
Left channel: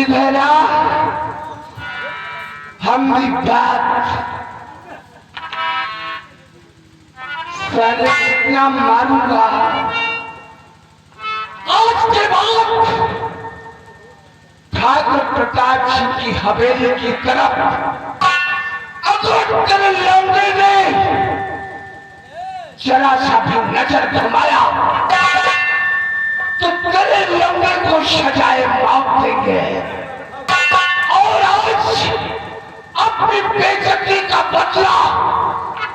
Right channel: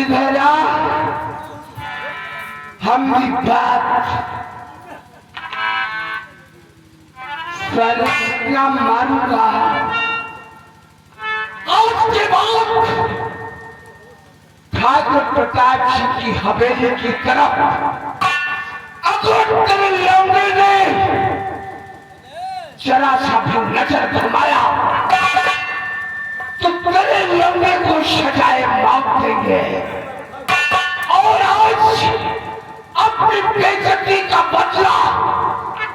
इधर आ, हम भी बात साले कितना मारूंगा। आज के बाद ठाकुर प्रताप सिंह की हवेली की तरफ अगर तेरे लौंडे ने जरा सा भी नजर घुमाया तो तेरे लौंडे को सजाए मौत देंगे। और आज अपनी बेइज्जती का बदला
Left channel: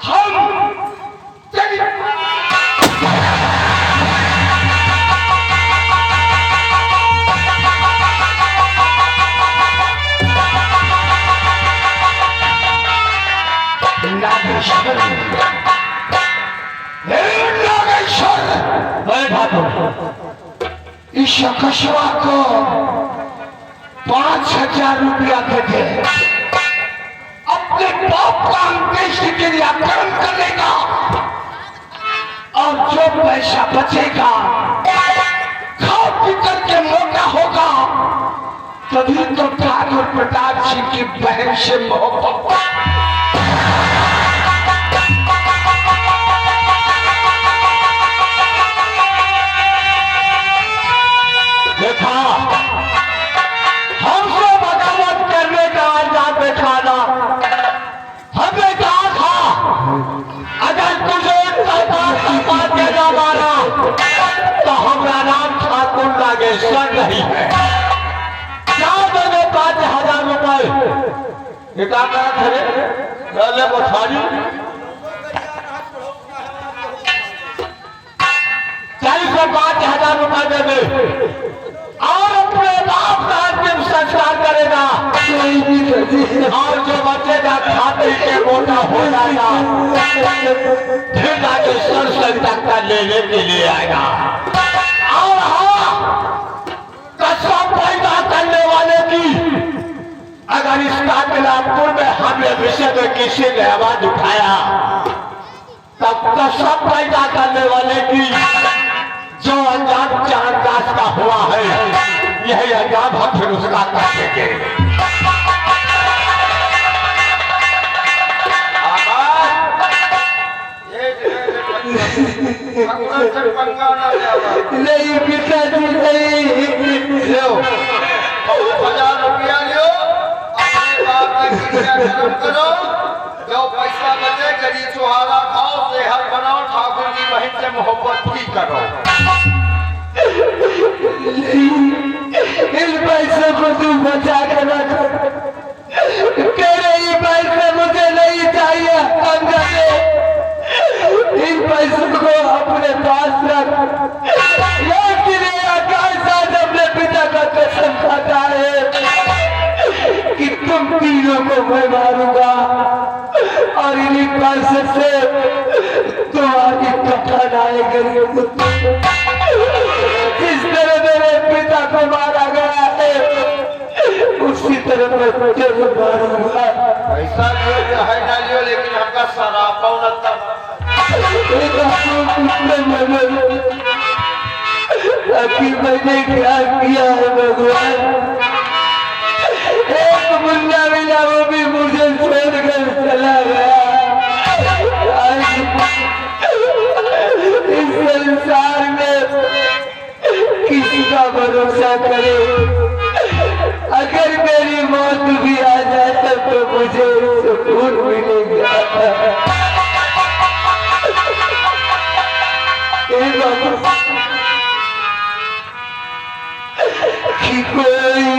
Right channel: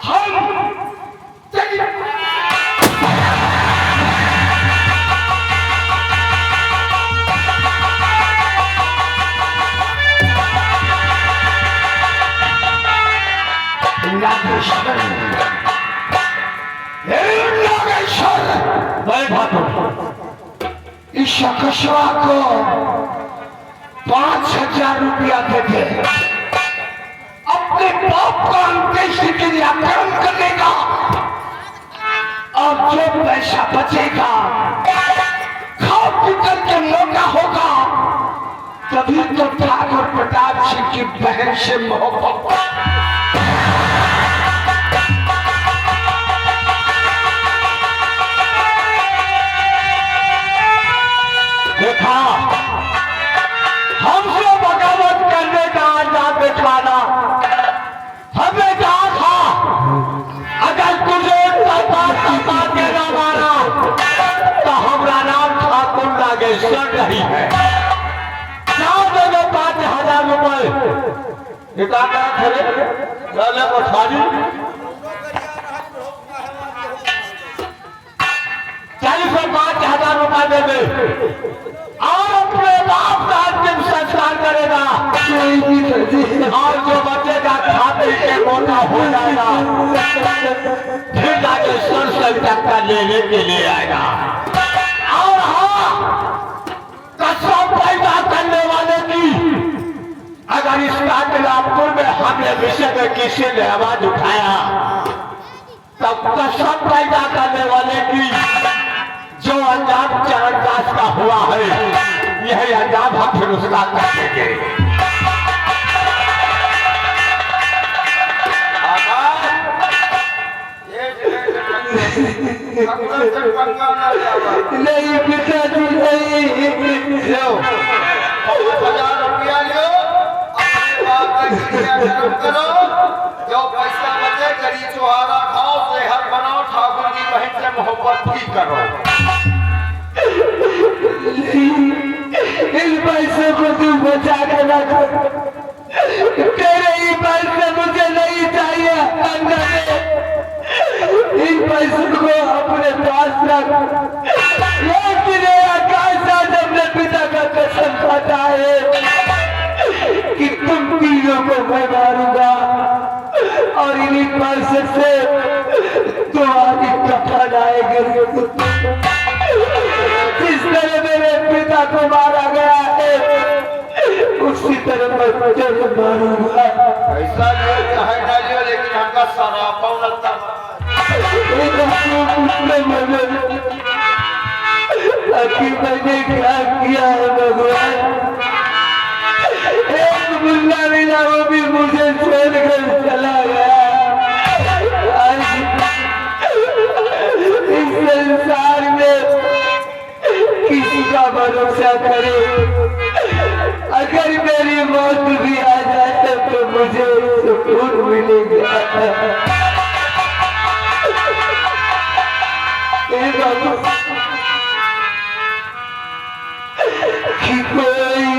हम तेरी नागेश्वर मैं ठाकुर इस कशवा को 5,000 रुपया देते अपने बाप का अंत्येष्टि के लिए कर्म करने का, और जो पैसा बचेगा खा पी करके मोटा होगा, तभी तो ठाकुर प्रताप सिंह की बहन से मोहब्बत। देखा हमसे बगावत करने का आजाद दिखाना, हमें कहा था अगर तुझे ना मारा तो हमारा नाम ठाकुर नागेश्वर नहीं है। क्या देवे 5,000 रुपए निकालना थे पहले बछाड़ी 5,000 रुपए देवे और अपने बाप का अंतिम संस्कार करेगा, और जो बचेगा खा पी के मोटा हो जाएगा, फिर नागेश्वर से टक्कर लेने के लिए आएगा। और हाँ, कसम पैदा करने वाले की अगर इस कातिलापुर में हमने विषय में किसी ने आवाज उठाया तब कसम पैदा करने वाले की जो अंजाम चरणदास का हुआ है यही अंजाम हम फिर उसका कर देंगे। नहीं पिताजी नहीं, 5,000 रुपया लो, अपने बाप का क्रियाक्रम करो, जो पैसा बचे गरीब चुहारा खाओ, सेहत बनाओ, ठाकुर की बहन से मोहब्बत भी करो। इस पैसे को तू बचा के रख, तेरे ही पैसे मुझे नहीं चाहिए। इन पैसों को अपने पास रख, लेकिन आकाश आज अपने पिता का कसम खाता है कि तुम तीनों को मैं मारूंगा और इन्हीं पैसे से तुम्हारी कफन आएगी। जिस तरह मेरे पिता को मारा गया है उसी तरह मैं तुझे मारूंगा। पैसा लियो चाहे ना लियो, लेकिन हमका सरापा न तब कि मैंने क्या किया है भगवान। एक मुन्ना मिला, वो भी मुझे छोड़कर चला गया। इस संसार में किसी का भरोसा करे, अगर मेरी मौत भी आ जाए तो मुझे सुकून मिलेगा। कि कोई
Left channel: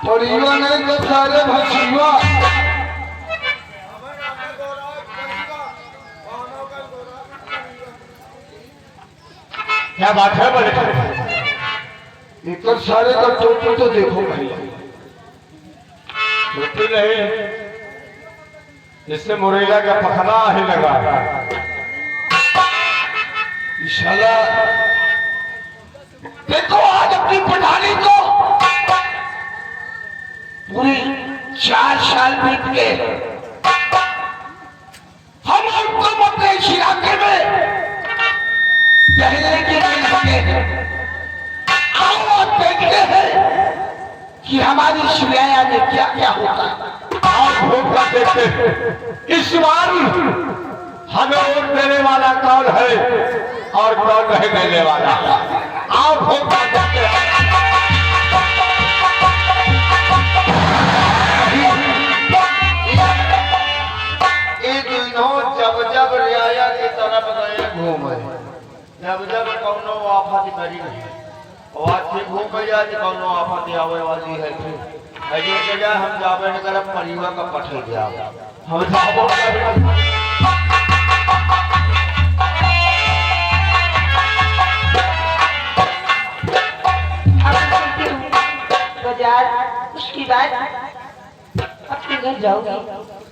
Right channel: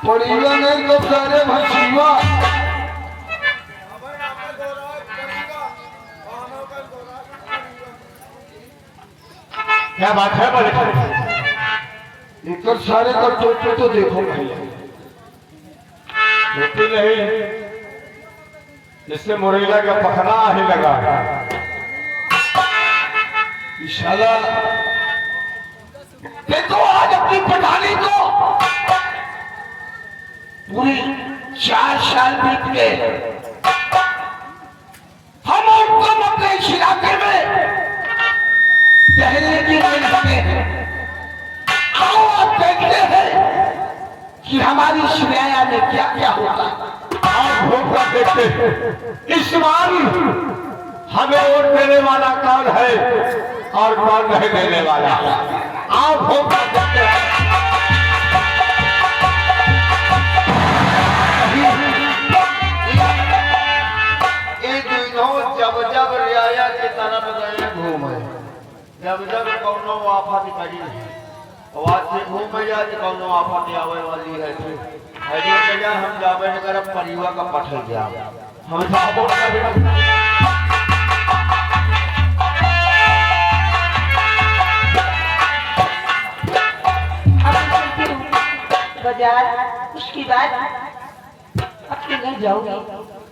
परिवा नहीं तो सारे भसीवा। क्या बात है बोले? एक सारे का टोपी तो देखो भैया। टोपी नहीं, इससे मुरैया का पखना ही लगा। इशाला देखो आज अपनी पठानी को पूरी 4 साल बीत गए। हम और तुम अपने इस इलाके में टहलने के लिए लगे हैं। आओ आप देखते हैं कि हमारी सुरैया में क्या क्या होता है। आप वोट का देखते हैं इस बार हमें वोट देने वाला कौन है और कौन नहीं देने वाला। आप वोट का देखते हैं। जब रियाया की तरफ गए घूमे, जब कौनो आफत करी आवाज से घूमे जा कौनो आफत आवे वाली है फिर हम जावे न कर परिवा का पठल गया हम जाबो बाजार उसकी बात अपने घर जाओगी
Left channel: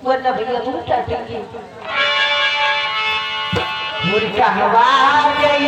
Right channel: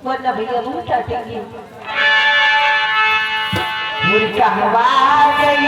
वरना भैया बहुत डांटेंगे। मुर्गा हवा गई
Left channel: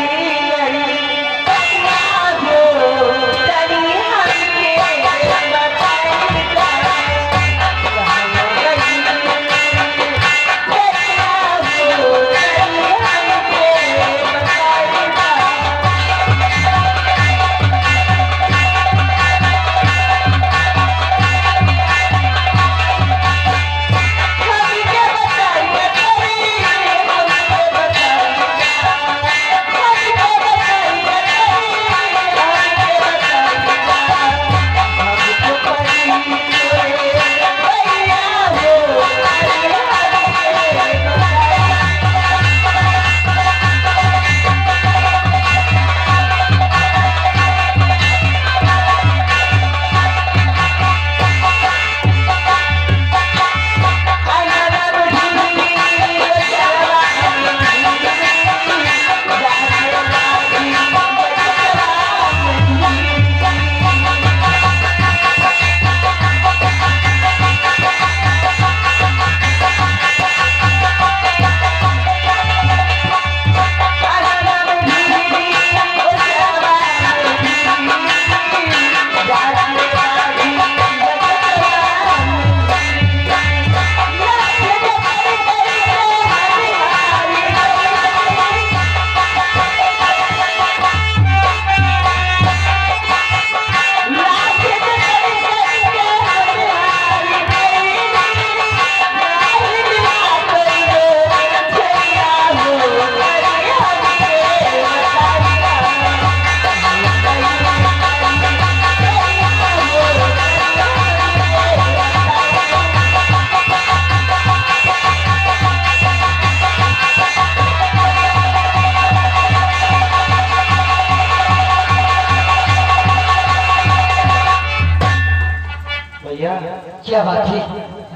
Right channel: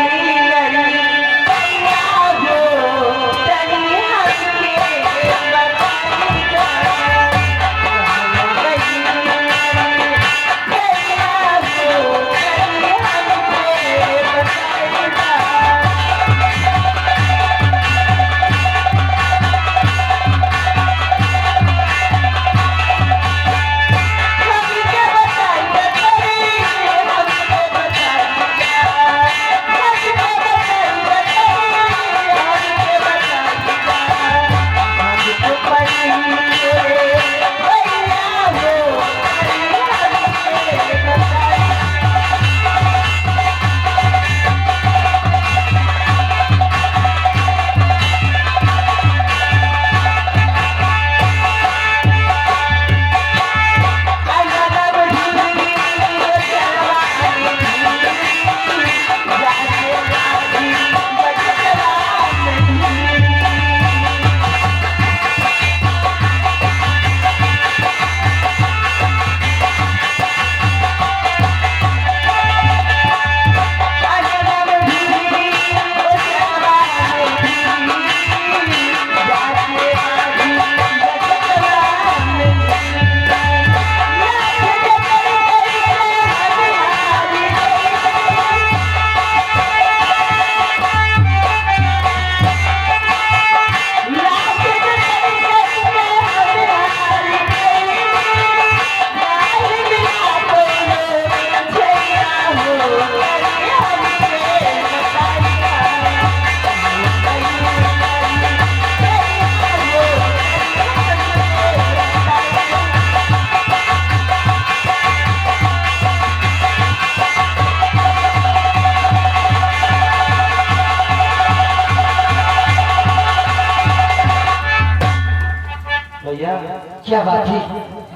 क्या बात है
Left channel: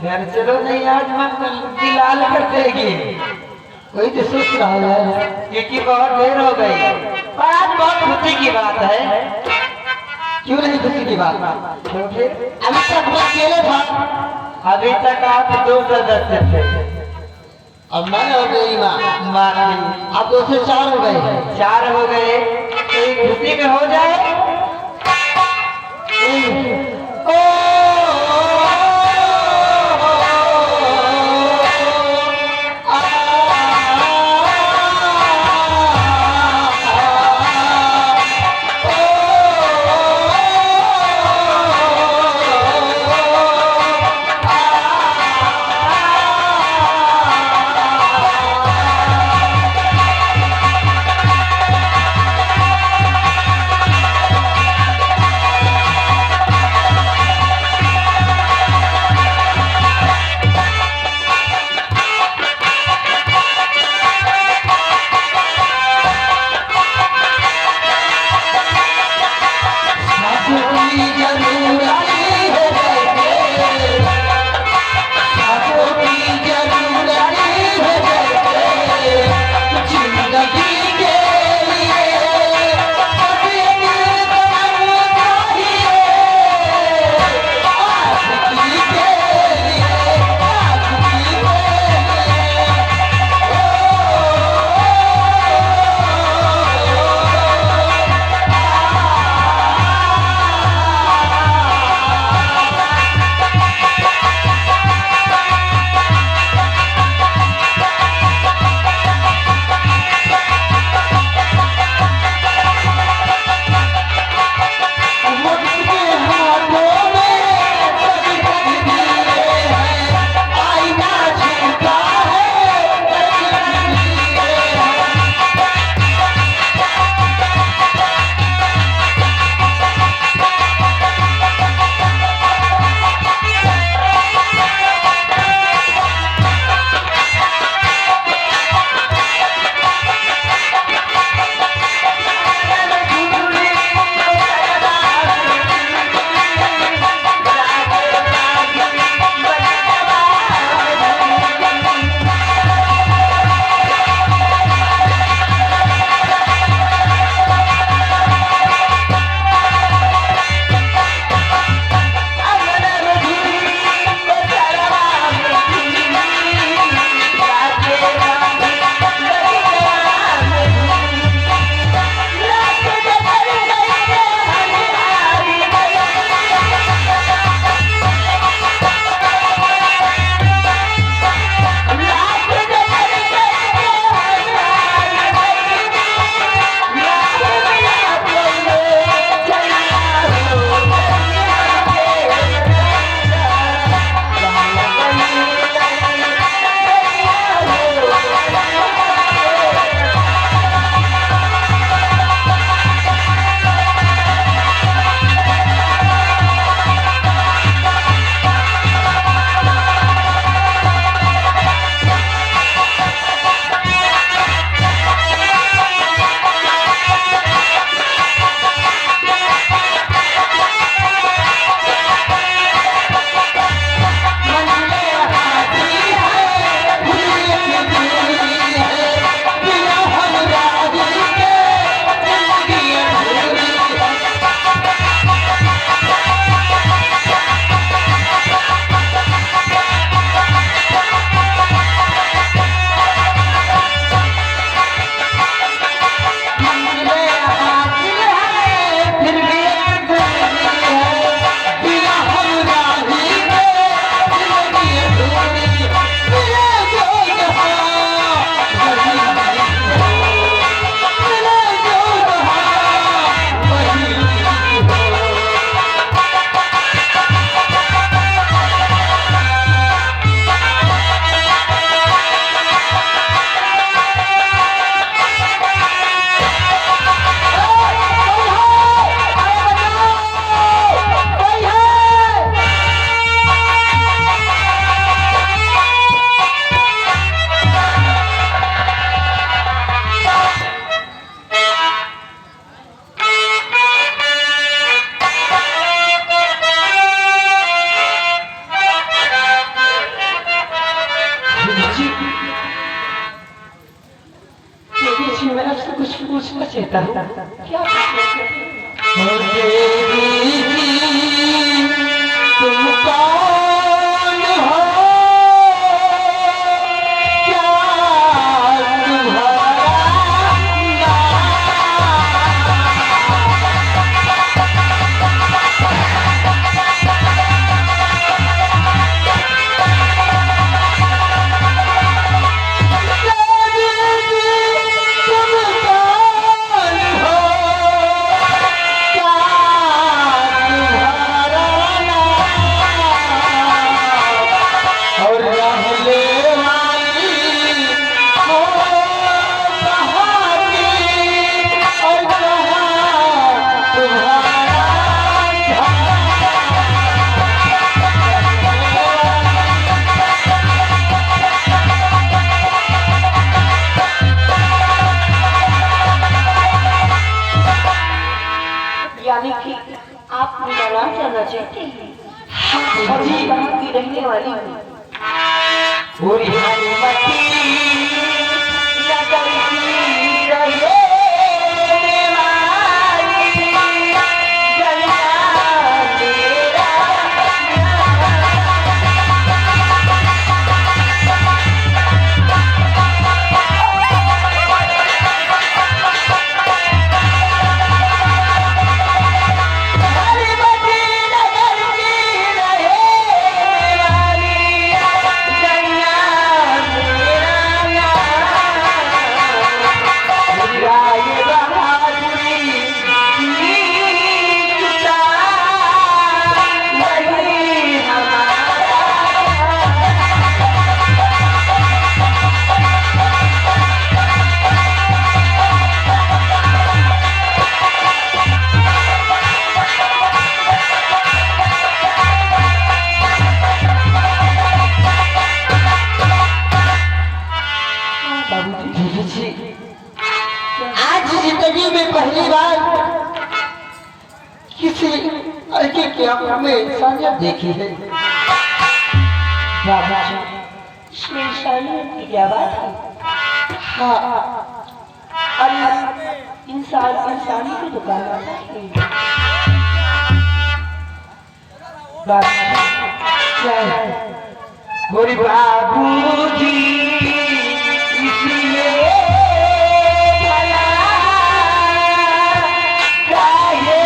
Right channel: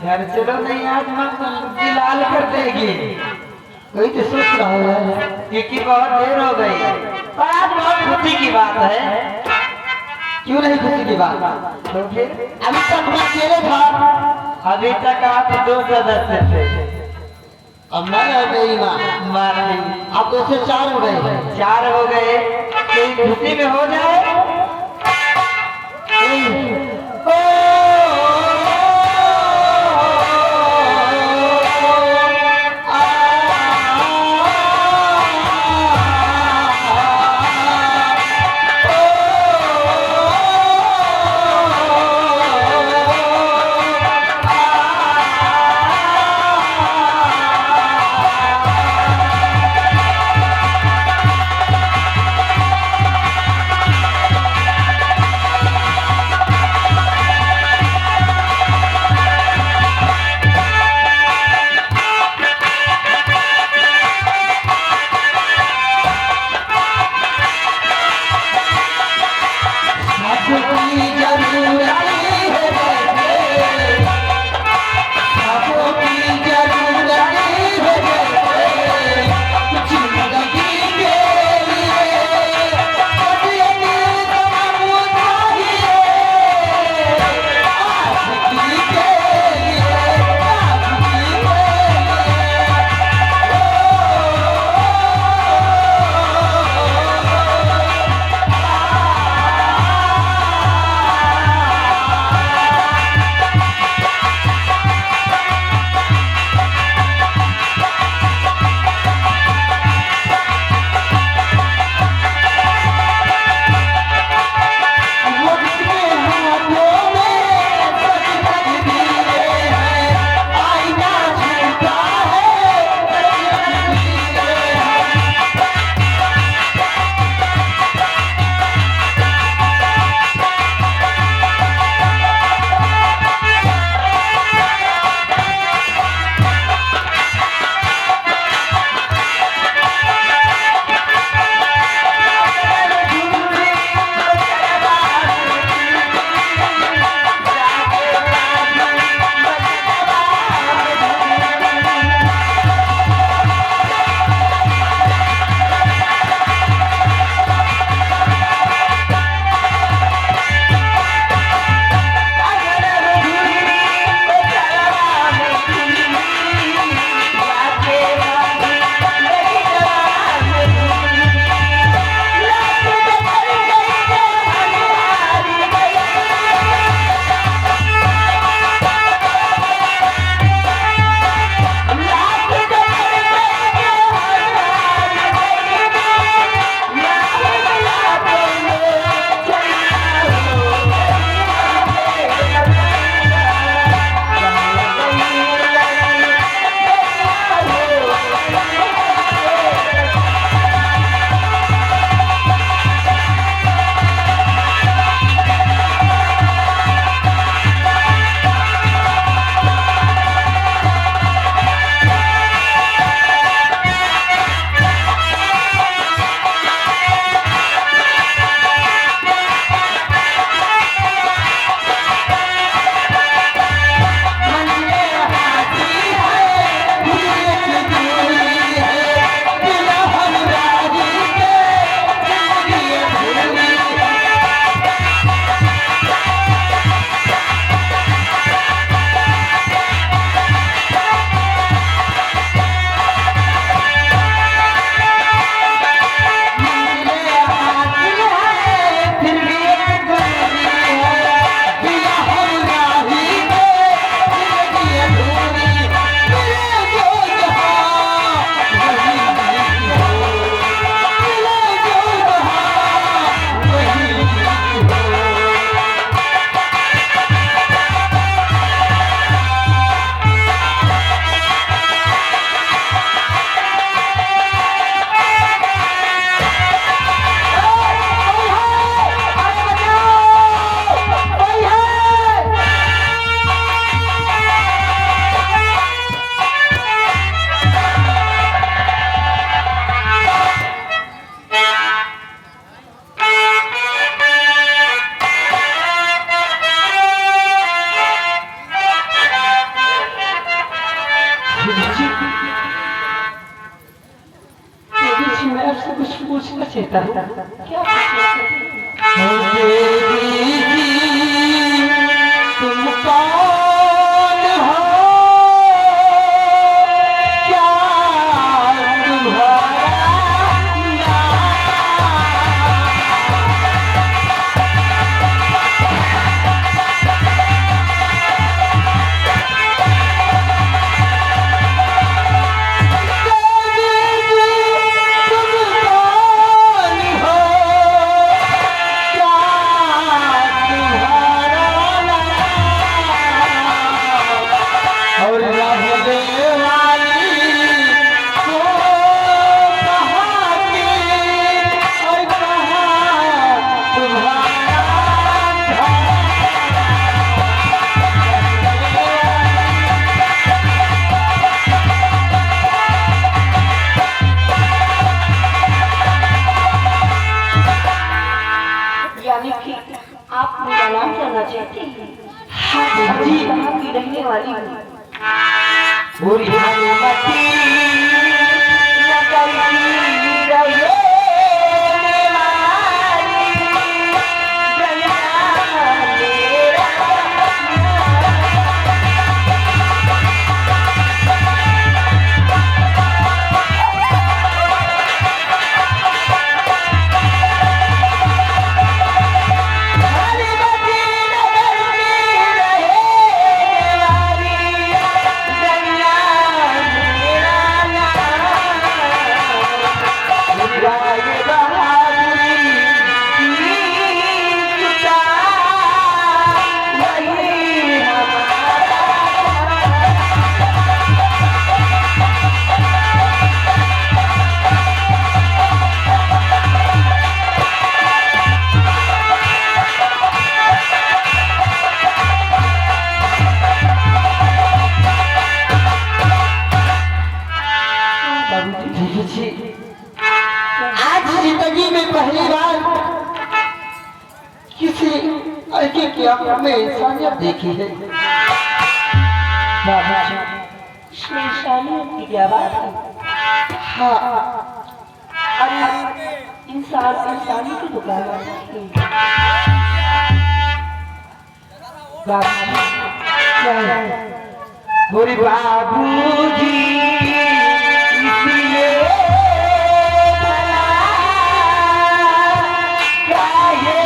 यार। चलो नहीं आज मन लाल कर देगी। कोई तो सोच रहा है क्योंकि बहुत देर हो गई और आज बहुत खुशी की बात है। क्यों नहीं खुशी की बात? क्योंकि अभी तक मैं अकेले था। अभी तक आप 2 सदस्य थे। अब मैं हो गई माँ नहीं। अब 2 से 4 हो गए। 4 हो गए तो खुशी में हो जाए। सोचता हूँ क्या तुम कौन हो, क्या तुम्हारा यानी कि आप मेरा नाम जानना चाहते हैं? और मैं कहाँ की रहने वाली हूँ? पूरी हनुमती लगन की रहे मारी, जलना तेरा हनुमती लगन की रहे मारी, जलना तेरा नाम। राय बहादुरी की जुटा, वही हमारा बाबूजी, आज जिंदगी में पहली बार किसी लड़के की आंखों में इंसानियत देखी है। बाबूजी, इसमें इंसानियत की क्या बात है? हाँ, अरे इंसान इंसानी की दुकान है। बाबूजी क्या है? गोरी बाबूजी इसलिए भला काहे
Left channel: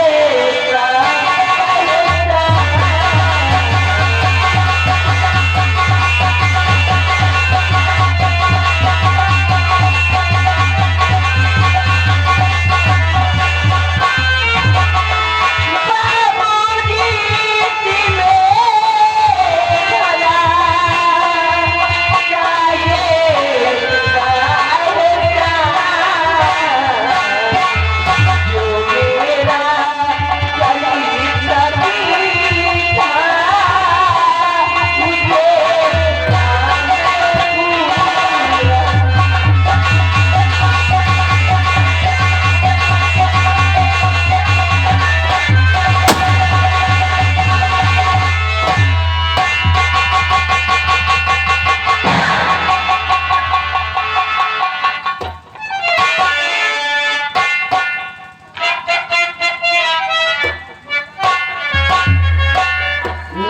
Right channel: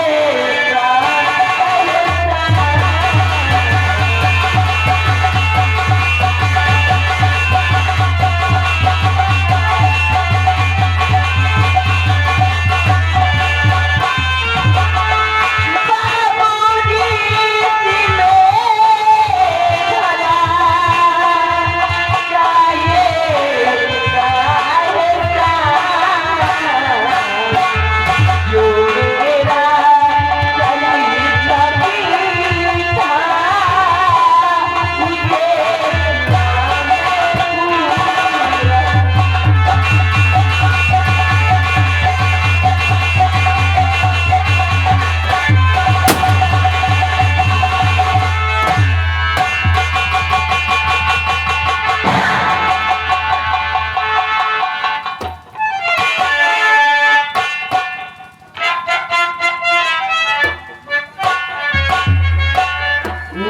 बाबूजी इसलिए भला काहे जो मेरा जली तभी था, मुझे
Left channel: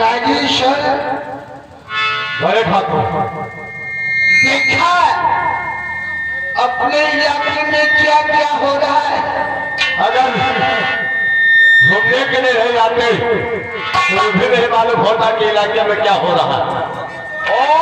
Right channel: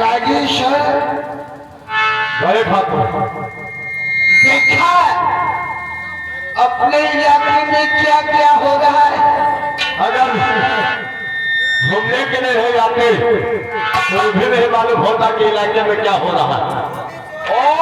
नागेश्वर बड़े ठाकुर देखा अपने इलाके में क्या क्या हो रहा है। अगर घूमने के लिए नहीं जाते तो भी नहीं मालूम होता कि इलाके में क्या हो रहा है। और